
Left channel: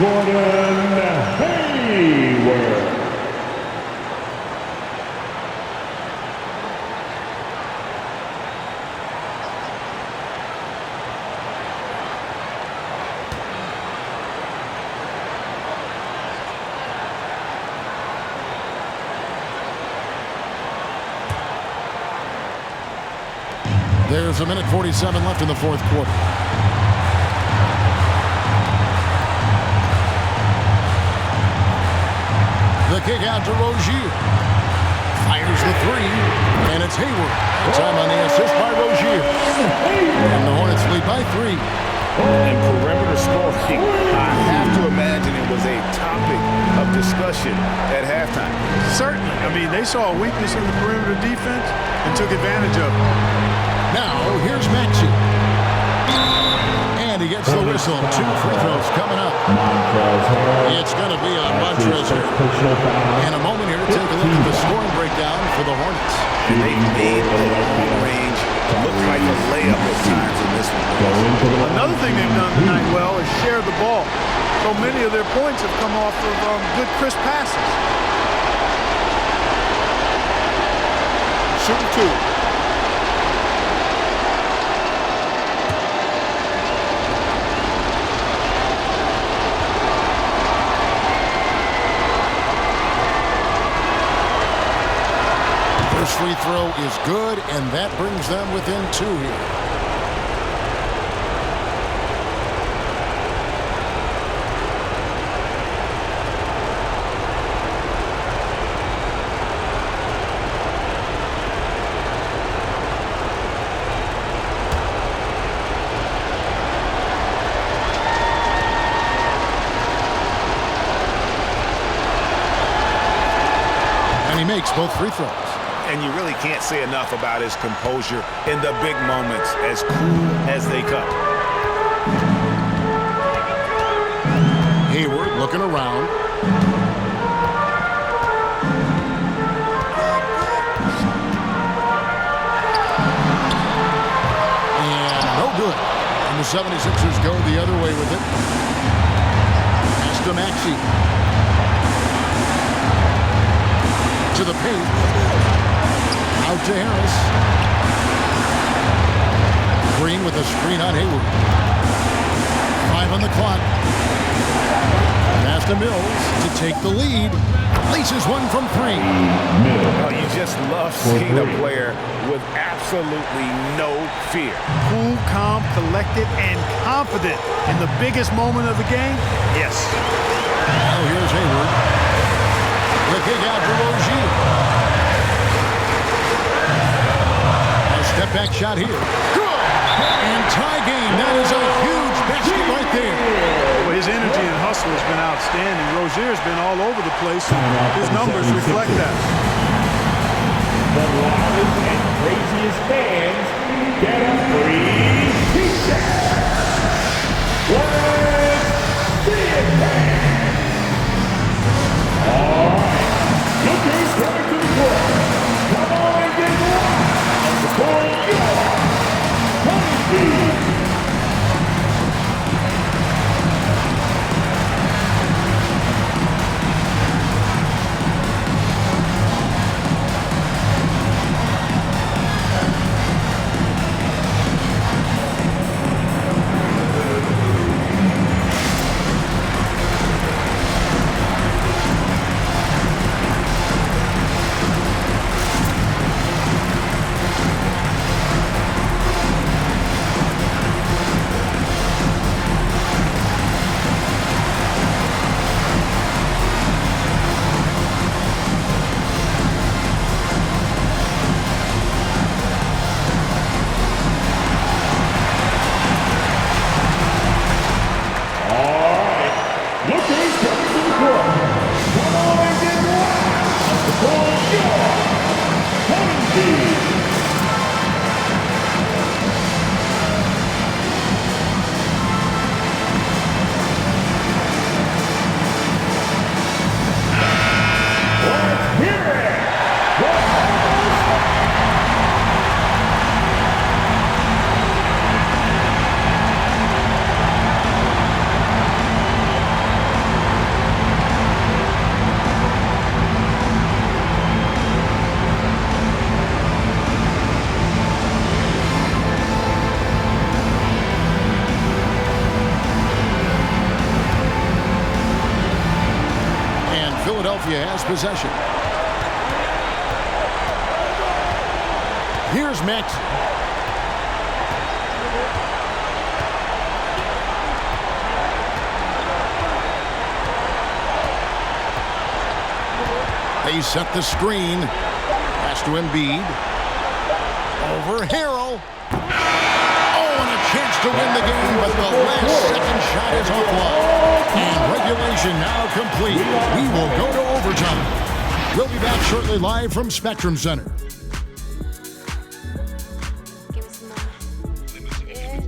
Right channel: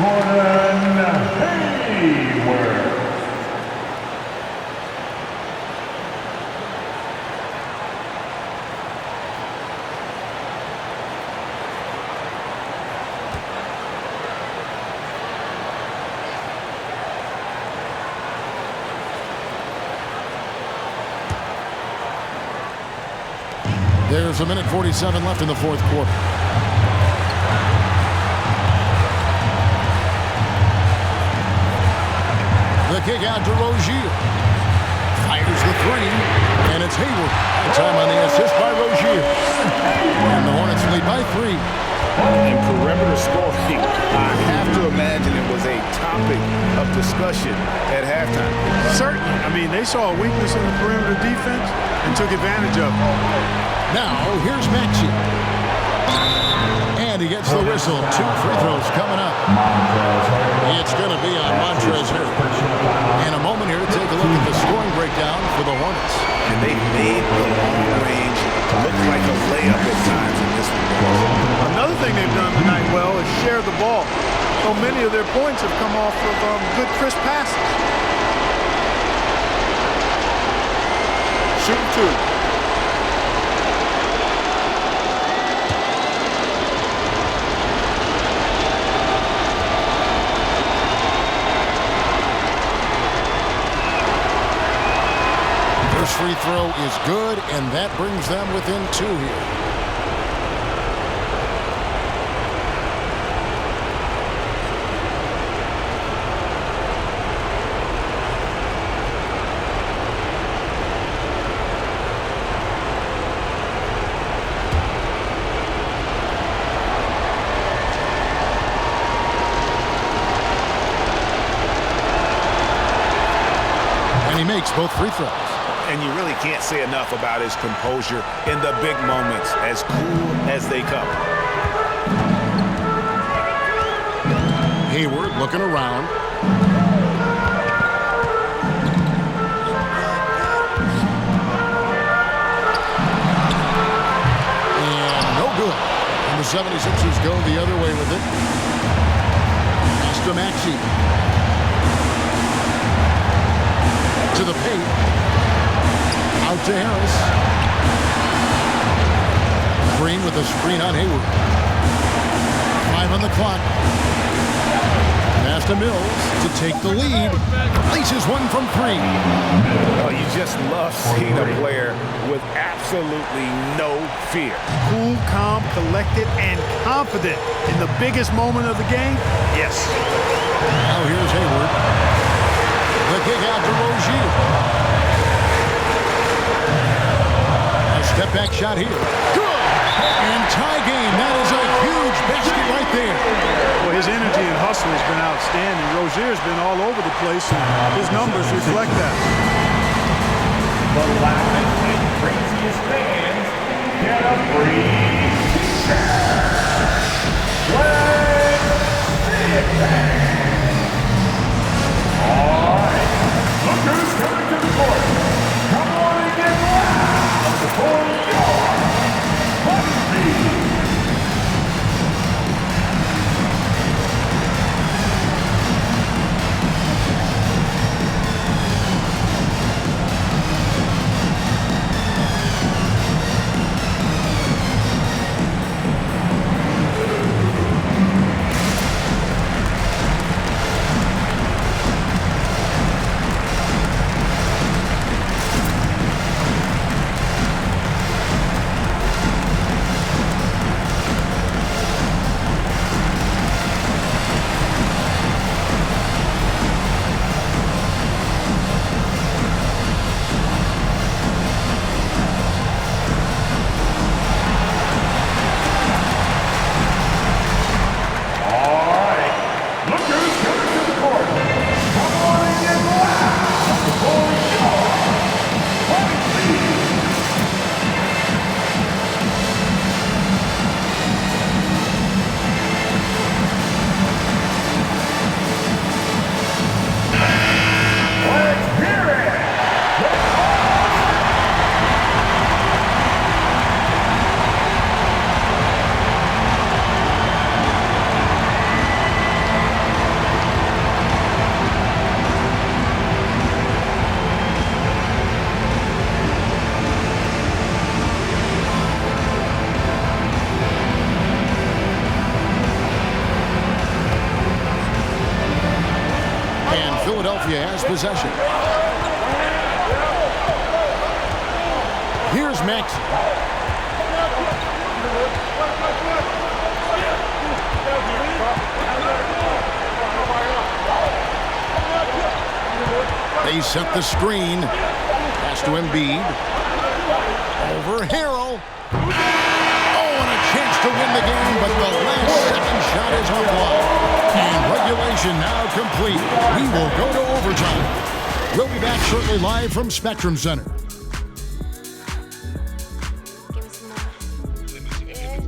Gordon Hayward. There's a minute 47 left in the fourth quarter. The kick out to Rozier. Fires the three, and it's Hayward. That time on the assist by Rozier. And the Hornets lead by 3. And perimeter scoring, I have to imagine it was a topic of discussion at halftime. Certainly. I mean, they saw a weakness in the perimeter defense and took advantage of it. Now, here's Maxey. And he gets the whistle. 2 free throws coming up. It's going to be on Montrezl Harrell. In a moment here to take a look at the scoring breakdown for the Hornets. And they made the long range look like a layup at times in this one. Another thing they've done tonight well is share the ball. So many of their points have come off of good, crisp passes. Shooting 2. First free throw is good, and that brings them within 2 here. And he makes both free throws. And you really can't say enough about his composure in the big moments, as cool as they come. Hayward looking around. And no good. And the 76ers go the other way with it. Pass to Maxey. To the paint. Out to Harris. Green with a screen on Hayward. 5 on the clock. Pass to Mills to take the lead. Laces one from 3. Oh, you just love seeing a player with absolutely no fear. Cool, calm, collected, and confident in the biggest moment of the game. Yes. Now here's Hayward. The kick out to Rozier. Step back shot here. Good! And tie game. That is a huge basket right there. Well, his energy and hustle has been outstanding. Rozier's been all over the place, and his numbers reflect that. The loudest and craziest fans get a free T-shirt. it back. All right, look who's coming to the court. Come on and get loud for your Untitled. Philadelphia has possession. Here's Maxey. They set the screen. Pass to Embiid. Over Harrell. Oh, and a chance to win the game, but the last second shot is offline. And regulation now complete. We will go to overtime. We'll be back shortly live from Spectrum Center. Give me some more. Yeah.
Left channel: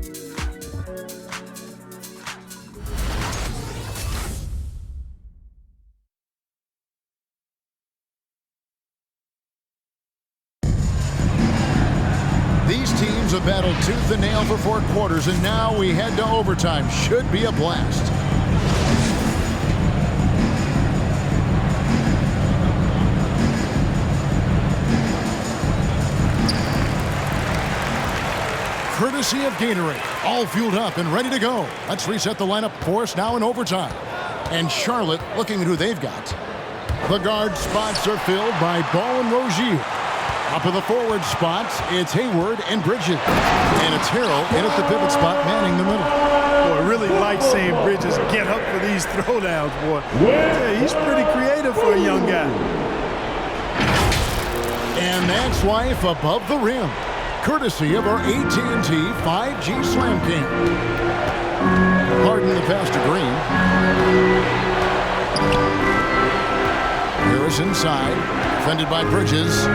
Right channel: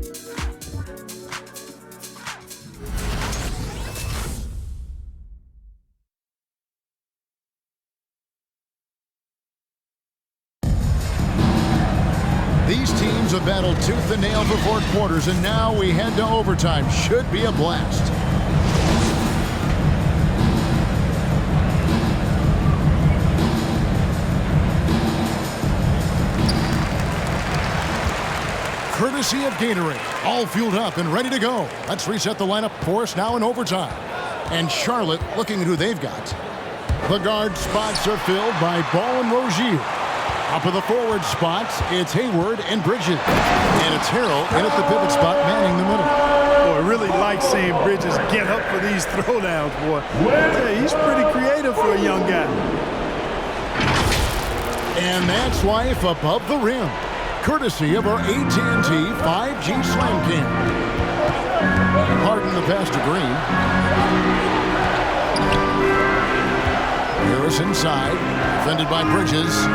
These teams have battled tooth and nail for 4 quarters, and now we head to overtime. Should be a blast. Courtesy of Gatorade, all fueled up and ready to go. Let's reset the lineup for us now in overtime. And Charlotte looking at who they've got. The guard spots are filled by Ball and Rozier. Up of the forward spots, it's Hayward and Bridges. And it's Harrell in at the pivot spot, manning the middle. Boy, I really like seeing Bridges get up for these throwdowns, boy. Yeah, he's pretty creative for a young guy. And that's life above the rim. Courtesy of our AT&T 5G Slam Cam. Harden the pass to Green. Harris inside, defended by Bridges.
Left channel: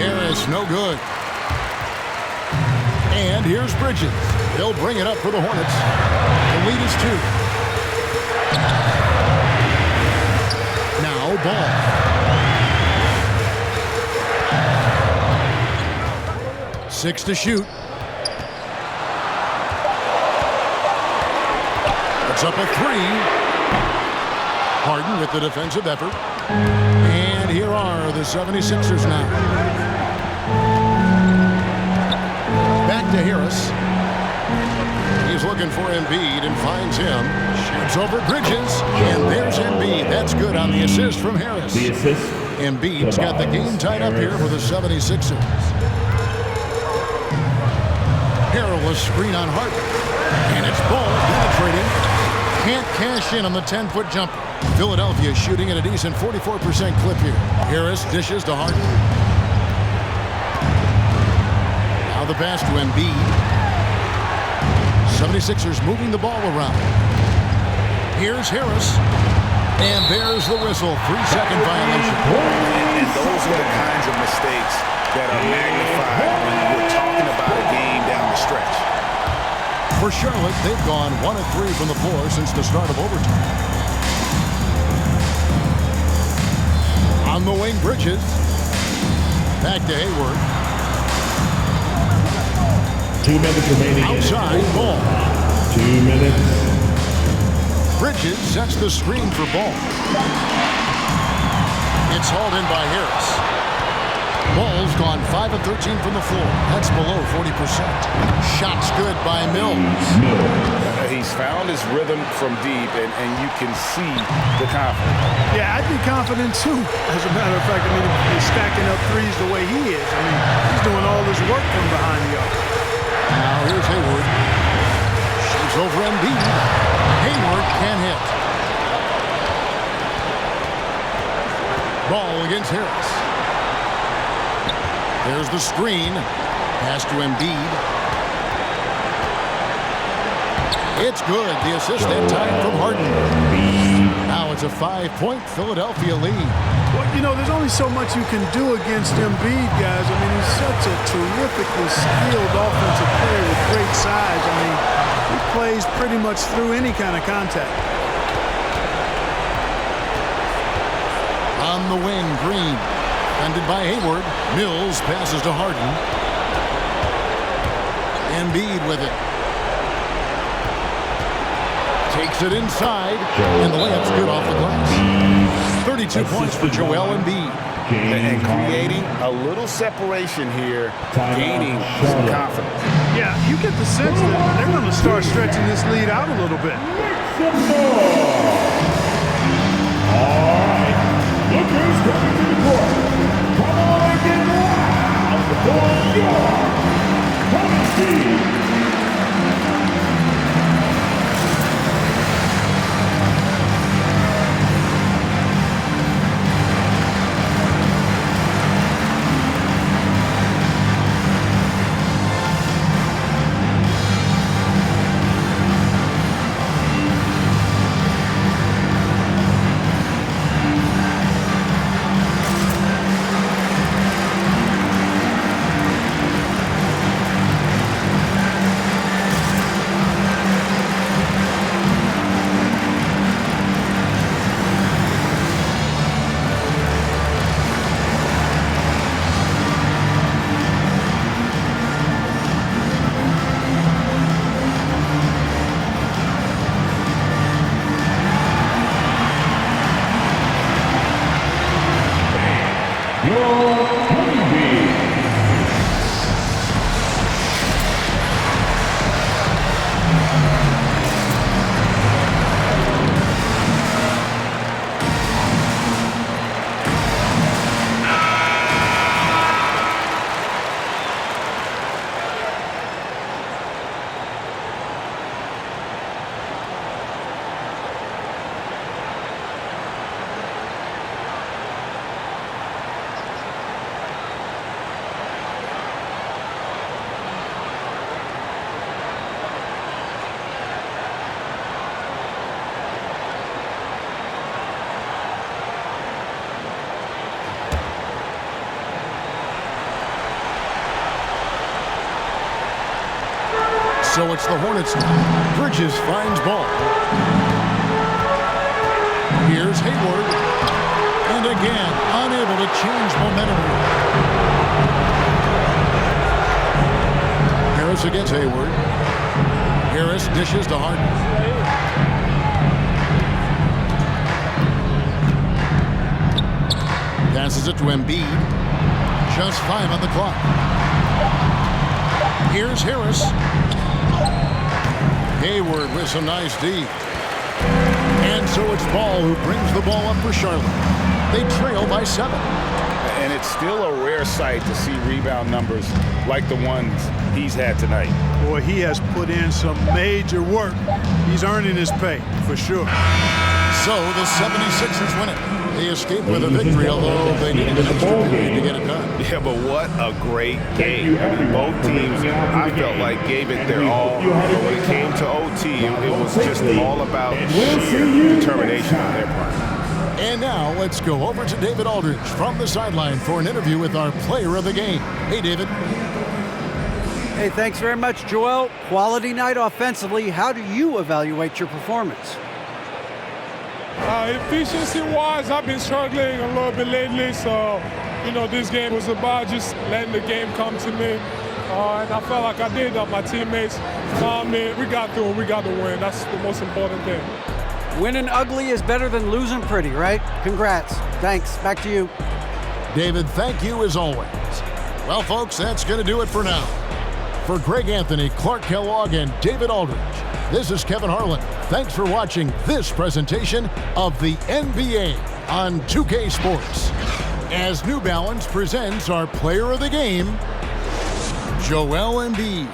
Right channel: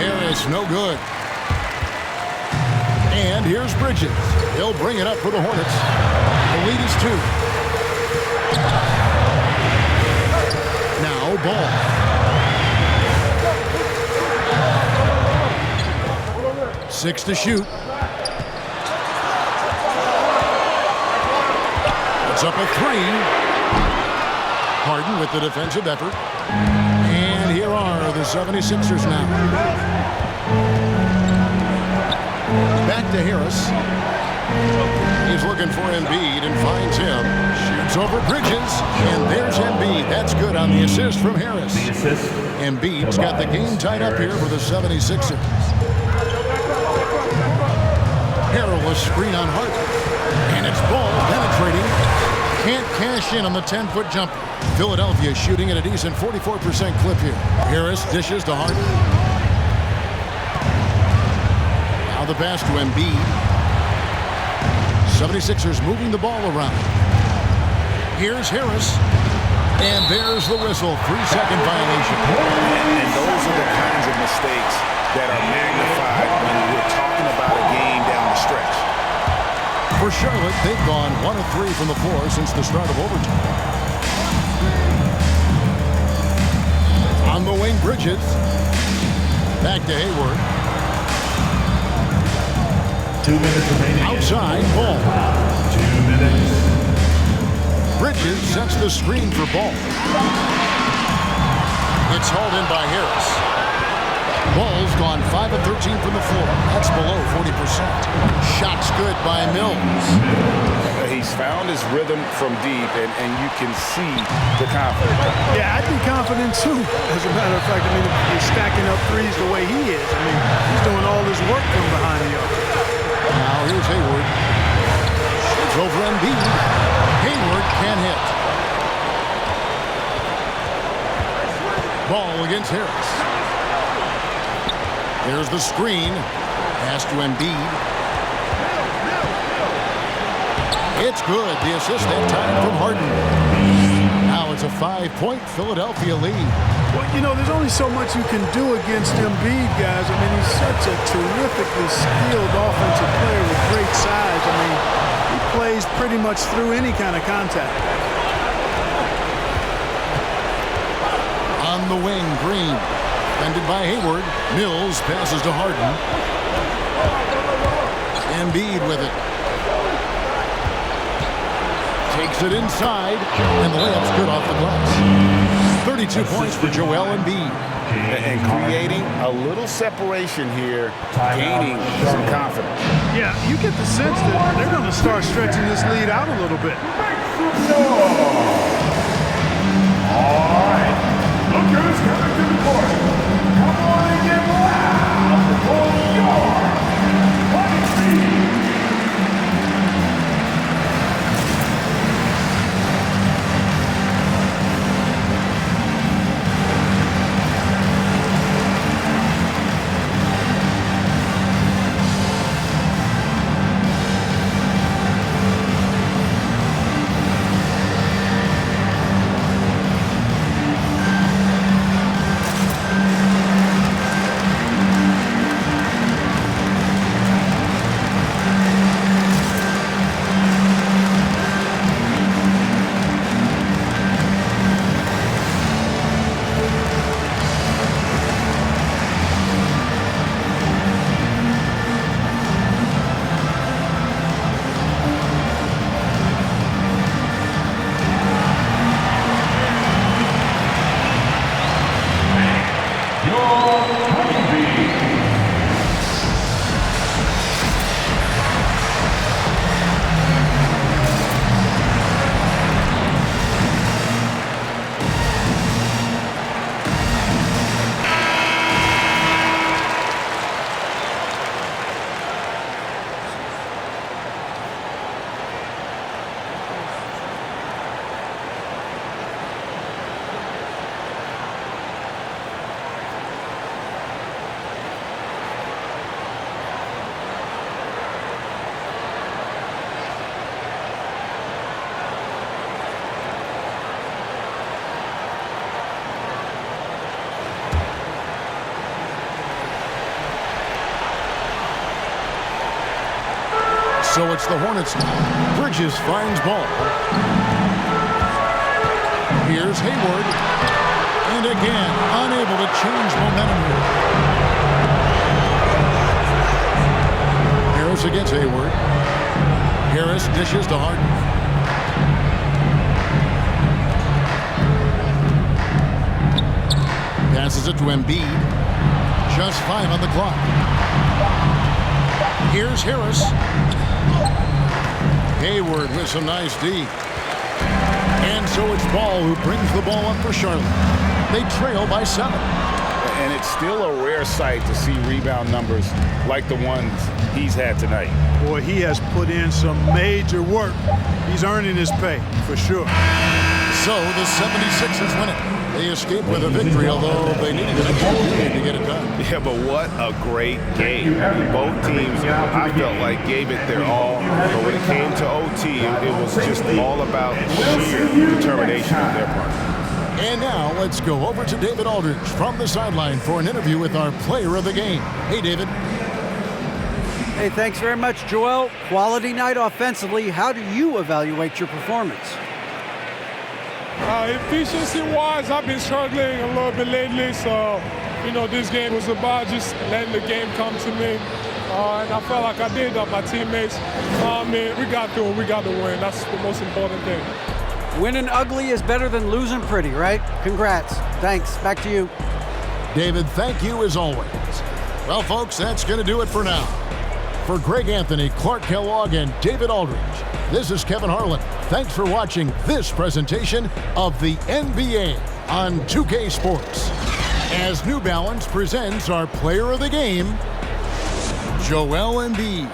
Harris no good. And here's Bridges. He'll bring it up for the Hornets. The lead is 2. Now Ball. Six to shoot. It's up a 3. Harden with the defensive effort. And here are the 76ers now. Back to Harris. He's looking for Embiid and finds him. Shoots over Bridges. And there's Embiid. That's good on the assist from Harris. The assist. Embiid's got the game tied up here for the 76ers. Harrell a screen on Harden. And it's Ball penetrating. Can't cash in on the 10-foot jumper. Philadelphia shooting at a decent 44% clip here. Harris dishes to Harden. Now the pass to Embiid. 76ers moving the ball around. Here's Harris. And there's the whistle. 3-second violation. And those are the kinds of mistakes that are magnified when we're talking about a game down the stretch. For Charlotte, they've gone 1 of 3 from the floor since the start of overtime. On the wing, Bridges. Back to Hayward. 2 minutes remaining. Outside, Ball. 2 minutes. Bridges sets the screen for Ball. It's hauled in by Harris. Ball's gone 5 of 13 from the floor. That's below 40%. Shot's good by Mills. He's found his rhythm from deep, and you can see the confidence. Yeah, I'd be confident too, as a matter of fact. I mean, if he's stacking up threes the way he is. I mean, he's doing all this work from behind the arc. Now here's Hayward. Shoots over Embiid. Hayward can't hit. Ball against Harris. There's the screen. Pass to Embiid. It's good. The assist that time from Harden. Now it's a 5-point Philadelphia lead. Well, you know, there's only so much you can do against Embiid, guys. I mean, he's such a terrifically skilled offensive player with great size. I mean, he plays pretty much through any kind of contact. On the wing, Green. Defended by Hayward. Mills passes to Harden. Embiid with it. Takes it inside, and the layup's good off the glass. 32 points for Joel Embiid. And creating a little separation here, gaining some confidence. Yeah, you get the sense that they're going to start stretching this lead out a little bit. Make some noise. All right. Look who's coming to the court. Come on and get loud for your Hornets. So it's the Hornets now. Bridges finds Ball. Here's Hayward. And again, unable to change momentum here. Harris against Hayward. Harris dishes to Harden. Passes it to Embiid. Just 5 on the clock. Here's Harris. Hayward with some nice D. And so it's Ball who brings the ball up for Charlotte. They trail by 7. And it's still a rare sight to see rebound numbers like the ones he's had tonight. Boy, he has put in some major work. He's earning his pay, for sure. So the 76ers win it. They escape with a victory, although they needed an extra period to get it done. Yeah, but what a great game. I mean, both teams, I felt like, gave it their all. But when it came to OT, it was just all about sheer determination on their part. And now let's go over to David Aldridge from the sideline for an interview with our player of the game. Hey, David. Hey, thanks very much, Joel. Quality night offensively. How do you evaluate your performance? Efficiency-wise, I've been struggling a little bit lately, so, this game was about just letting the game come to me. And I felt like I did that. My teammates found me. We got through it. We got the win. That's the most important thing. Winning ugly is better than losing pretty, right? Congrats. Thanks. Back to you. David, thank you as always. Well, folks, that's going to do it for now. For Greg Anthony, Clark Kellogg, and David Aldridge, this is Kevin Harlan. Thanks for watching this presentation of the NBA on 2K Sports. As New Balance presents our player of the game, Joel Embiid.